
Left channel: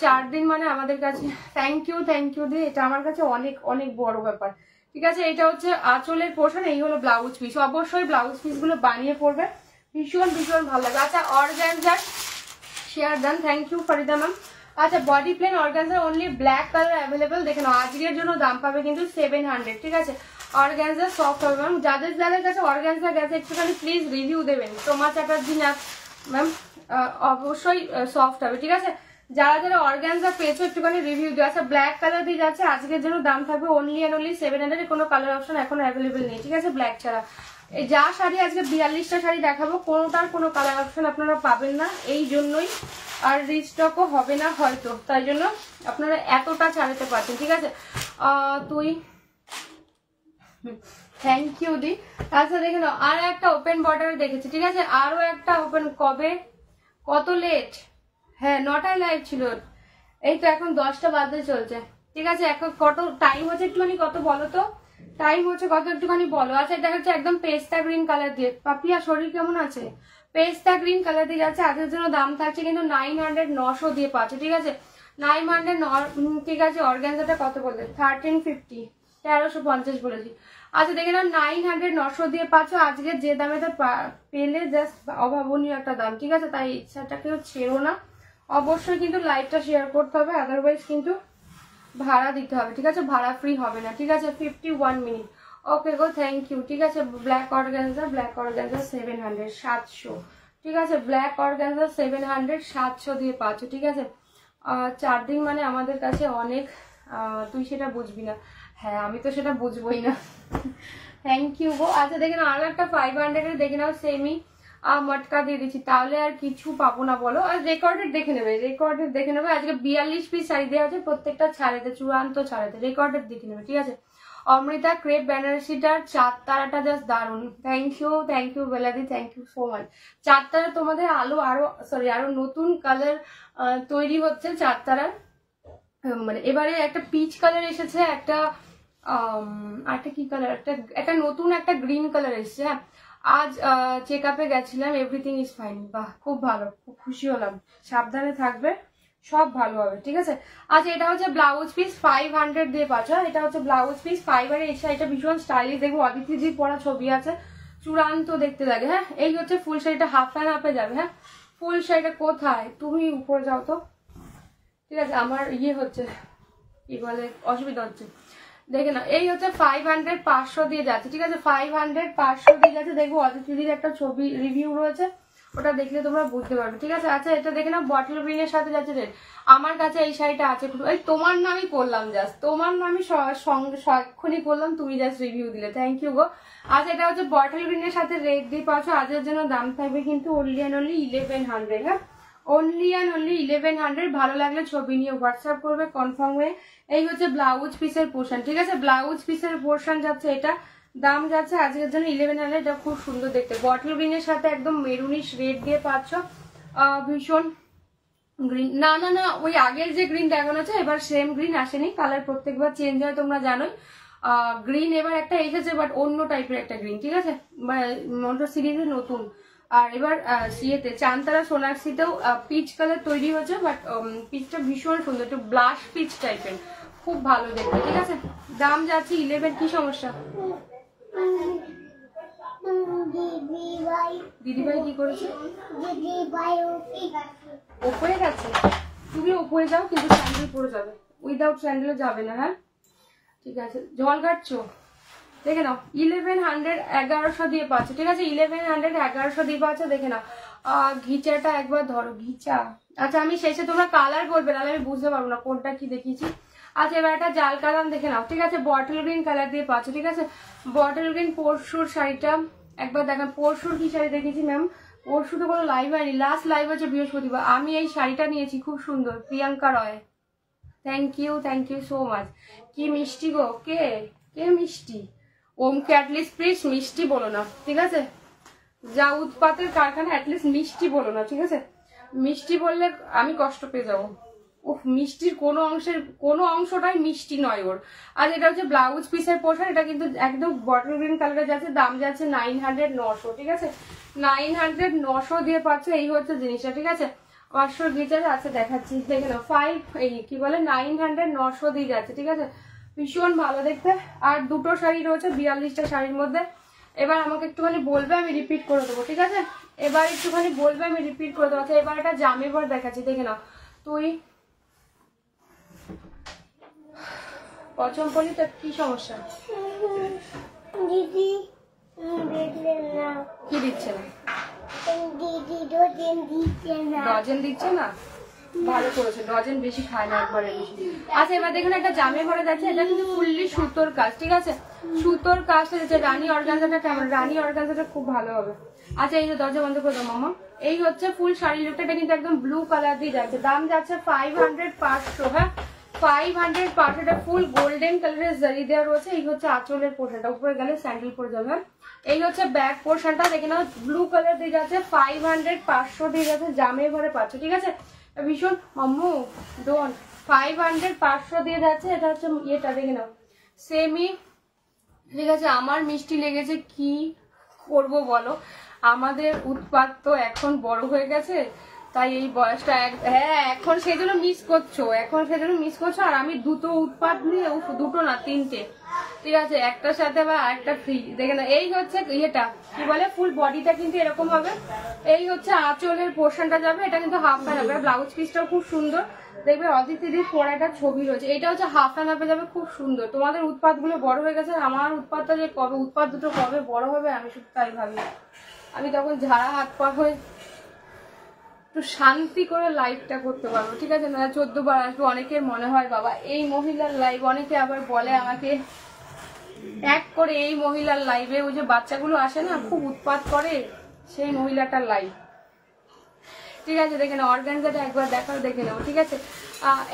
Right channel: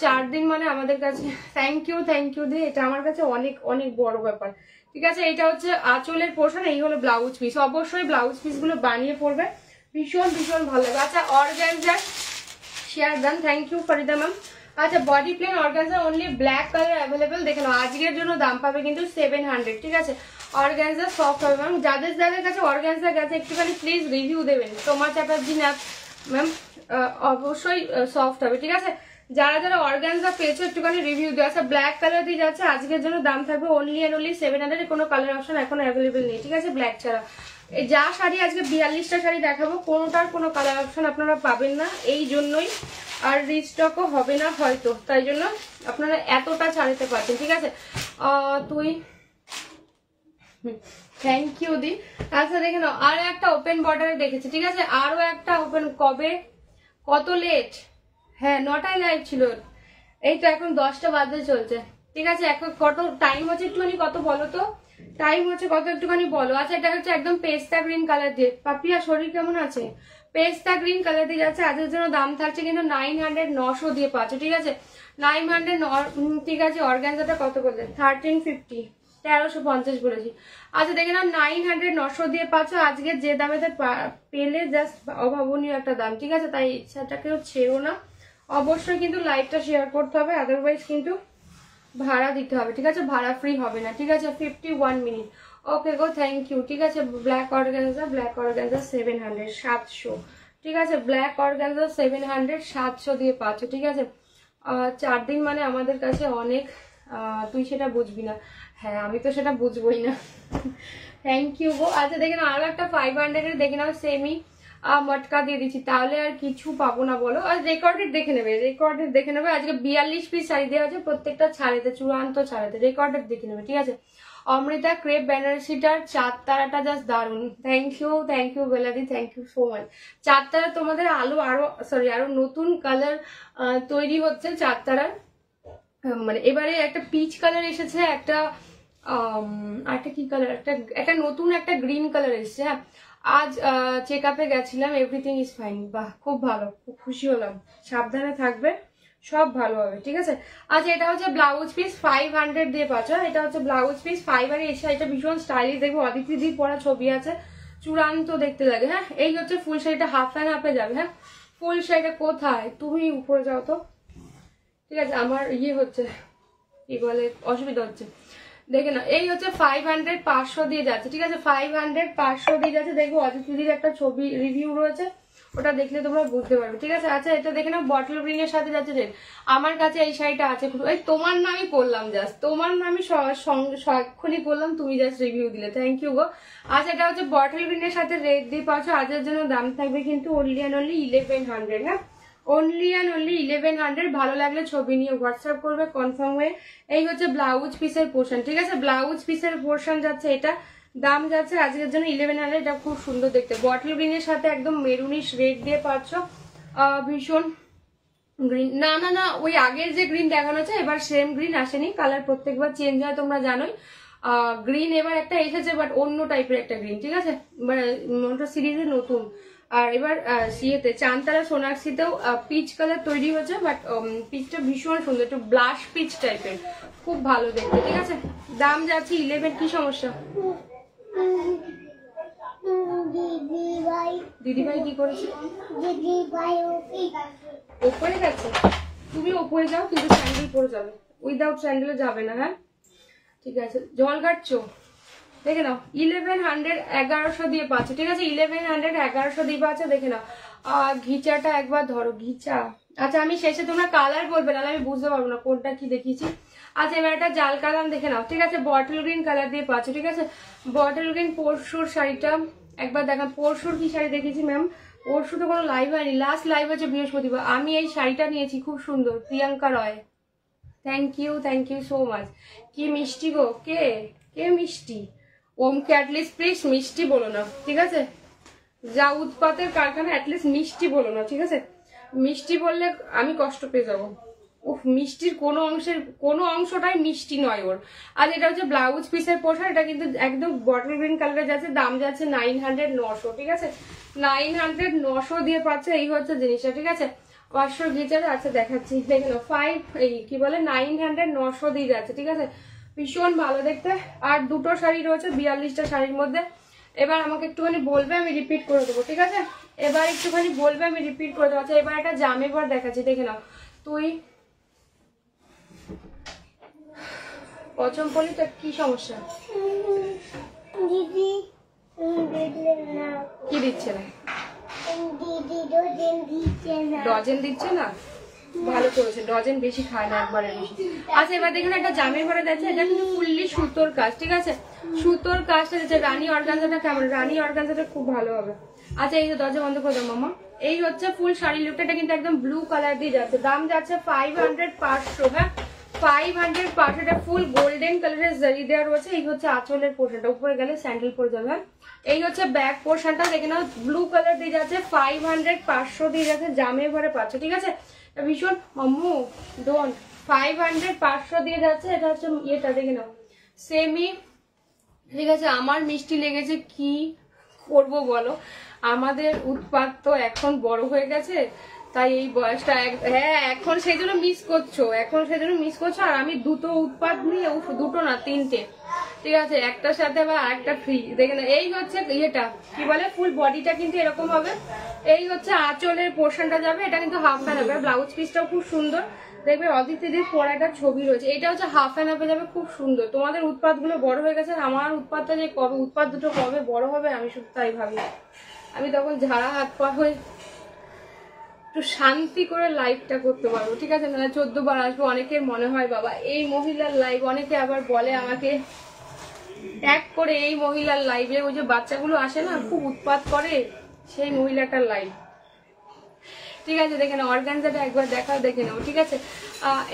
4 দিন মানে আমাদের কাছে থ্যাংক ইউ দি, এটা আমার কাছে অনেক অনেক বড় ব্যাপার, ঠিক আছে? এটা হচ্ছে আঁচলের পোর্শন, এই হলো ব্লাউজ পিস। অবশ্যই ব্লাউজ পিস গুলো বানিয়ে পড়বে, ভীষণ ভীষণ ভালো লাগে। আচ্ছা অর্গানজার শেয়ার দেন, থ্যাংক ইউ ফরিদা ম্যাম। আচ্ছা body plain organza only black colour available, দেখে নাও। আজকের জন্য দাম পাবে কিন্তু 700, ঠিক আছে? অর্গানজা সফট হবে ম্যাম। যাদের যাদের কাছে অর্গানজা গেছে একটুখানি প্লিজ রিভিউ দেবেন। সোমা চ্যাটার্জি ম্যাম অবশ্যই সফট হবে, ঠিক আছে? যারা যারা অর্গানজা পেয়েছে একটুখানি রিভিউ দেওয়া। আচ্ছা ব্ল্যাক কালার দিয়ে যাচ্ছে, আজকের জন্য দাম থাকবে অনলি অ্যান্ড অনলি 700। কোনো কালার অপশন এখন অ্যাভেলেবেল নেই, ঠিক আছে? ব্ল্যাক ছাড়া এই যা শাড়ি আজকে 42টা শাড়ি দেখাবো, কোনোটার কোনো কালার অপশন আপনারা পাবেন না, এই জন্যই। আর রিস্টকও হবে না হয়তো, তাই জন্য আপনারা এতটা ছাড়তে পারছেন, ঠিক আছে? তুই থ্যাংক ইউ দি। আচ্ছা দেখে নাও, আর একটা ওপেন বর্ডারে দেখেছি, ঠিক আছে? আরো একটা ওপেন, কবে, কত লেট? হ্যাঁ 9টায় লাইভ ছিল, এই তো এখন 10টা বাজতে চলছে, ঠিক আছে? এখন কত টাইম হচ্ছে একটুখানি কত বলো তো, টাইম হচ্ছে কত একটুখানি বলো। আচ্ছা এটা হচ্ছে একদম পেস্তা গ্রিন কালার দিয়ে। পাপিয়া শরীর কেমন আছে? পেস্তা গ্রিন কালার দিয়ে যাচ্ছে, আজকের জন্য দাম থাকছে কিন্তু 900, 900 দিয়ে পাচ্ছে, ঠিক আছে? 900, ঠিক আছে? অর্গানজাটা কত বললে? 1350, 1350 বলেছি। আচ্ছা দেখে নাও, 900, 900 দিয়ে পাচ্ছ আজকে, যে দামে পেলে জাস্ট অভাবনীয় একটা দাম, ঠিক আছে? তাই ইচ্ছাটাকেও ছেড়ো না, অবশ্যই কিন্তু লাইভটা শেয়ার করতে হবে, আদারওয়াইজ কিন্তু ভাড়া দিতে হবে, ঠিক আছে? ভাড়া ফ্রি হবে না, ঠিক আছে? 51 মিনিট। ওকে গো থ্যাংক ইউ, ঠিক আছে? ব্ল্যাক অর্গানজা 700, 700, ঠিক আছে? ব্ল্যাক অর্গানজা 700, 700 দিয়ে পাচ্ছ, ঠিক আছে? 4 দিন মানে আমাদের কাছে অনেক, তুই সেটা বুঝবি না। হ্যাঁ আমি তো সেটা বুঝবোই না। থ্যাংক ইউ গো। আচ্ছা দেখে নাও, আরো একটা 500 এর দেখে নাও, সেমি মটকা দিয়ে দিচ্ছি, তাহলে আর কিছু পাবো না বলো? আর রেকর্ডেড দেখে নেবে, রেকর্ডেড দেখে নেবে। আজকে 42 পিস শাড়ি দেওয়া আছে, প্রত্যেকটা ছাড়েতে, চূড়ান্ত ছাড়েতে, রেকর্ডেড দেখে নেবে, ঠিক আছে? অমৃতা ক্রেপ বেনারসিটার 4 তারাটা জাস্ট দারুণ। থ্যাংক ইউ বেলাদি, থ্যাংক ইউ সো মাচ। 4 তারা তোমাদের আরো নতুন কালার তৈরি হচ্ছে 4 তারার, মানে এবারে একটা পিচ কালার এসেছে, একটা কি কালার, একটা নতুন একটা গ্রিন কালার এসেছে। হ্যাঁ আজ চেক আপে গেছিলাম, এভরিথিং ইজ ফাইন। বাহ খুব ভালো, খুব খুশি হলাম। সাবধানে থাকবে, সব ভালো হবে, ঠিক আছে? আচ্ছা এটা হচ্ছে ব্লাউজ পিস 500 দিয়ে পাচ্ছ, এটা হচ্ছে ব্লাউজ পিস 500 এসে, এটা ভীষণ স্টাইলিশ, দেখবো অদিতিদির পরা ছবি আছে, চূড়ান্ত দেখতে লাগে। হ্যাঁ এই হচ্ছে ফুল শাড়িটা, হাফ অ্যান্ড হাফে যাবে। হ্যাঁ ফুল শাড়িটা কোথায়, তুমি উপরে যাও তো, ঠিক আছে? আমার হচ্ছে কি বলে, অসুবিধা হচ্ছে, দেখে না। এই হচ্ছে 500, 500 দিয়ে যাচ্ছে, ঠিক আছে? 500, 500 দিয়ে যাচ্ছে, দেখবো অদিতিদির একটা ছবি রিভিউ রয়েছে, ওটা দেখলে তোমরা বুঝতে পারবে, ঠিক আছে? আচ্ছা এটা দেখে না, বটল গ্রিনের সাথে যাচ্ছে রেড। আমার কাছে এই শাড়িটা আছে, এই তোমার নামই করলাম, জাস্ট তোমার নামই এক্ষুনি করলাম, তুমি জাস্ট রিভিউ দিলে, থ্যাংক ইউ গো। আচ্ছা এটা হচ্ছে বটল গ্রিনের সাথে রেড দিয়ে পাচ্ছ, আজকের জন্য দাম থাকবে কিন্তু অনলি অ্যান্ড অনলি 1100। হ্যাঁ অনলি অ্যান্ড অনলি 1100। ভালো লাগলে ছবি নিয়ে হোয়াটসঅ্যাপ করবে কনফার্ম হয়ে। এই হচ্ছে ব্লাউজ পিসের পোর্শন, ঠিক আছে? ব্লাউজ পিসের পোর্শন যাচ্ছে, এটা দাম যাচ্ছে আজকের জন্য 1100। এটা খুব সুন্দর দেখতে, বটল গ্রিনের সাথে একদম মেরুনিশ রেড দিয়ে পাচ্ছ, ভীষণ গ্রিন, না না না ওই আগের যে গ্রিন দেখানো হচ্ছে এবার সেম গ্রিন আসেনি, কালার প্রত্যেকবার চেঞ্জ হয় তোমরা জানোই। গ্রিন এবার একটা এসেছে বাট অন্য টাইপের একটা গ্রিন, ঠিক আছে? মানে সিরিজে নতুন। আর এবার সিয়েতে চানতারা সোনাক্ষীতেও পিচ কালার তৈরি হচ্ছে, বাট পিচটা ভীষণ সুন্দর, একটু ব্লাশ পিচ টাইপের, খুব ভালো দেখতে, ঠিক আছে? দাম যাচ্ছে 11। কি সমস্যা দিদিভাই কি করেছে? ওপরে গেছে, তুমি ওপরে যাও, কিন্তু স্যান্ডেল পরে যাবে, উইদাউট স্যান্ডেলে যাবে না। হ্যাঁ ঠিক আছে, জল কাটছো, দেখে নাও 1100, 1100 দিয়ে পাচ্ছ, ঠিক আছে? 1100, 1100 দিয়ে পাচ্ছ, দেখে নাও। ঘিচাটা একবার ধরো, ঘিচা। আচ্ছা আমি শেষে তোমরা কালার বলবে, নাহলে আমি বুঝতে পারবো না কোনটা কি দেখিয়েছি। আচ্ছা এবার একটা জাল কালার দেখে নাও, ঠিক আছে? বটল গ্রিন কালার দিয়ে পাচ্ছ, ঠিক আছে? বটল গ্রিন পরশুর শাড়িটা একবার দেখেন পরশুর কি শাড়ি দেখেছি ম্যাম, পরশু তো কোনো লাইভ হয়নি, লাস্ট লাইভ হচ্ছে বৃহস্পতিবার। আমি এই শাড়িটা নিয়েছি, খুব সুন্দর, Priyanka Roy. Thank you so much. কি মিষ্টি গো, কে কে মিষ্টি? ওমকে অ্যাটলিস্ট প্লিজ মিষ্টি বলো না, ঠিক আছে? যা উৎপাতের কারখানা, অ্যাটলিস্ট মিষ্টি বলো না, ঠিক আছে? মিষ্টি বললে আমি কষ্ট পেয়ে যাবো। উফ, মিষ্টির কোনো অংশটাই মিষ্টি নয় ওর। আর এটা হচ্ছে ব্লাউজ পিসের পোশাক, এটা কিন্তু একদম বটল গ্রিন কালারে যাচ্ছে, দাম যাচ্ছে 900 900, ঠিক আছে? 900 900 দিয়ে পাচ্ছে, এই হচ্ছে জিনিসটা, ঠিক আছে? 500 গিটারে আছে, দেখাচ্ছি, দেখে নাও। 900 900 দিয়ে যাচ্ছে, ঠিক আছে? ভীষণ ভালো দেখতে। আর দুটো শাড়ি রয়েছে 42টা শাড়ির মধ্যে। এবার আমাকে একটুখানি বলবে, আমি রিপিট করে দেবো, ঠিক আছে? এবার একটুখানি বলবে, আমি রিপিট করে দেবো। আচ্ছা, এবার একটা জামের দেখাচ্ছি, দেখে নাও। তুই পছন্দ করলি তো, কি সমস্যা? দিদি কি দিচ্ছে না? দিদি ডজন দিচ্ছে না? ভালো করেছে, ডজন বেশি খায় না, একবারে বেশি। আচ্ছা, এবার দেখুন একটা জামের ঘরে যাচ্ছে, এটা কিন্তু ফুললি সুতোর কাজ, ঠিক আছে? সুতোর কাজটা যাচ্ছে। রানী অর্গানজাটা কেমন? রানী অর্গানজাটা খুব ভালো হবে। আচ্ছা, এই দরজা বন্ধ করে দাও মামা। এই হচ্ছে ফুল শাড়ি লুকটা, এটা কিন্তু একদম ব্লু কালার দিয়ে যাচ্ছে, দাম যাচ্ছে 500 500, হ্যাঁ 500 500। এটা ফুল গোল্ডেন কালারের জারি দেওয়া রয়েছে। এই হচ্ছে আঁচলের পোর্শনটা, উপরে গেলে স্যান্ডেল পরে যাবে। এই হচ্ছে ব্যাক পোর্শনটা, দেখে নাও, ব্লু কালার দিয়ে যাচ্ছে, 500 500 দিয়ে যাচ্ছে, জামে ভরে পাচ্ছে, ঠিক আছে? ভীষণ মাম্মু ডোন 500 500 দিয়ে যাচ্ছে। এটা হচ্ছে ইয়েটা, দেখে নাও, সেমি, ঠিক আছে? আমার মিষ্টি লেগেছে, কি করব বলো, আমাদের উৎপাত তো এখন বড় হয়ে গেছে, তাই এই বয়সটা হ্যাঁ এখন সেই জন্য মিস করছো। আর আমি দুটো উৎপাত নিয়ে, দুটো না 3টে, ঠিক আছে? একটার সাথে আবার আরেকটা ফ্রি, দেখে না। এই হচ্ছে ইয়েটা, কি বলে, ফুল বডিটা কিন্তু এরকম হবে। এই হচ্ছে আঁচলের পোর্শনটা যাবে, এটা কিন্তু হাফ হ্যান্ড হবে। ব্লাউজ পিসটাও খুব সুন্দর, দেখবে অদিতিদির পড়াটা ছবি রয়েছে। এটা হচ্ছে হাফ হ্যান্ড আপে যাবে, খুব সুন্দর। তোমাদের উৎপাত গুলো বড় হয়ে গেছে, আমার উৎপাতটা যে কবে, উৎপাত দুটো কবে বড় হবে, আমি শুধু তাই ভাবি। আমি তখন ঝাড়া হাত পা হয়ে একটু শান্তি করে লাইভটা করতে পারবো, ঠিক আছে? না 14 বার আসবো। অনেকের মনে হয় বাবা এই মহিলার লাইভ, অনেকে আবার বলে আমাকে এক করে, এই মহিলার লাইভে ওই যে বাচ্চাগুলো আসে না, খুব উৎপাত করে, সেই মহিলাটার লাইভ, ঠিক আছে? দেখে নাও, অর্গানজাটা একবার দেখাও, দেখে নাও, ঠিক আছে?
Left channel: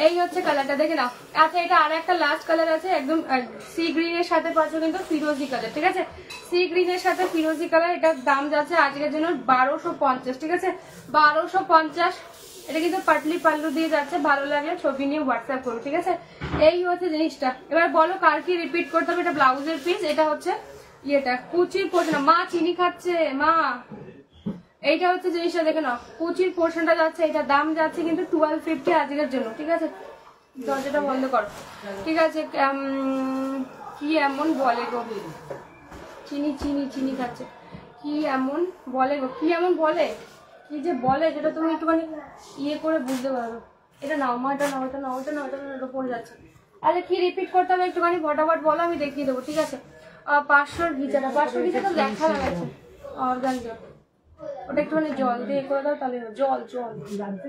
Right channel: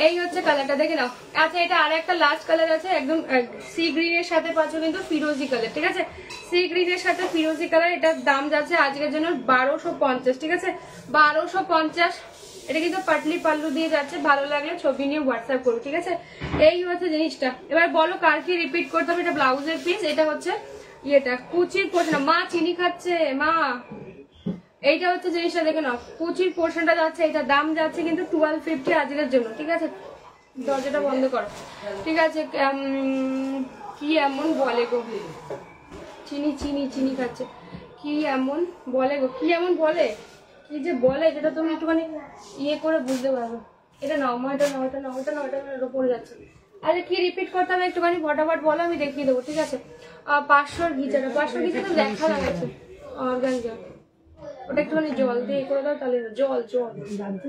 এই হচ্ছে কালারটা, দেখে নাও। আচ্ছা, এটা আর একটা লাস্ট কালার আছে, একদম সি গ্রিনের সাথে পাচ্ছ কিন্তু ফিরোজি কালার, ঠিক আছে? সি গ্রিনের সাথে ফিরোজি কালার, এটার দাম যাচ্ছে আজকের জন্য 1250, ঠিক আছে? 1250। এটা কিন্তু পাটলি পাল্লু দিয়ে যাচ্ছে। ভালো লাগলে ছবি নিয়ে হোয়াটসঅ্যাপ করো, ঠিক আছে? এই হচ্ছে জিনিসটা। এবার বলো কার কি রিপিট করতে হবে। এটা ব্লাউজের পিস, এটা হচ্ছে ইয়েটা কুচির পোর্শন। মা চিনি খাচ্ছে, মা। এইটা হচ্ছে জিনিসটা, দেখে নাও, কুচির পোর্শনটা যাচ্ছে, এটা দাম যাচ্ছে কিন্তু 1250 আজকের জন্য, ঠিক আছে? দরজাটা বন্ধ করো, ঠিক আছে? কি এমন বলে গো, চিনি চিনি চিনি খাচ্ছে, কি এমন বলে গো, কি এমন বলে, কি যে বলে সেটা তুমি একটুখানি ইয়ে করে বুঝতে পারবে। এটা নাও মা, এটা নাও, এটা নাও, এটা নাও, এটা পড়ে যাচ্ছে। আরে কি রিপিট করতে হবে একটুখানি ফটাফট বলো, আমি দেখিয়ে দেবো, ঠিক আছে? 500 ঘিচাটা, 500 ঘিচাটা দেখা লাগাচ্ছে অর্গানজা। ওটা একটুখানি জল দিয়ে করে দাও, তাহলে জল জানতে।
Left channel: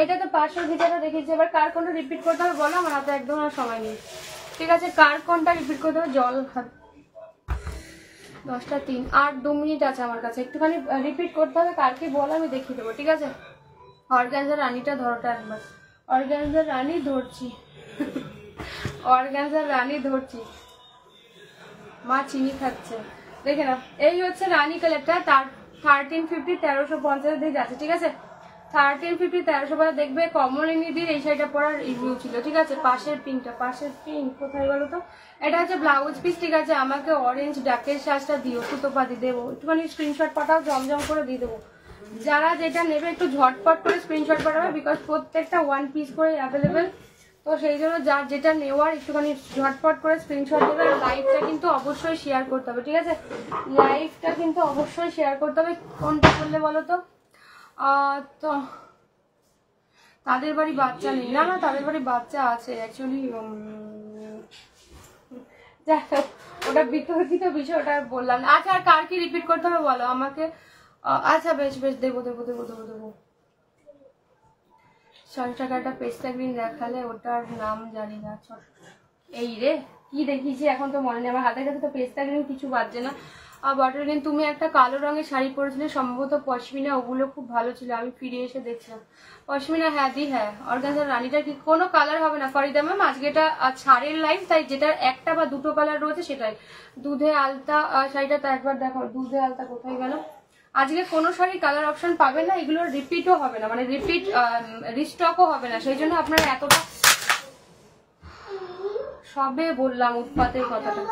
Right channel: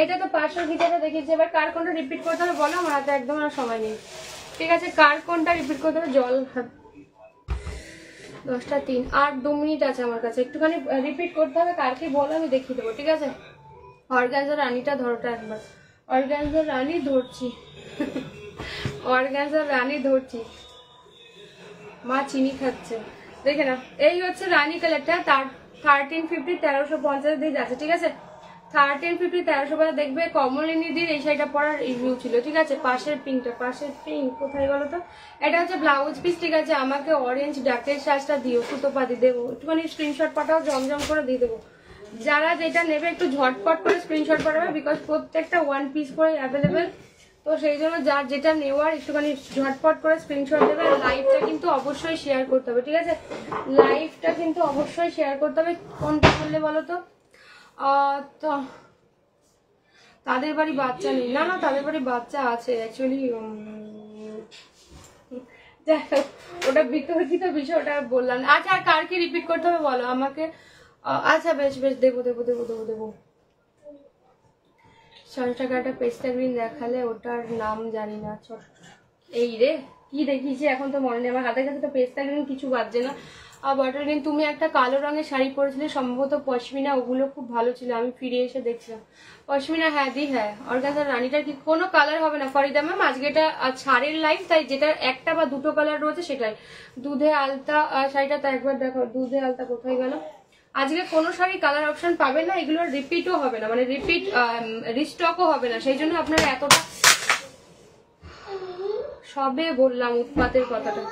এটা তো 500 ঘিচাটা দেখিয়েছি। এবার কার কোনটা রিপিট করতে হবে বলো, আমার হাতে একদম আর সময় নেই, ঠিক আছে? কার কোনটা রিপিট করতে হবে, জল 10টা 3 আর 2 মিনিট আছে আমার কাছে, একটুখানি রিপিট করতে হবে। কার কি বলো আমি দেখিয়ে দেবো, ঠিক আছে? অর্গানজার রানীটা ধরোটা একবার, অর্গানজার রানী ধরছি, অর্গানজার রানী ধরছি। মা চিনি খাচ্ছে, দেখে নাও। এই হচ্ছে রানী কালারটা, 1350 1350 দিয়ে যাচ্ছে, ঠিক আছে? 1350 1350 দেখবে কমলিনীদির এই শাড়িটা পরার রিভিউ ছিল, ঠিক আছে? পাশের পিঙ্কটা, পাশের পিঙ্ক কোথায় বলো তো? এটা হচ্ছে ব্লাউজ পিস, ঠিক আছে? আমাকে অরেঞ্জ ডাকের সাজটা দিও, সুতোপাতি দেবো, একটুখানি স্ক্রিনশট পাঠাও, জমজম করে দিয়ে দেবো। যারা যেটা নেবে একটু ঝটপট করে স্ক্রিনশট পাঠাবে, বিকজ প্রত্যেকটা 1 পিস করে অ্যাভেলেবেল, তো সেই জন্য যার যেটা নেওয়ার একটুখানি ঝটপট করে স্ক্রিনশট দেবে। লাইভটা কিন্তু অবশ্যই শেয়ার করতে হবে, ঠিক আছে? লাইভটা কিন্তু অবশ্যই শেয়ার করতে হবে। কোনটা করলে বলো তো? তো তাদের বাড়ি বাচ্চা নেই, না না তাদের বাড়ি বাচ্চা আছে অ্যাকচুয়ালি, যাই হোক ওটা বিতর্কিত বিষয়, ওটা বললাম। আচ্ছা, আর কার কি রিপিট করতে হবে বলো আমাকে। আচ্ছা বেশ বেশ, দেবো দেবো দেবো দেবো দেবো। 600 টাকা একটা পেস্তা গ্রিন দেখালে, ওটার নাম জানি না। এই রে কি দেখিয়েছি এখন তো মনে নেই আমার, হাতের কাছে তো পেস্তা গ্রিন কিছু বাজছে না। আর বটল গ্রিন, তুমি একটা কালো রঙের শাড়ি পরেছিলে সম্ভবত পশমিনা, ওগুলো খুব ভালো ছিল, আমি ফিরে এসে দেখছিলাম। পশমিনা হ্যাঁ দি হ্যাঁ, অর্গানজার রানীটার কি কোনো কালার হবে না ফরিদা ম্যাম, আজকে এটা ছাড়ের লাইভ, তাই যেটা একটা বা দুটো কালার রয়েছে সেটাই। দুধে আলতা শাড়িটা তো একবার দেখো, দুধে আলতা কোথায় গেল? আজকে কোনো শাড়ি কালার অপশন পাবেন না, এগুলোর রিপিটও হবে না, মানে রিপিট রিস্টকও হবে না, সেই জন্য আপনারা এতটা সবে বললাম উৎপাতের কথাটা।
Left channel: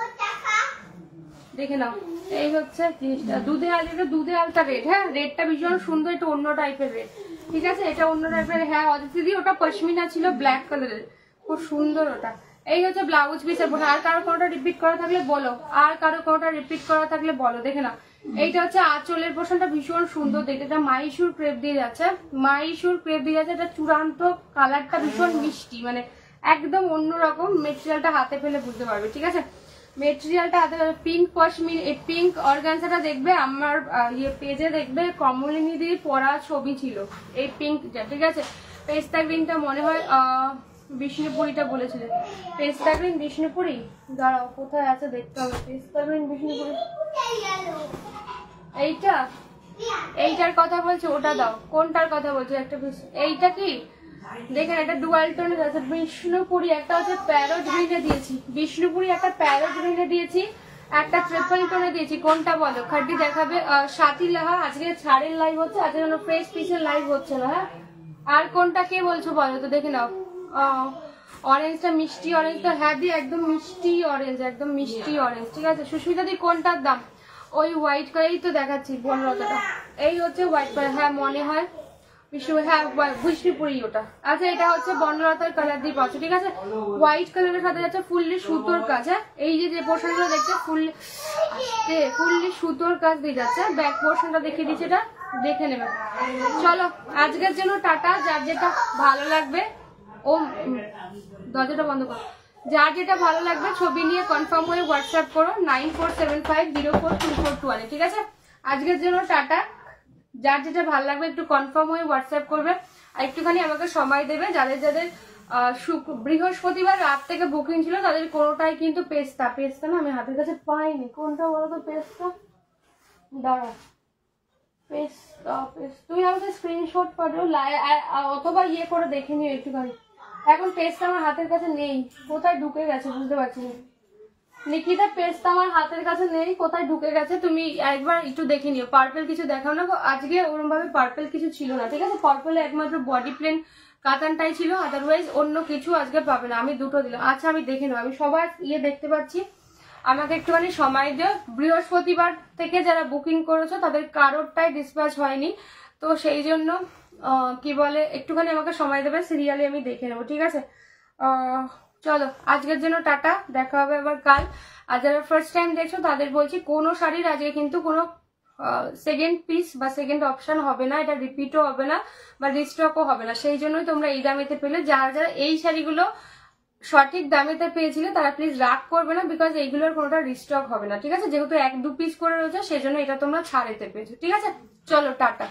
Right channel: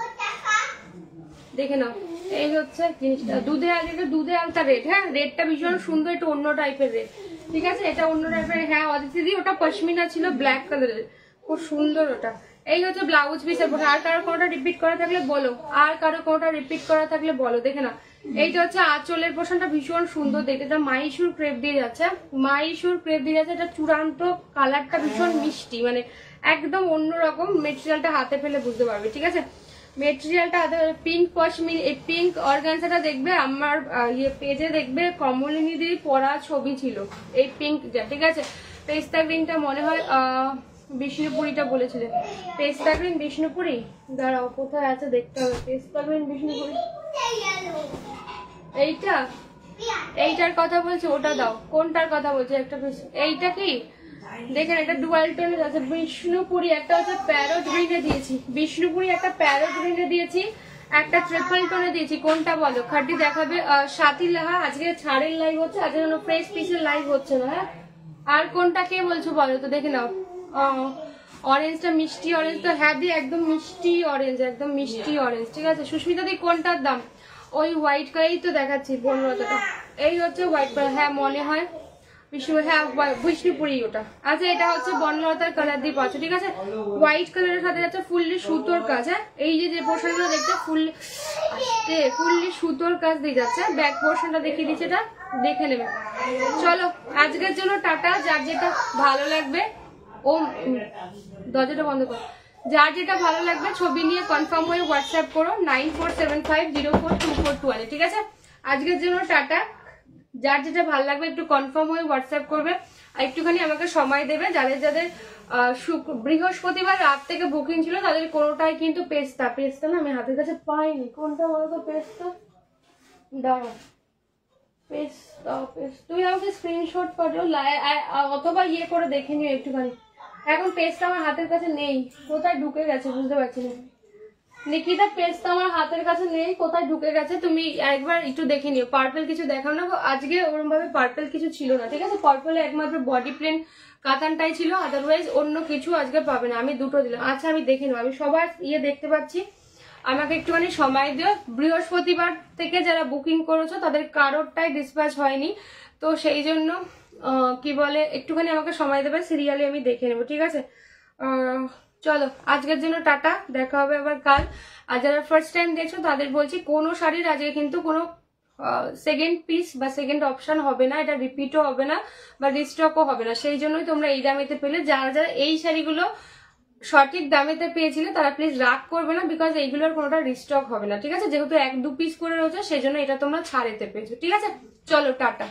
দেখে নাও, এই হচ্ছে জিনিসটা, দুধে আলতা, দুধে আলতা রেড, হ্যাঁ রেডটা ভীষণ সুন্দর, এটা অন্য টাইপের রেড, ঠিক আছে, এটা অন্য টাইপের। হ্যাঁ অদিতি, ওটা পশমিনা ছিল ব্ল্যাক কালারের, খুব সুন্দর ওটা। এই হচ্ছে ব্লাউজ পিসের। আর কারো কোনোটা রিপিট করা থাকলে বলো, আর কারো কোনোটা রিপিট করা থাকলে বলো। দেখে না, এইটা হচ্ছে আঁচলের পোর্শনটা ভীষণ সুন্দর দেখতে, এটা মাইশুর ক্রেপ দিয়ে যাচ্ছে, মাইশুর ক্রেপ দিয়ে যাচ্ছে, এটা চূড়ান্ত কালারটা ভীষণ মিষ্টি, মানে একদম অন্যরকম। মেটেরিয়ালটা হাতে পেলে বুঝতে পারবে, ঠিক আছে, মেটেরিয়ালটা হাতে পেলে। পিঙ্ক পশমিন, এই পিঙ্ক অর্গানজাটা দেখবে আমার ইয়ে পেজে, দেখবে কমলিনী দির পরা ছবি ছিল এই পিঙ্কটা, ঠিক আছে। পেস্তা গ্রিনটা মনে হয় বিষ্ণুপুরিটা বলেছিল, পেস্তা গ্রিন বিষ্ণুপুরি, দাঁড়াও কোথায় আছে দেখতে হবে, পেস্তা গ্রিন বিষ্ণুপুরি, এইটা, এইটার কথা বলছে, ওটা দাও, কোনটার কথা বলছে একটা পিস, এইটা কি দেখেন, এটা ডুয়াল টোনের আছে। বিষ্ণুপুরি একটা হচ্ছে প্যারোট গ্রিনে দিয়েছি, বিষ্ণুপুরি একটা প্যারোট গ্রিনে দিয়েছি, একটা ট্রিপল টোনে দিয়েছি, কোনটা বলো? খাটি দেখাবে সাথী লাহা, আজকে ছাড়ের লাইভ হচ্ছে, আজকে কোনো ফ্রেশ পিসের লাইভ হচ্ছে না, হ্যাঁ। আর কোনটা কে বলছো বলো তো, দেখে নাও। অরেঞ্জটা মিষ্টি অরেঞ্জ তো, হ্যাঁ দি একদম মিষ্টি অরেঞ্জ, একদম মিষ্টি অরেঞ্জ, ঠিক আছে। সুস্মিতা দি কোনটার দাম? ওই হোয়াইট কালারই তো দেখাচ্ছি, 15টাটা, এই হচ্ছে হোয়াইট কালার, হ্যাঁ মনে হয় হ্যাঁ বিষ্ণুপুরি ওটা। আচ্ছা এটা হচ্ছে বনলতার কালার দিয়ে পাচ্ছ, ঠিক আছে, হোয়াইট কালারের সাথে যাচ্ছে ফুললি সুতোর কাজ, হ্যাঁ এই যে পোর্শনগুলো দেখতে ফুললি সুতোর কাজ দিয়ে যাচ্ছে, ব্যাক পোর্শনটা দেখিয়ে দিচ্ছে, এটা দেখে নেবে। চলো আজকের জন্য টাটা, যার যেটা ভালো লাগবে, ও দরজাটা বন্ধ করো, যার যেটা ভালো লাগবে ছবি নিয়ে কনফার্ম হয়ে হোয়াটসঅ্যাপ করো 9475042421, ঠিক আছে। আজকের জন্য টাটা, যার যেটা ভালো লাগবে একটু কনফার্ম হয়ে হোয়াটসঅ্যাপ করবে, আর একটুখানি আমাকে সময় দেবে। যাদের যাদের বৃহস্পতিবার রাত থেকে বুকিং ছিল তাদের কোনোটাই কিন্তু পেস্তা না, আমি হাতের কাছে পাইনি, কোনটা বলো তো পেস্তা, দাঁড়া, পেস্তা তুমি আমাকে স্ক্রিনশট পাঠাও, অথবা ইয়ে করে দেখে নিও একটুখানি, এখন পেস্তা আমার হাতের কাছে নেই, কোথায় ঢুকে গেছে বুঝতে পারছি না। নিকিতা পেস্তা আমার হাতের কাছে নেই, কোথায় ঢুকে গেছে তুমি একবার একটু দেখে নিও। পার্পেল কিছু দেখাও না, আজকে ওরকম ভাবে পার্পেল কিছু ছিল না, ঠিক আছে, পার্পেলে একমাত্র বডি প্লেন কাতানটাই ছিল, আদারওয়াইজ অন্য কিছু আজকে পাবে না। আমি দুটো দিলাম, আচ্ছা আমি দেখে নেবো, আমি সবার ইয়ে দেখতে পাচ্ছি, আমাকে একটুখানি সময় দিও। বৃহস্পতিবার থেকে যারা বুকিং করেছো তাদের কারোরটাই ডিসপ্যাচ হয়নি, তো সেই জন্য কি বলে একটুখানি আমাকে সময় দেবে, সিরিয়ালি আমি দেখে নেবো, ঠিক আছে। চলো আজকের জন্য টাটা, দেখা হবে আবার কাল। আর যারা ফার্স্ট টাইম দেখছো তাদের বলছি, কোনো শাড়ির আজকে কিন্তু কোনো সেকেন্ড পিস বা সেকেন্ড অপশন হবে না, এটা রিপিটও হবে না বা রিস্টকও হবে না, সেই জন্যই তোমরা এই দামেতে পেলে। যারা যারা এই শাড়িগুলো সঠিক দামেতে পেয়েছিলে তারা প্লিজ রাগ করবে না, বিকজ এইগুলোর কোনোটা রিস্টক হবে না, ঠিক আছে, যেহেতু 1-2 পিস করে রয়েছে সেই জন্য এটা তোমরা ছাড়েতে পেয়েছো, ঠিক আছে। চলো টাটা।